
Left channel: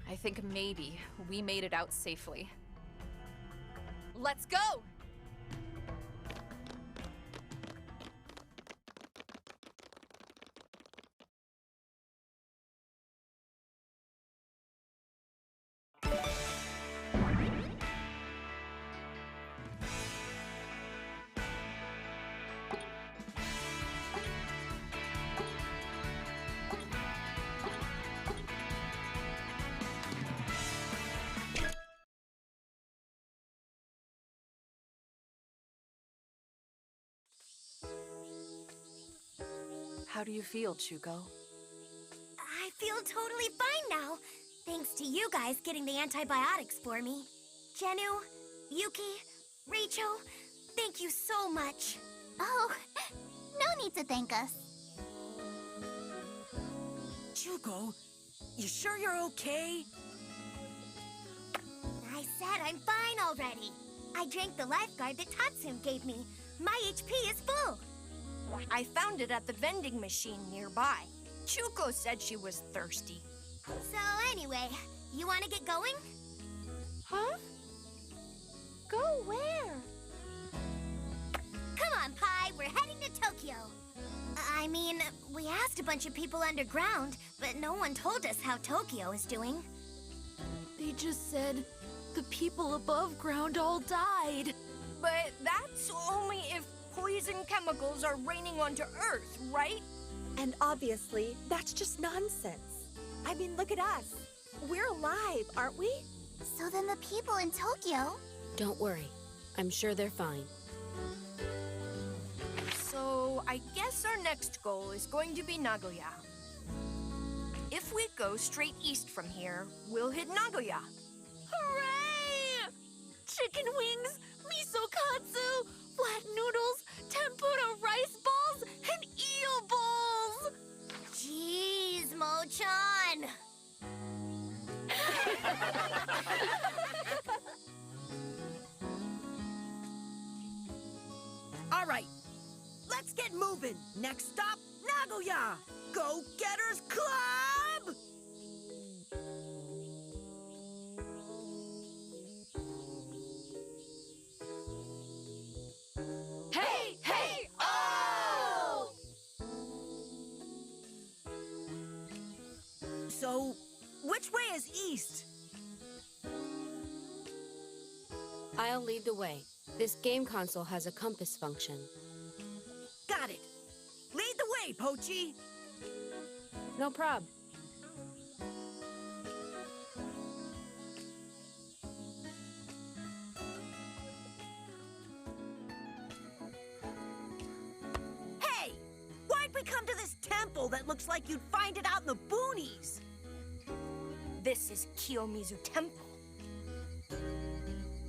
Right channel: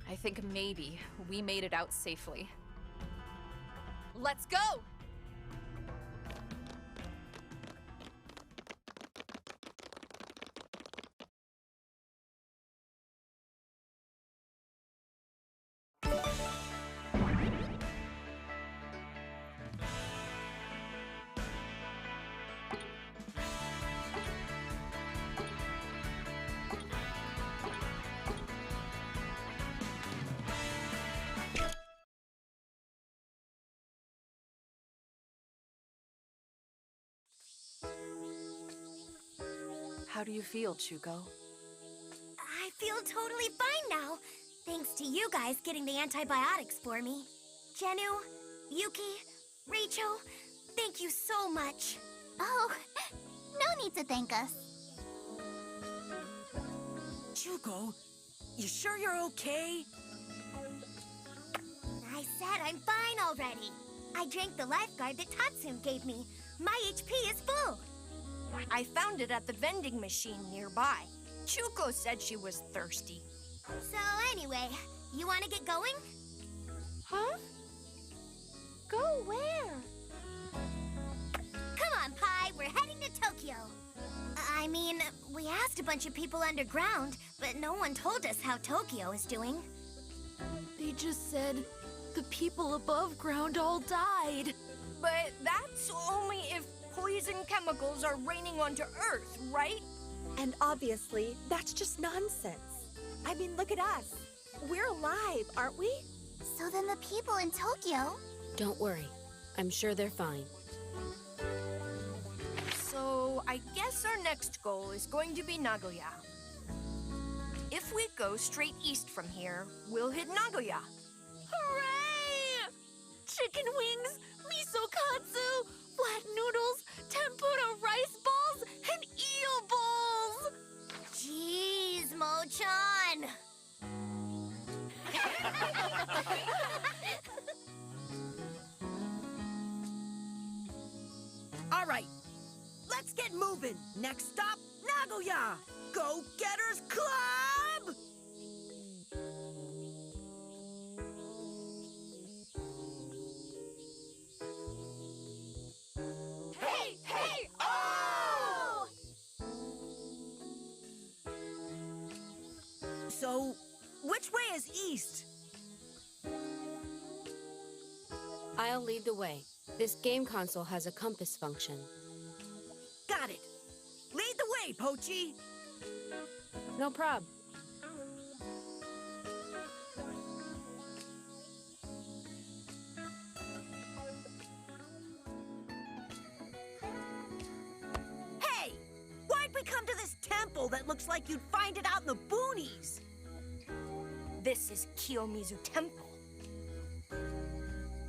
I think maybe we made it out safely. Let's go! How do you feel, Chuko? I feel totally fine now. Thanks to you guys getting the antibiotics for me. Jennu, Yuki, Rachel, thank you so much. Oh, no need to thank us. Chuko, you sure you're okay? I said I'm fine already. I drank the lifeguard that Tatsum gave me. My HP is full. I found it at the vending machine nearby. Chuko said she was thirsty. So anyway, you want to get going? Huh? Go where? Come on, Pi, we're heading to Tokyo. I mean, we asked a bunch of people underground, but no one told us how Tokyo is doing. They just said the people above ground all died. But that's only if poison chemicals are raining onto Earth, right? And obviously, that's just nonsense. I mean, look at us. We're alive, aren't we? So then the people in Tokyo... Don't worry. I'm sure they're fine. So I guess our next goal is going to be Nagoya. If we go straight east from here, we'll hit Nagoya. Hooray! Chicken wings, miso katsu, flat noodles, tempura rice balls, and eel balls! Jeez, Mo-chan! All right, let's get moving. Next stop, Nagoya! Go-Getters Club! Hey, hey, oh! So, which way is east? I'll lead the way. This game console has a compass function. Got it. Lead the way, Pochi. No prob. Hey, why'd we come to this temple that looks like you'd find it out in the boonies? This is Kiyomizu Temple.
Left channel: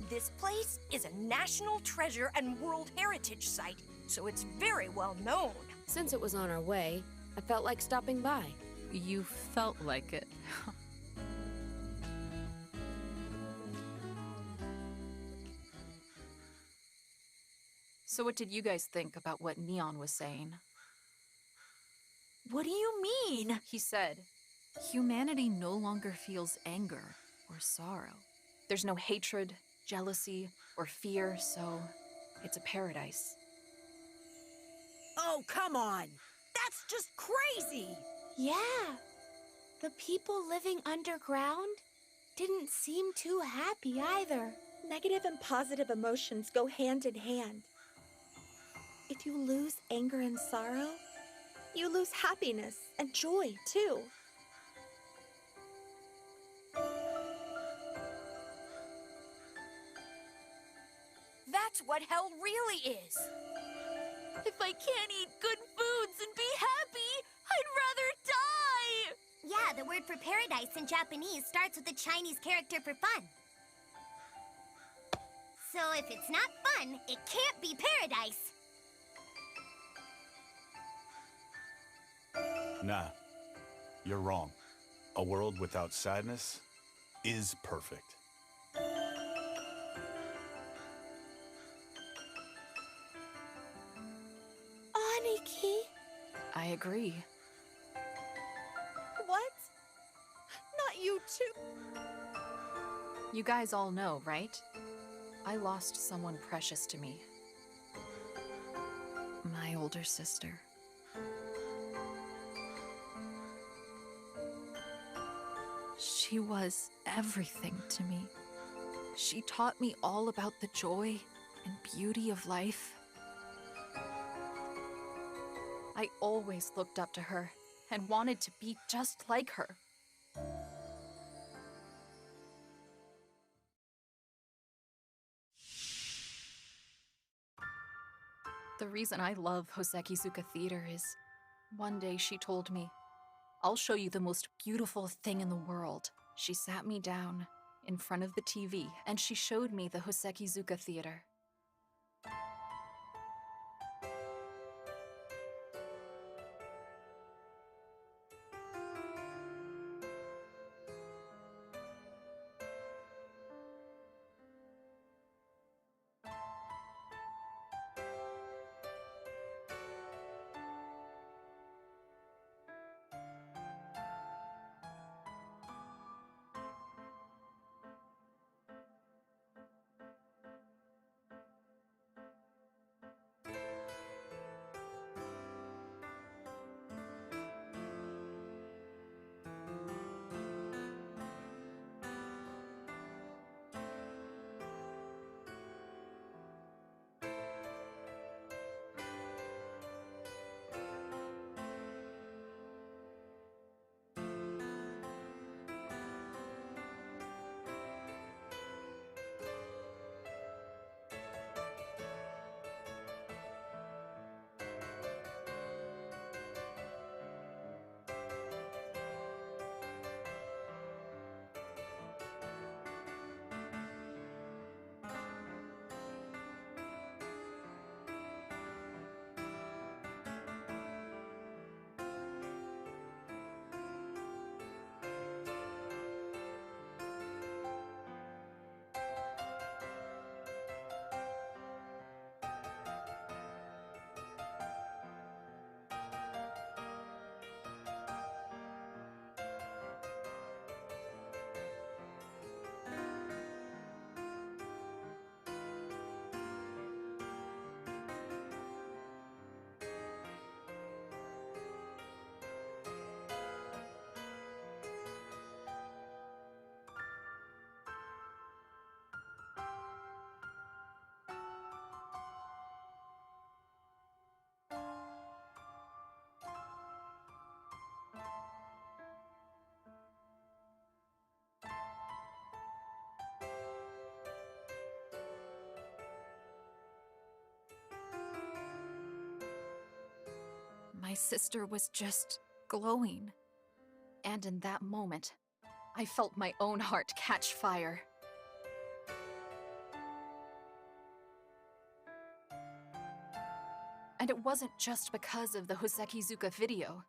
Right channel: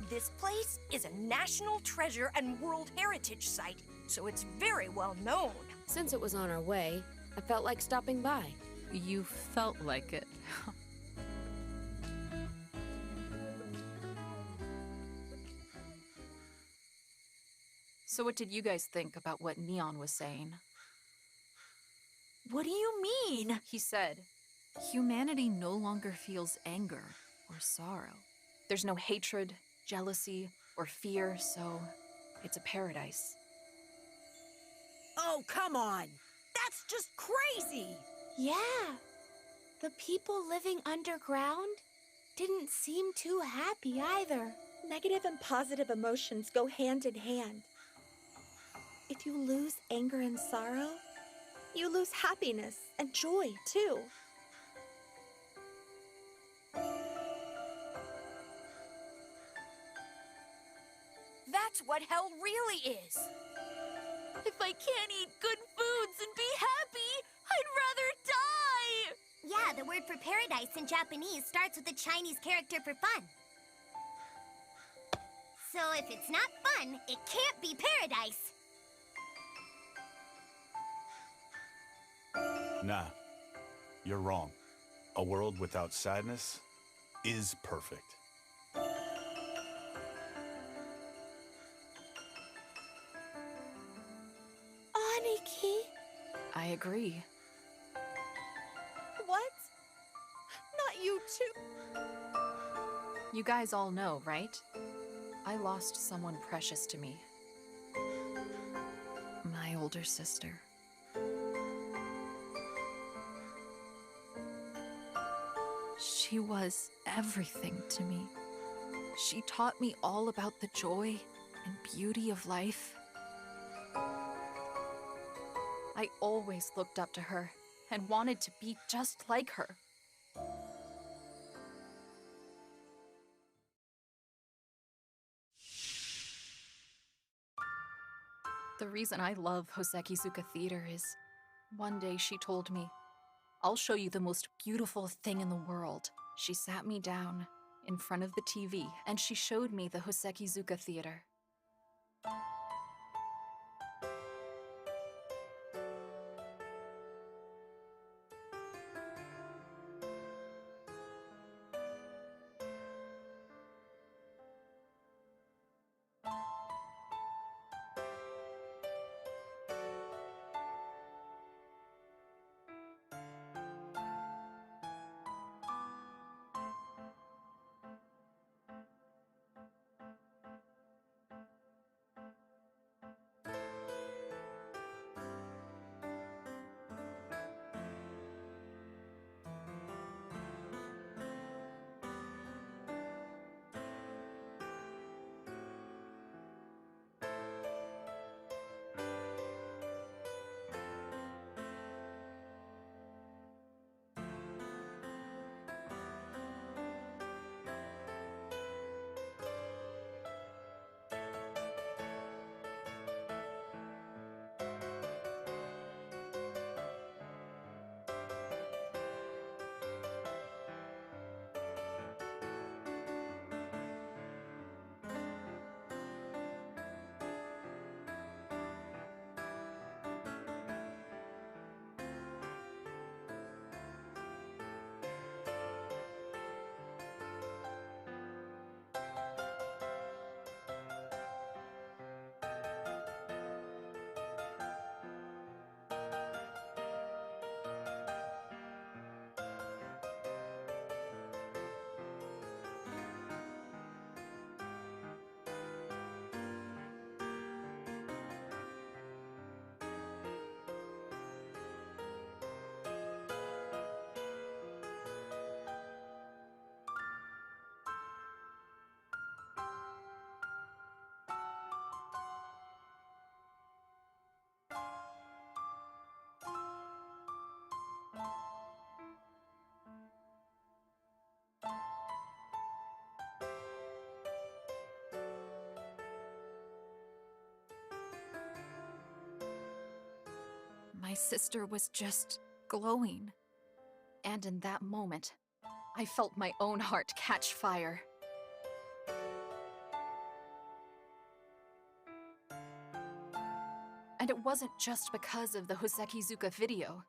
This place is a national treasure and World Heritage Site, so it's very well known. Since it was on our way, I felt like stopping by. You felt like it. So what did you guys think about what Neon was saying? What do you mean? He said, humanity no longer feels anger or sorrow. There's no hatred, jealousy, or fear, so it's a paradise. Oh, come on. That's just crazy. Yeah. The people living underground didn't seem too happy either. Negative and positive emotions go hand in hand. If you lose anger and sorrow, you lose happiness and joy, too. That's what hell really is. If I can't eat good foods and be happy, I'd rather die! Yeah, the word for paradise in Japanese starts with a Chinese character for fun. So if it's not fun, it can't be paradise. Nah, you're wrong. A world without sadness is perfect. Aniki? I agree. What? Not you too. You guys all know, right? I lost someone precious to me. My older sister. She was everything to me. She taught me all about the joy and beauty of life. I always looked up to her and wanted to be just like her. The reason I love Hosekizuka Theater is, one day she told me, "I'll show you the most beautiful thing in the world." She sat me down in front of the TV and she showed me the Hosekizuka Theater. My sister was just glowing. And in that moment, I felt my own heart catch fire. And it wasn't just because of the Hosekizuka video.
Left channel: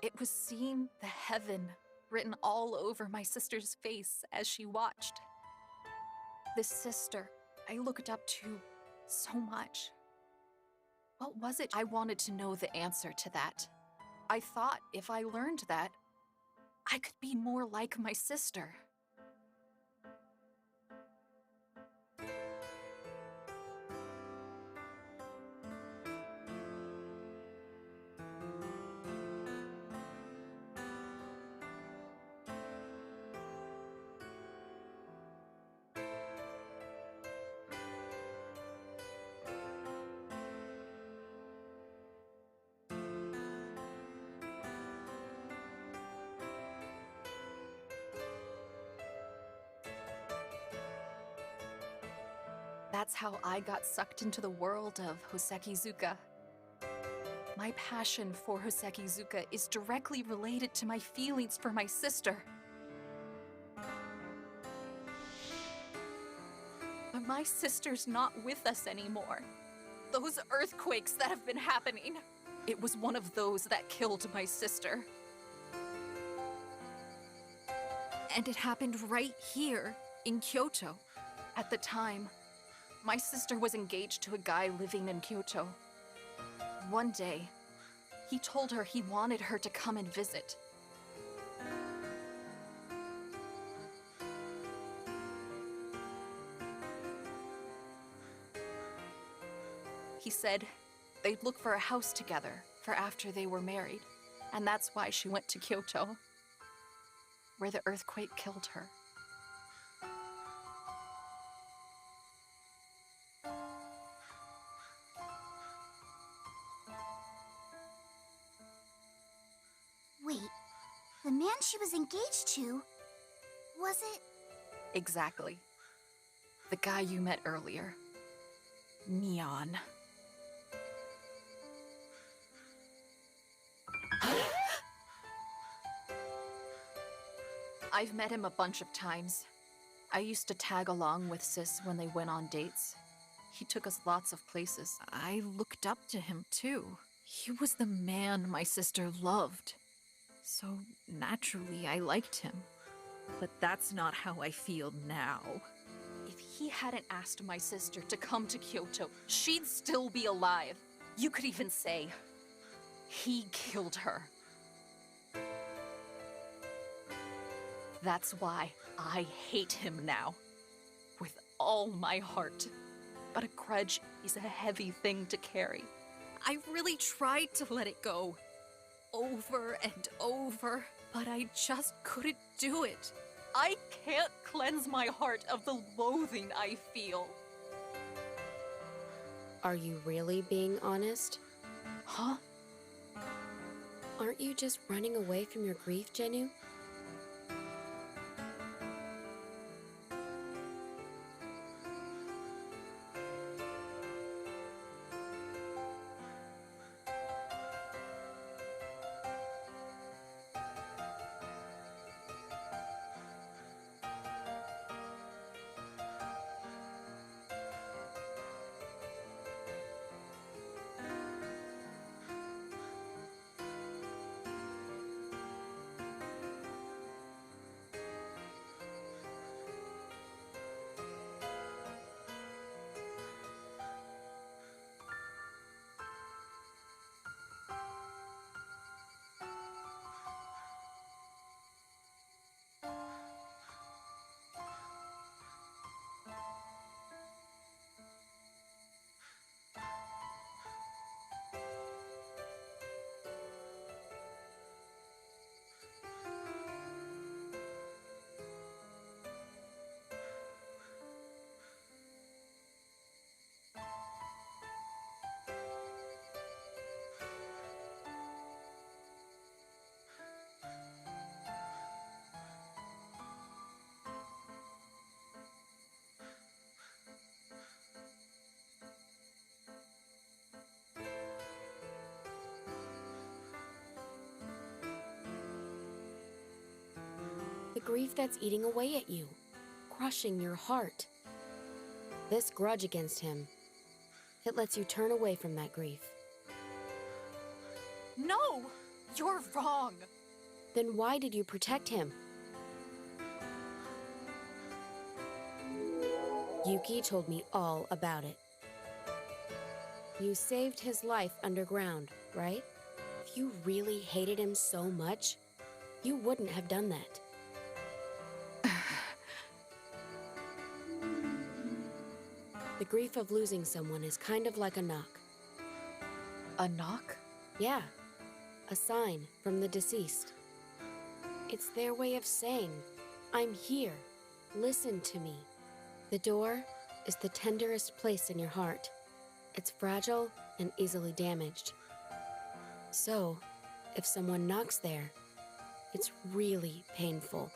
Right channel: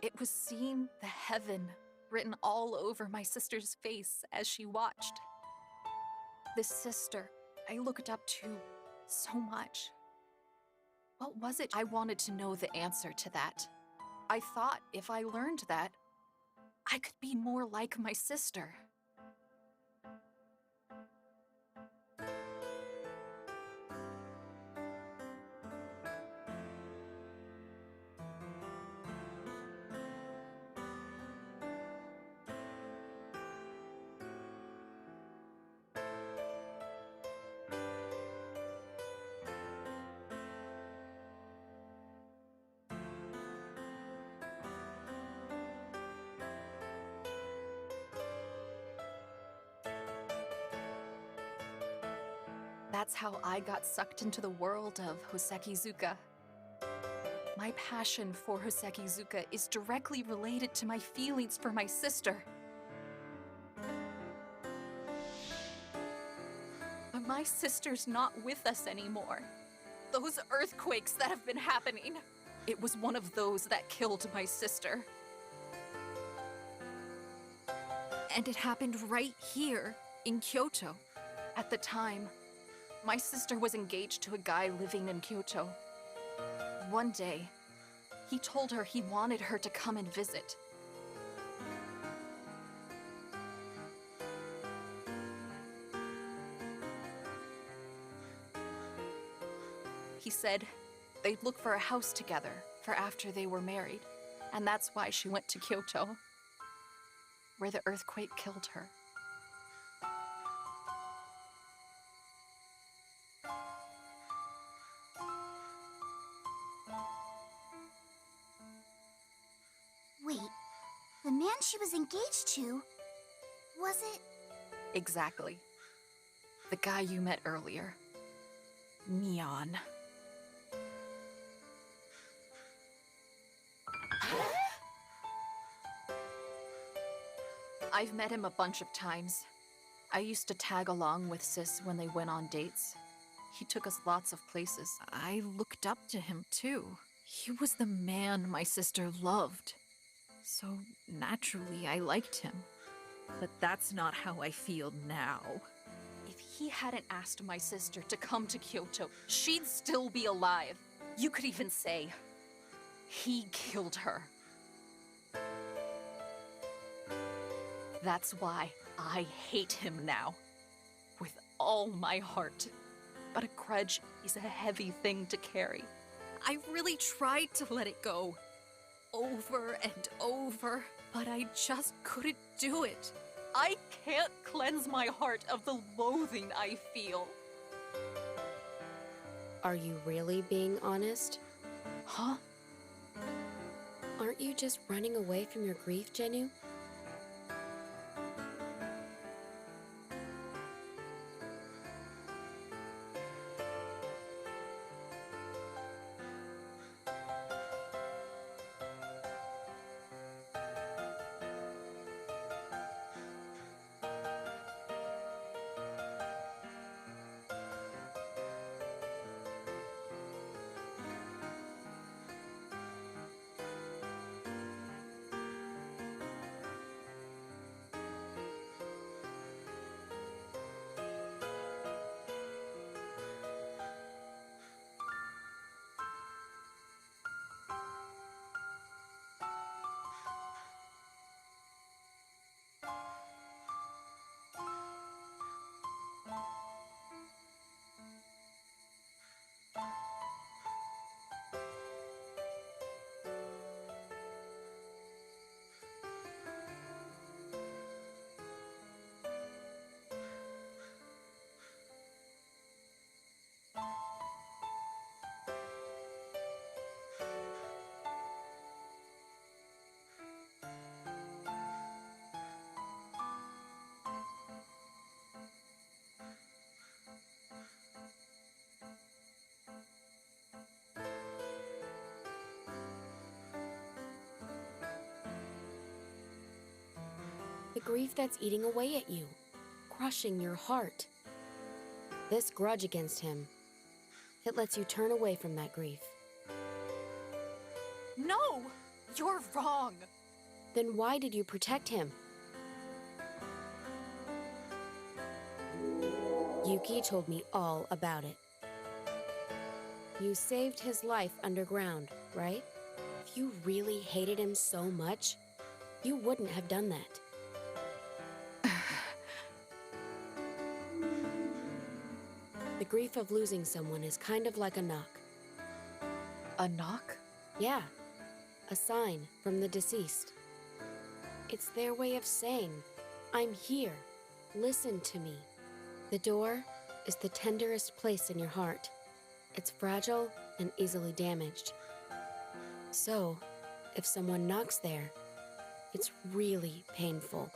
It was seeing the heaven written all over my sister's face as she watched. This sister I looked up to so much. What was it? I wanted to know the answer to that. I thought if I learned that, I could be more like my sister. That's how I got sucked into the world of Hosekizuka. My passion for Hosekizuka is directly related to my feelings for my sister. But my sister's not with us anymore. Those earthquakes that have been happening, it was one of those that killed my sister. And it happened right here in Kyoto. At the time, my sister was engaged to a guy living in Kyoto. One day, he told her he wanted her to come and visit. He said they'd look for a house together for after they were married, and that's why she went to Kyoto, where the earthquake killed her. Wait, the man she was engaged to, was it? Exactly. The guy you met earlier. Neon. I've met him a bunch of times. I used to tag along with Sis when they went on dates. He took us lots of places. I looked up to him too. He was the man my sister loved. So naturally, I liked him. But that's not how I feel now. If he hadn't asked my sister to come to Kyoto, she'd still be alive. You could even say, he killed her. That's why I hate him now. With all my heart. But a grudge is a heavy thing to carry. I really tried to let it go. Over and over, but I just couldn't do it. I can't cleanse my heart of the loathing I feel. Are you really being honest? Huh? Aren't you just running away from your grief, Genu? The grief that's eating away at you, crushing your heart. This grudge against him, it lets you turn away from that grief. No! You're wrong. Then why did you protect him? Yuki told me all about it. You saved his life underground, right? If you really hated him so much, you wouldn't have done that. The grief of losing someone is kind of like a knock. A knock? Yeah, a sign from the deceased. It's their way of saying, I'm here, listen to me. The door is the tenderest place in your heart. It's fragile and easily damaged. So, if someone knocks there, it's really painful.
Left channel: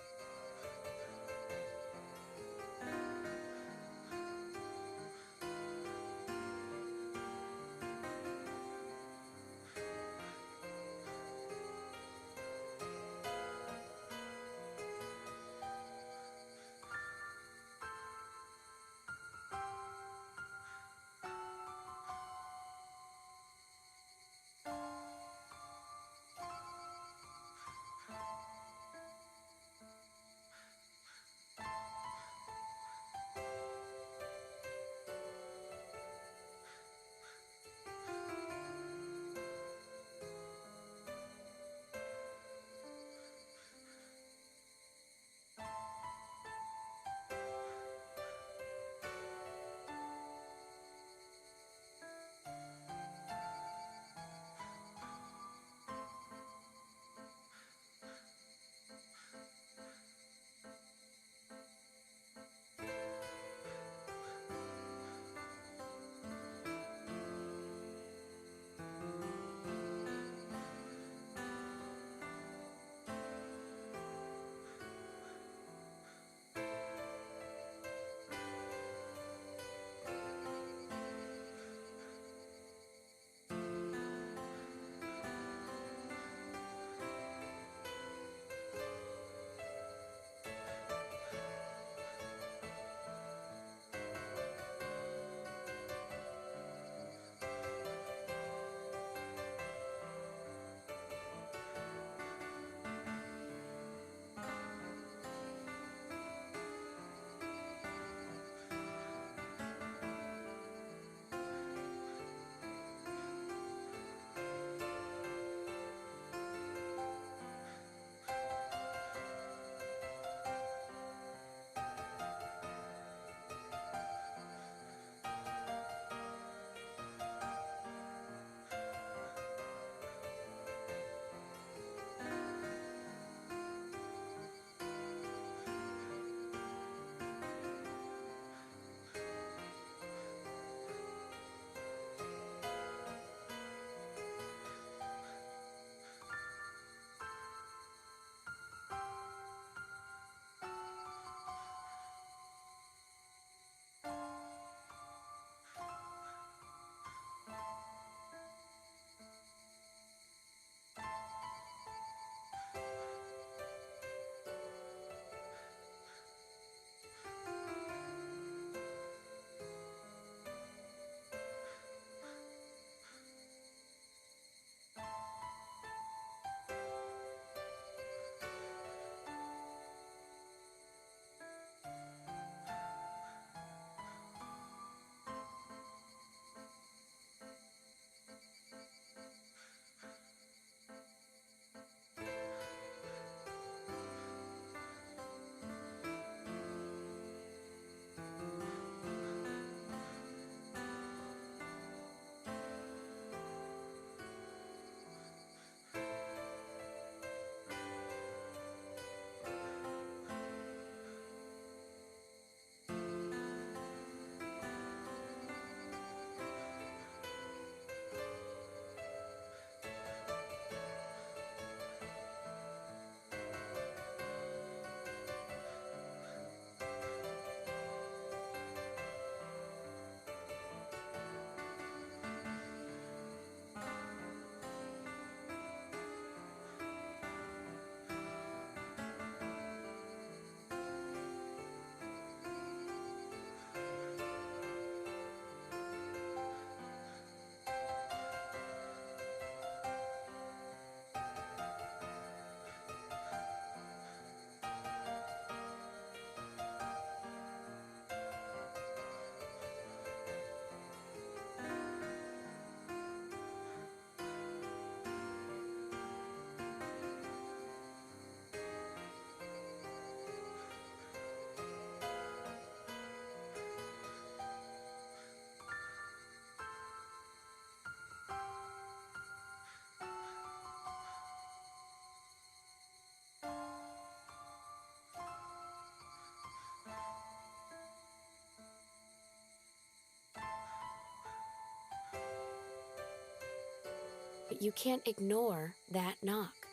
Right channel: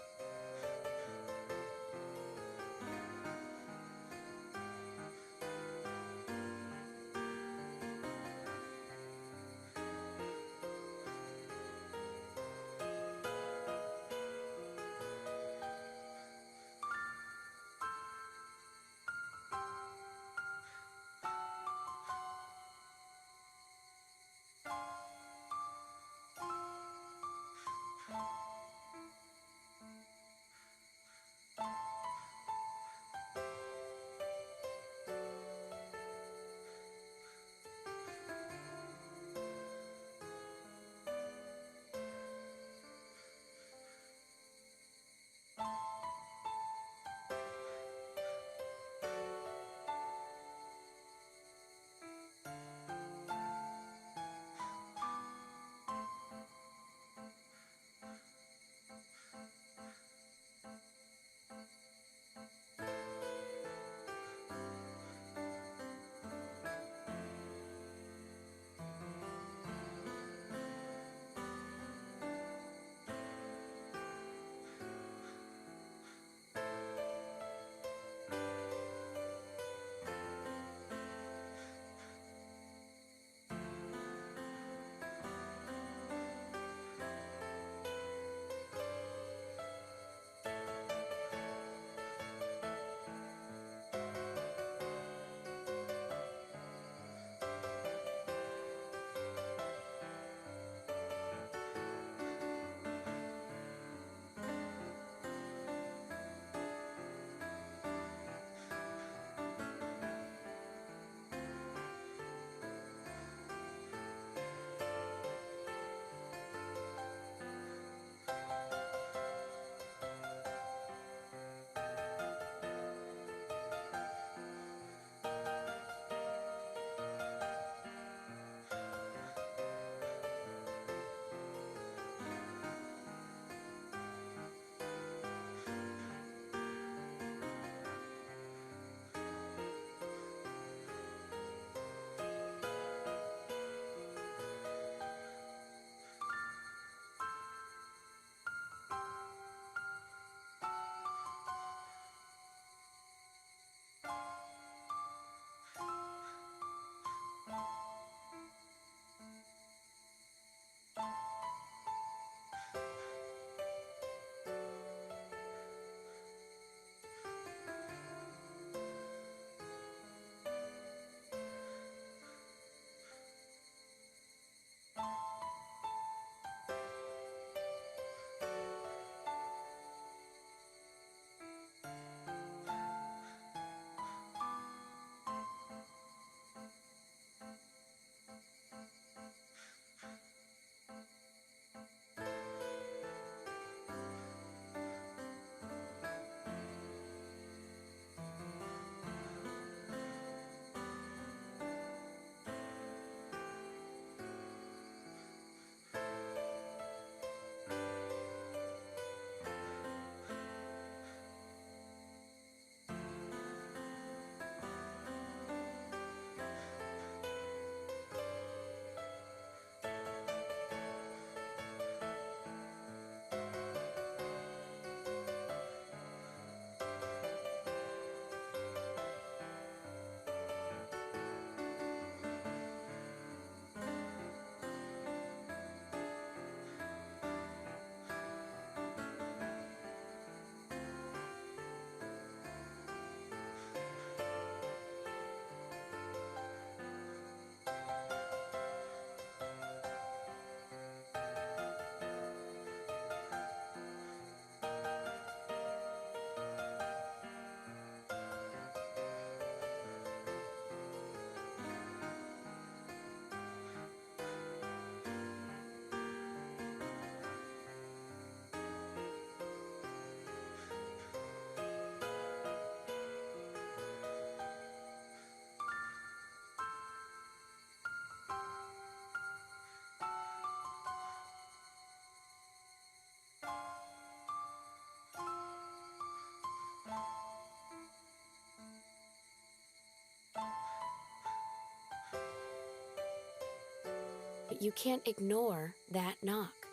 But you can't ignore that knock.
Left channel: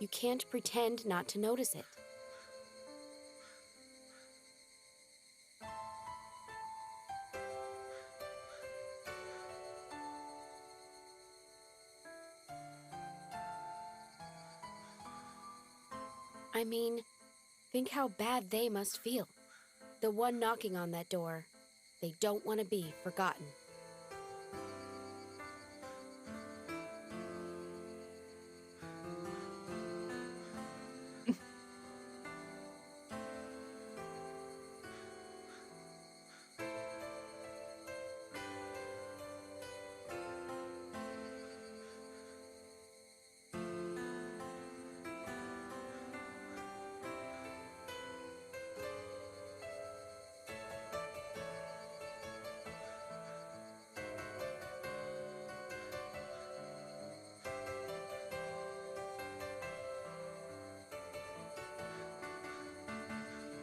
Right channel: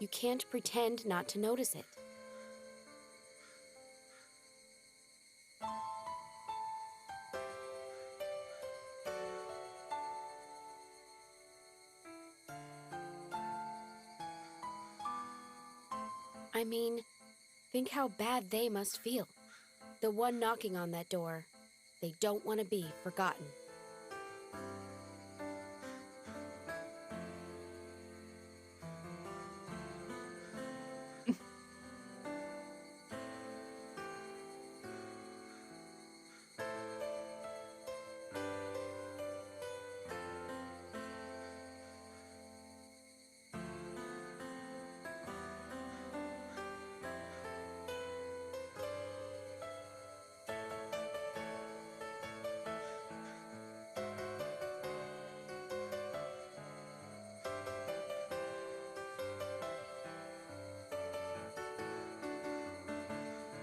You can't pretend not to notice it. I mean, think how bad they must feel. The one knocking on that door. They don't want to be forgotten.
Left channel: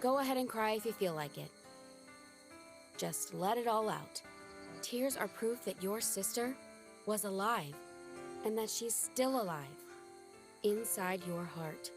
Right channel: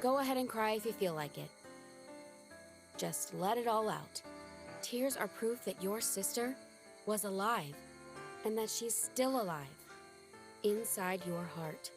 Go ahead and cry if you feel like it. Just let it all out. Tears are proof that your sister was alive, and that she's still alive, inside your heart.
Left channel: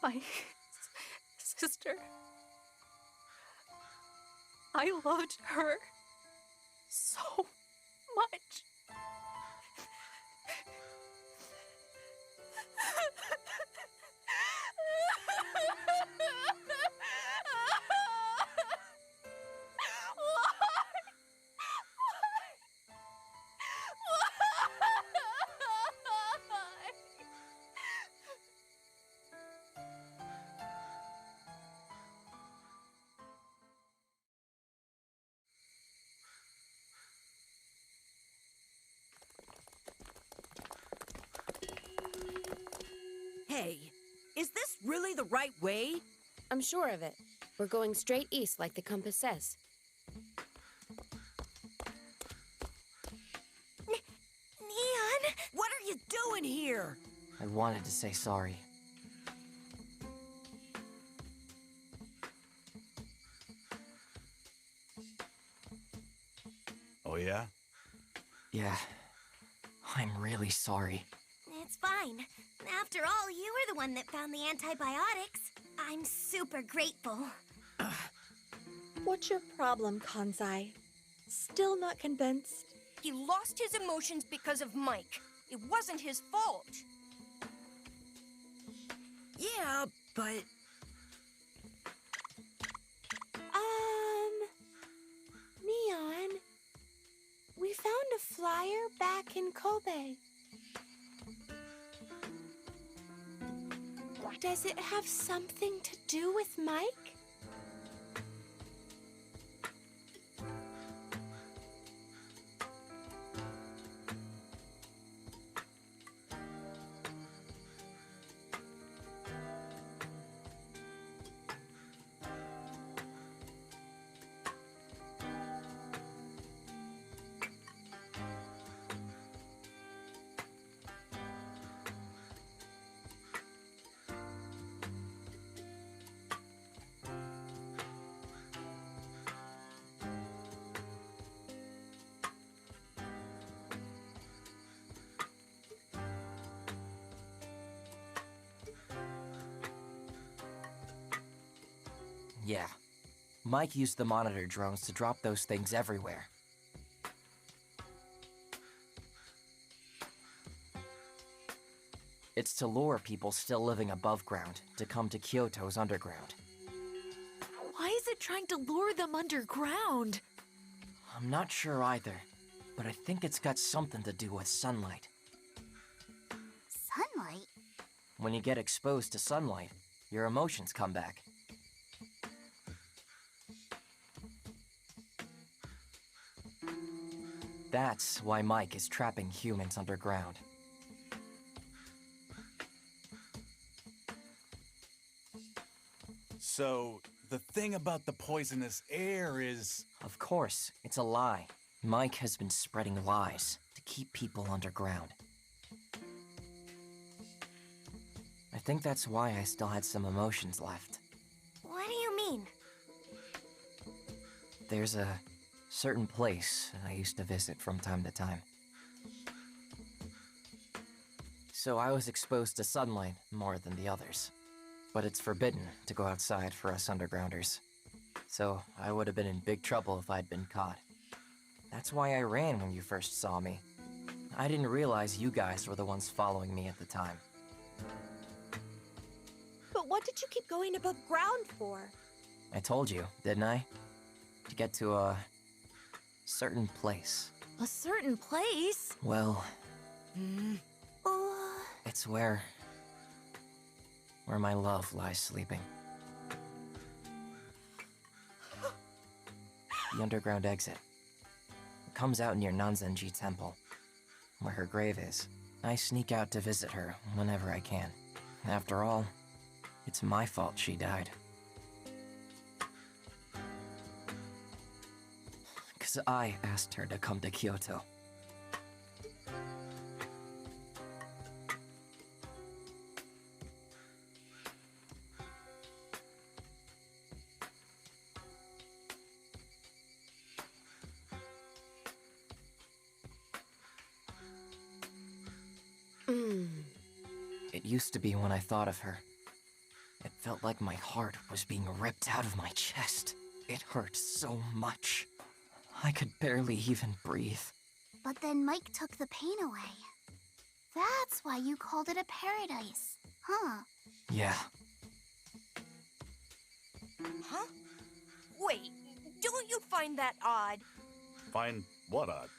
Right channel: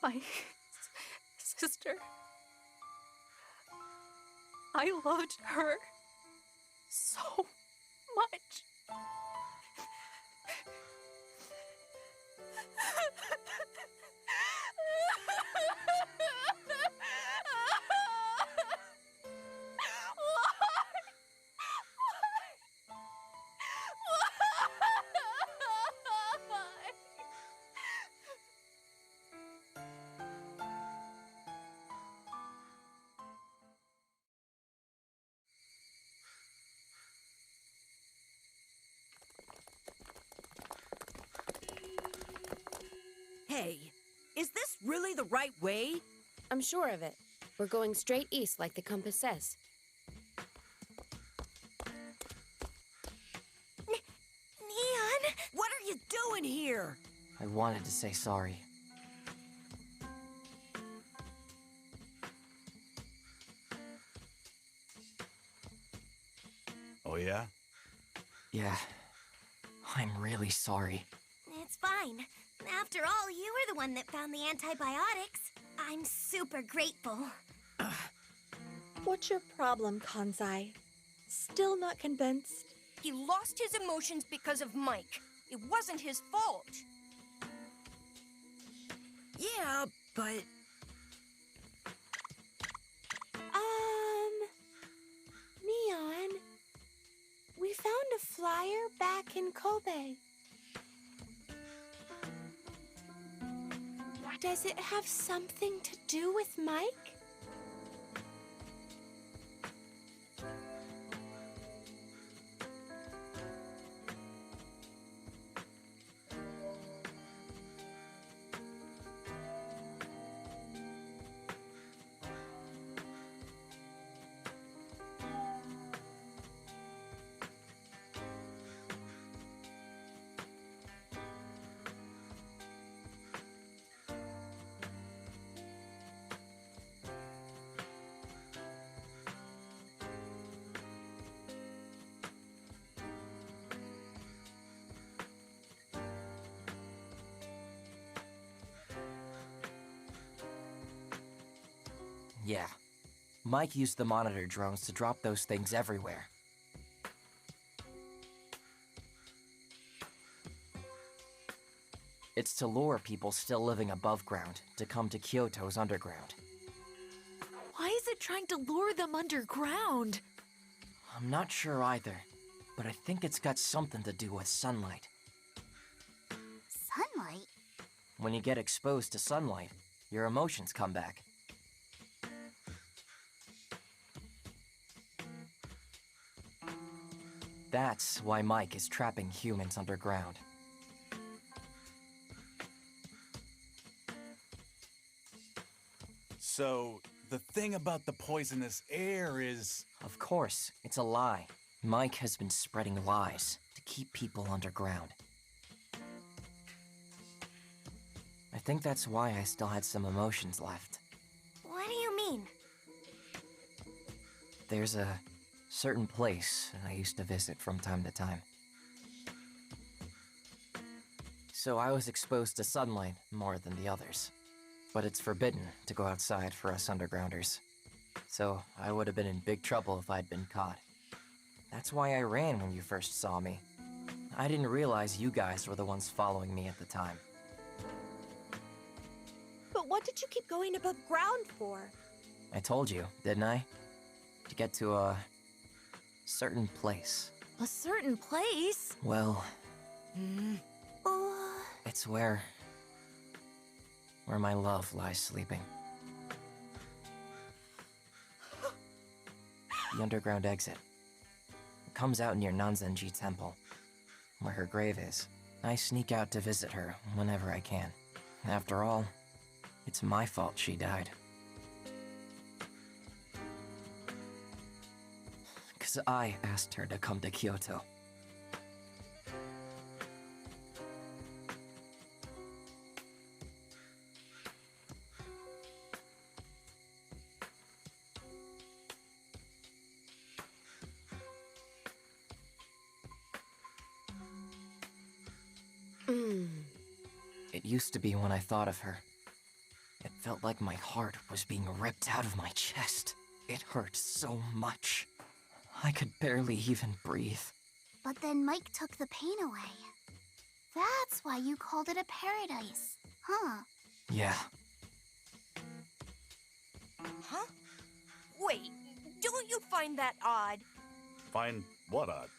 My sister. I loved her so much. Hey, is this really the right way? I'm sure of it. We're going straight east like the compass says. you doing here? I wanted to say sorry. Oh, yeah? Yeah, I'm really sorry. It's fine. After all, you were the one that found the antibiotics. I'm super grateful. What's your problem, Kanzai? Still not convinced? He lost his emotions because of Mike. It wasn't his fault. Yeah, but... Neon, we found a flyer back in Kobe. Does it have something to do with Mike? Yeah. Mike used the monitor drones to drop those things everywhere. It's to lure people still living above ground to come to Kyoto's underground. Why is it trying to lure them underground? I'm not sure either, but I think it's got something to do with sunlight. Sunlight? When you get exposed to sunlight, your emotions come back. That's why Mike is trapping humans underground. So, the thing about the poisonous air is... Of course, it's a lie. Mike has been spreading lies to keep people underground. I think that's why I still had some emotions left. What do you mean? There's a certain place I used to visit from time to time. So I was exposed to sunlight more than the others. But it's forbidden to go outside for us undergrounders. So I would have been in big trouble if I'd been caught. That's why I ran when you first saw me. I didn't realize you guys were the ones following me at the time. But what did you keep going above ground for? I told you, didn't I? To get to a certain place. A certain place? Well, it's where my love lies sleeping. The underground exit. It comes out near Nanzenji Temple, where her grave is. I sneak out to visit her whenever I can. After all, it's my fault she died. 'Cause I asked her to come to Kyoto. It used to be when I thought of her. It felt like my heart was being ripped out of my chest. It hurt so much. I could barely even breathe. But then Mike took the pain away. That's why you called it a paradise, huh? Yeah. Huh? Wait, don't you find that odd? Find what odd?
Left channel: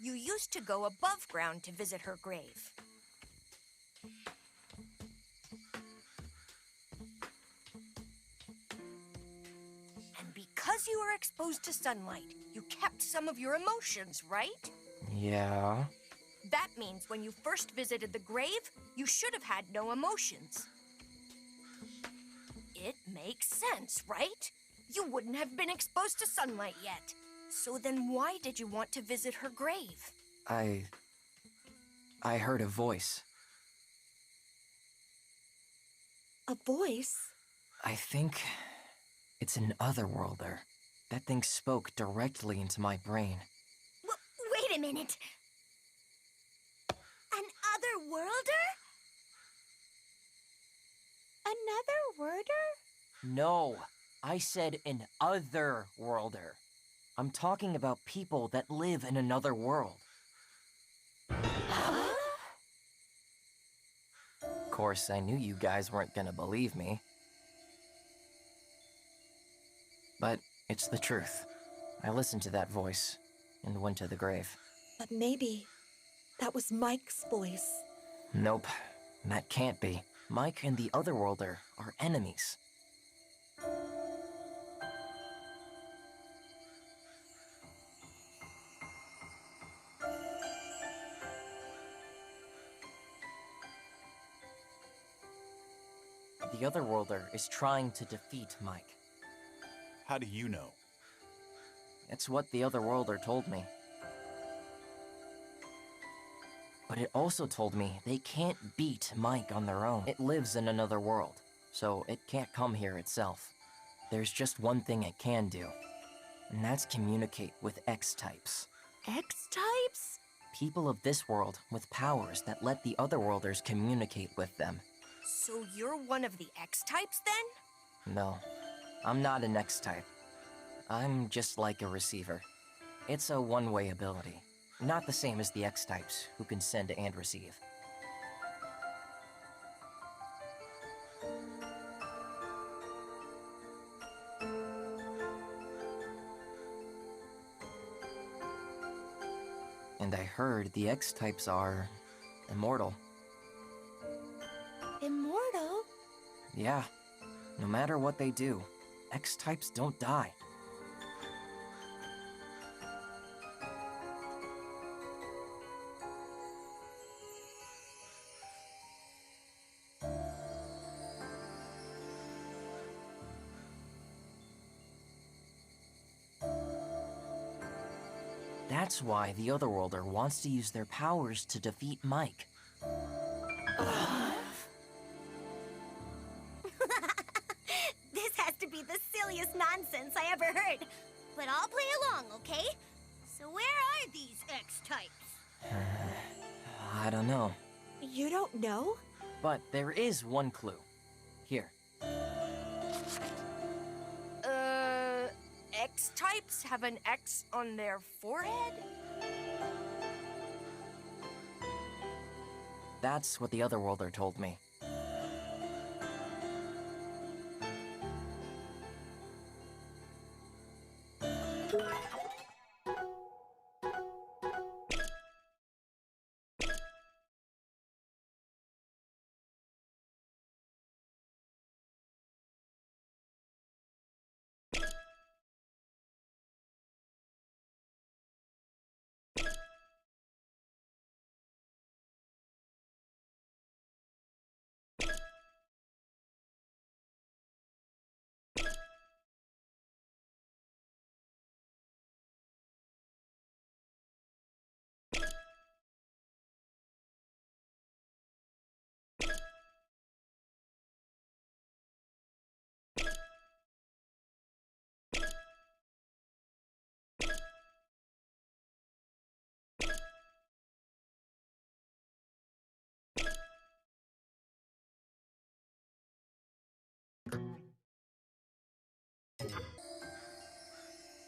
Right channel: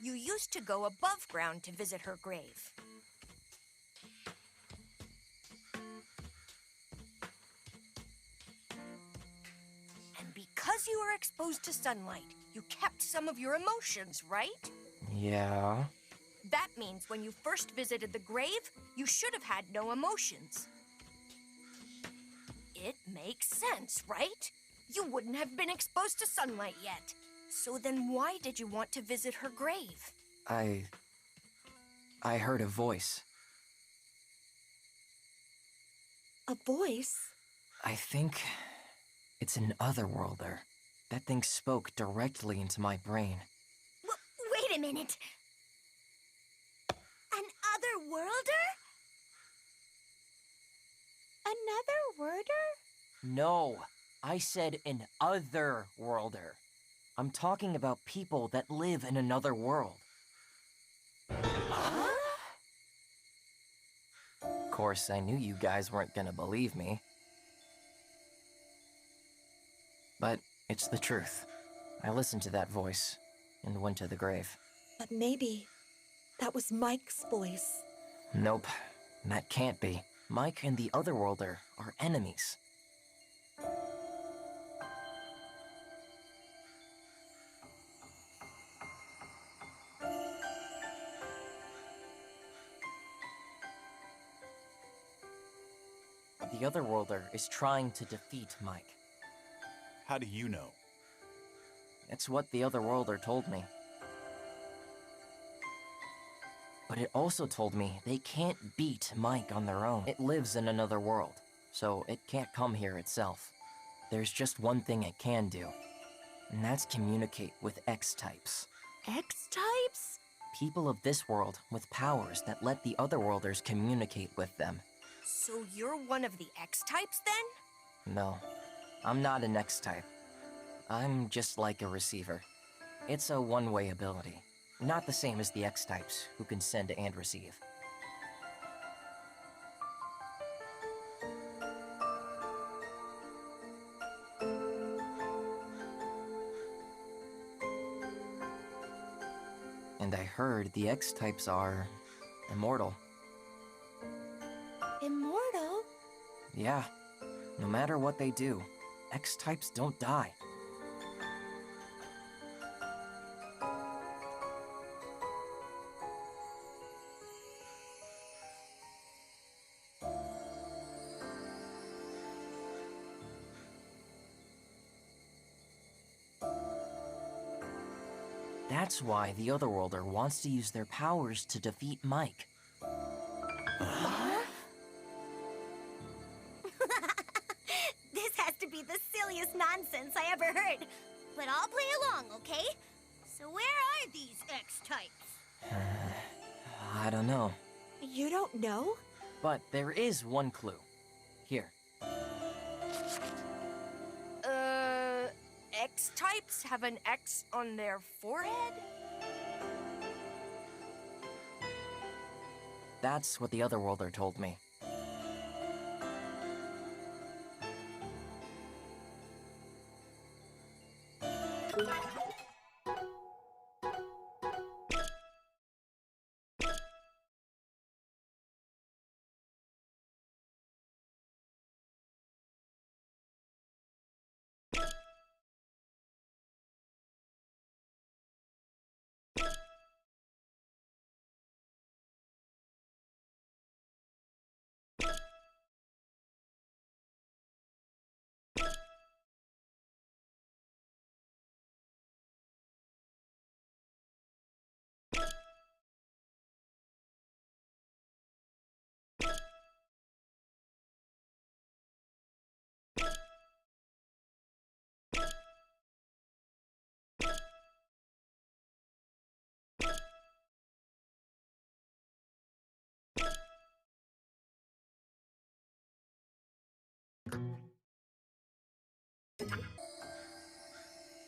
You used to go above ground to visit her grave. And because you were exposed to sunlight, you kept some of your emotions, right? Yeah. That means when you first visited the grave, you should have had no emotions. It makes sense, right? You wouldn't have been exposed to sunlight yet. So then why did you want to visit her grave? I heard a voice. A voice? I think it's an otherworlder. That thing spoke directly into my brain. Wait a minute. An otherworlder? Another worder? No, I said an otherworlder. I'm talking about people that live in another world. Huh? Of course, I knew you guys weren't gonna believe me. But it's the truth. I listened to that voice and went to the grave. But maybe that was Mike's voice. Nope, that can't be. Mike and the otherworlder are enemies. The otherworlder is trying to defeat Mike. How do you know? It's what the otherworlder told me. But it also told me they can't beat Mike on their own. It lives in another world, so it can't come here itself. There's just one thing it can do, and that's communicate with X-types. X-types? People of this world with powers that let the otherworlders communicate with them. So you're one of the X-types then? No, I'm not an X-type. I'm just like a receiver. It's a one-way ability. Not the same as the X-types, who can send and receive. And I heard the X-types are immortal. Immortal? Yeah, no matter what they do, X-types don't die. That's why the Otherworlder wants to use their powers to defeat Mike. This has to be the silliest nonsense I ever heard. But I'll play along, okay? So where are these X-types? I don't know. You don't know? But there is one clue. Here. X-types have an X on their forehead? That's what the Otherworlder told me.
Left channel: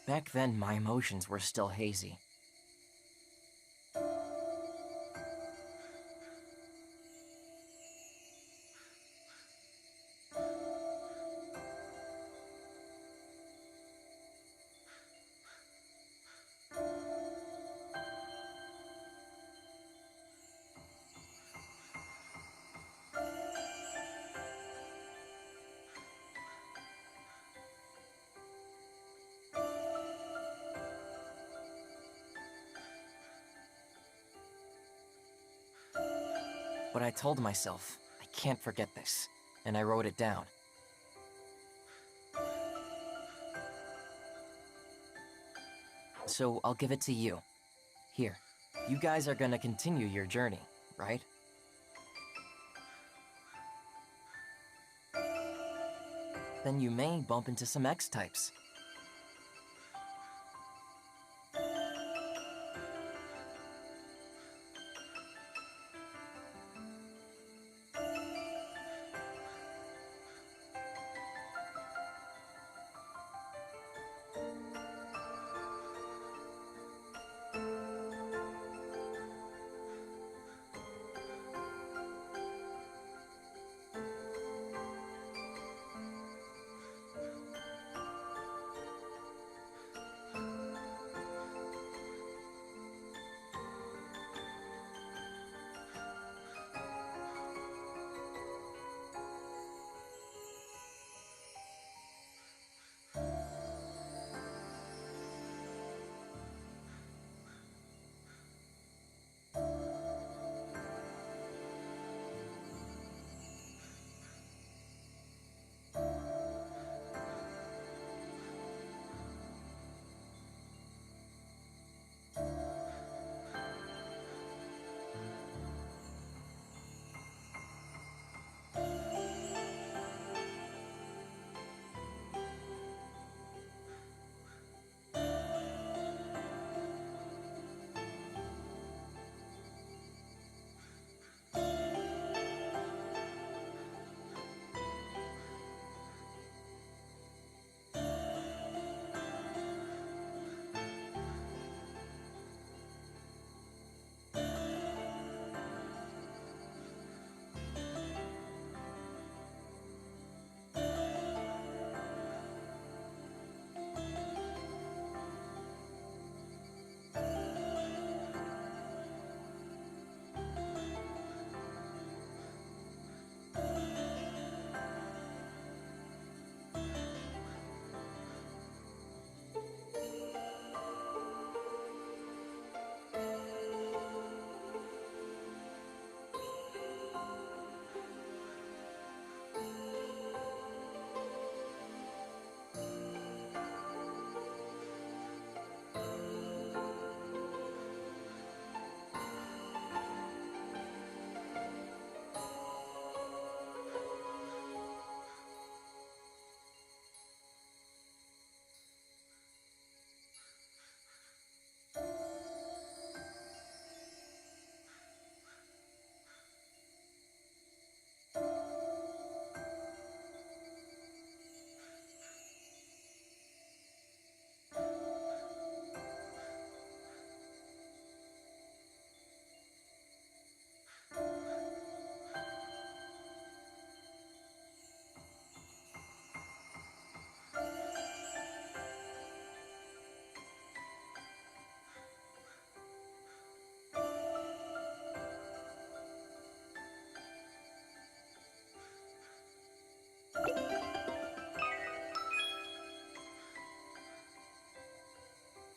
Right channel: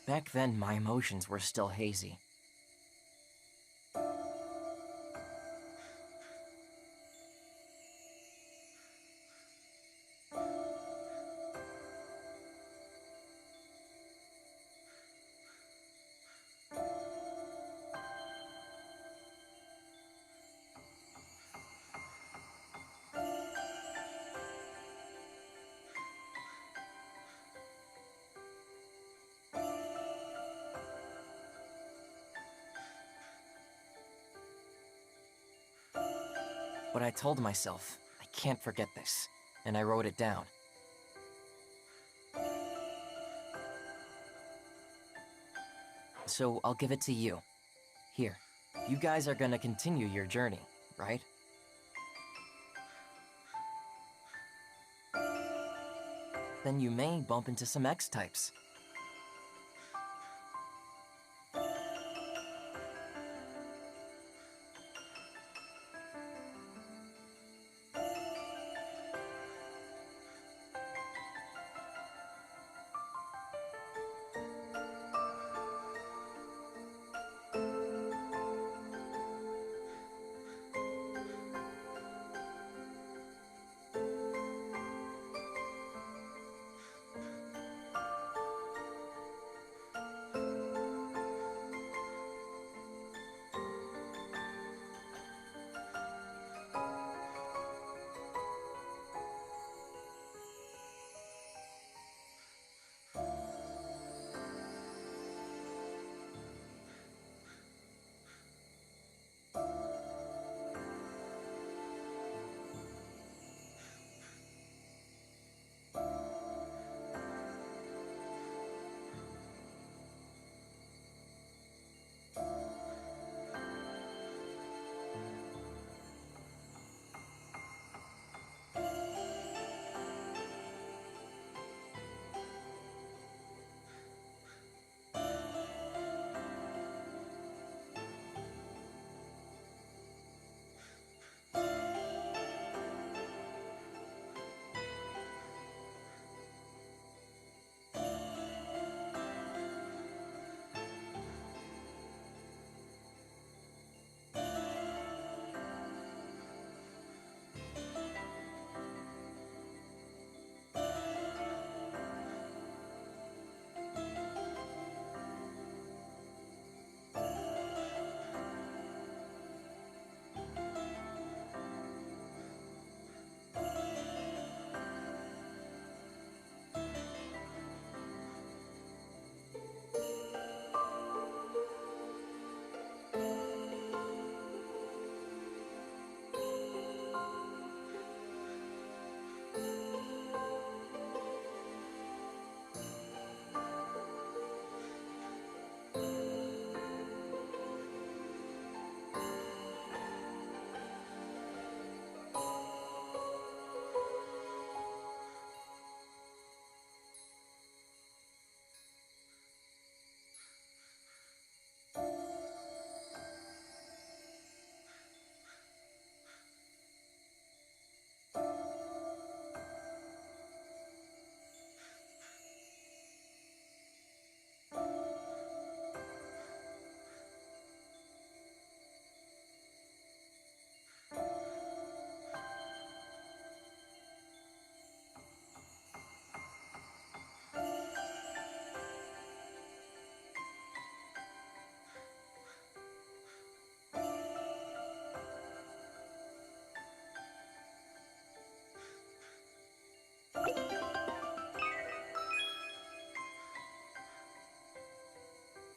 Back then, my emotions were still hazy. But I told myself, I can't forget this, and I wrote it down. so I'll give it to you. Here, you guys are gonna continue your journey, right? Then you may bump into some X-types.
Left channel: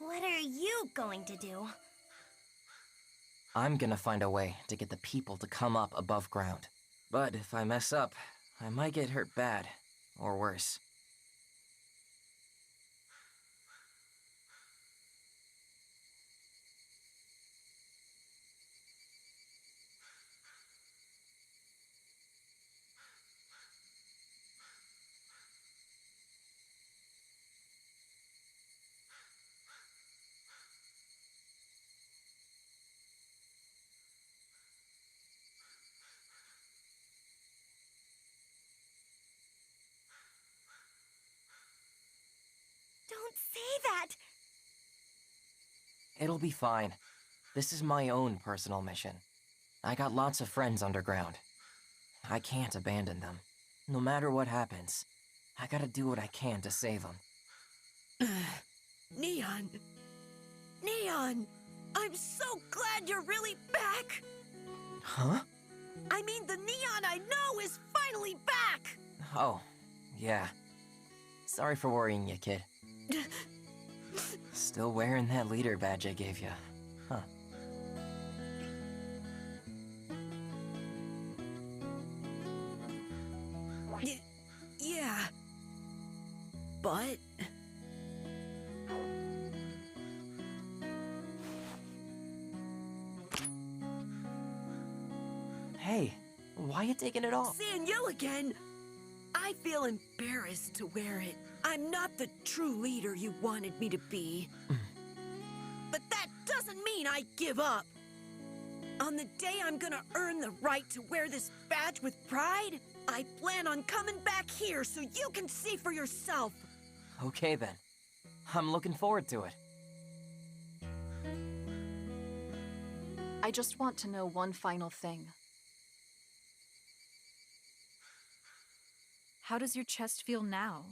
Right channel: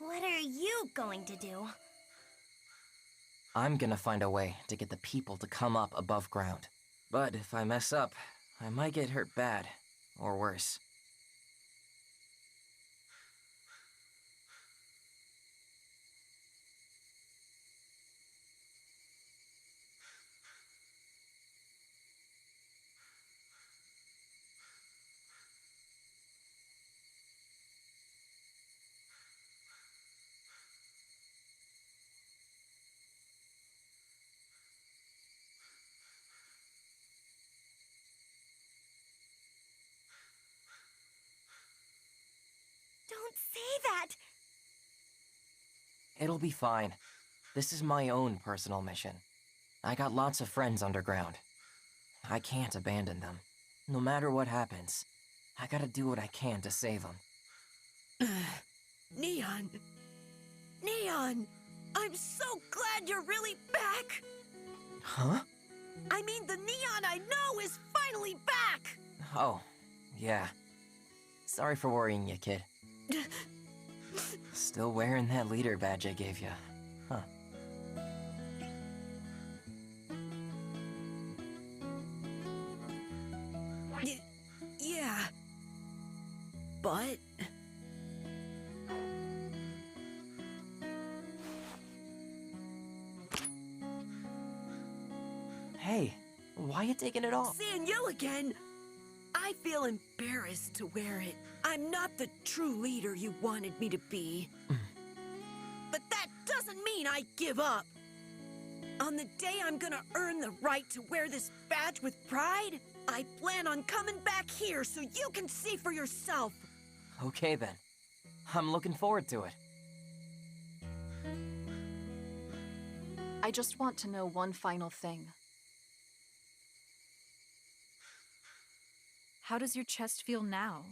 What are you going to do? I'm gonna find a way to get the people to come up above ground. But if I mess up, I might get hurt bad, or worse. Don't say that! It'll be fine. This is my own personal mission. I got lots of friends underground. I can't abandon them. No matter what happens, I gotta do what I can to save them. Neon! Neon! I'm so glad you're really back! Huh? I mean, the Neon I know is finally back! Oh, yeah. Sorry for worrying you, kid. Still wearing that leader badge I gave you, huh? Yeah. But... you taking it off? Seeing you again, I feel embarrassed to wear it. I'm not the true leader you wanted me to be. But that doesn't mean I give up. On the day I'm gonna earn the right to wear this badge with pride, I plan on coming back here so you can see for yourself. Okay then. I'm looking forward to it. I just want to know one final thing. How does your chest feel now?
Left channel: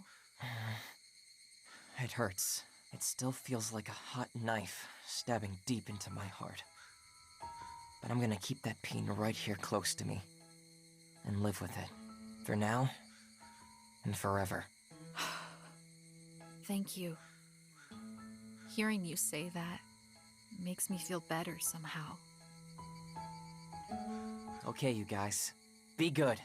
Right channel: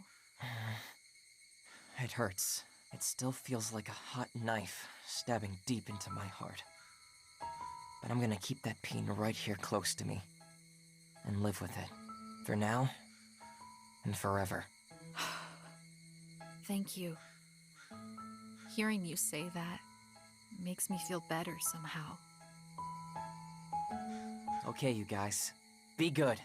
It hurts. It still feels like a hot knife stabbing deep into my heart. But I'm gonna keep that pain right here close to me and live with it. For now and forever. Thank you. Hearing you say that makes me feel better somehow. Okay, you guys. Be good.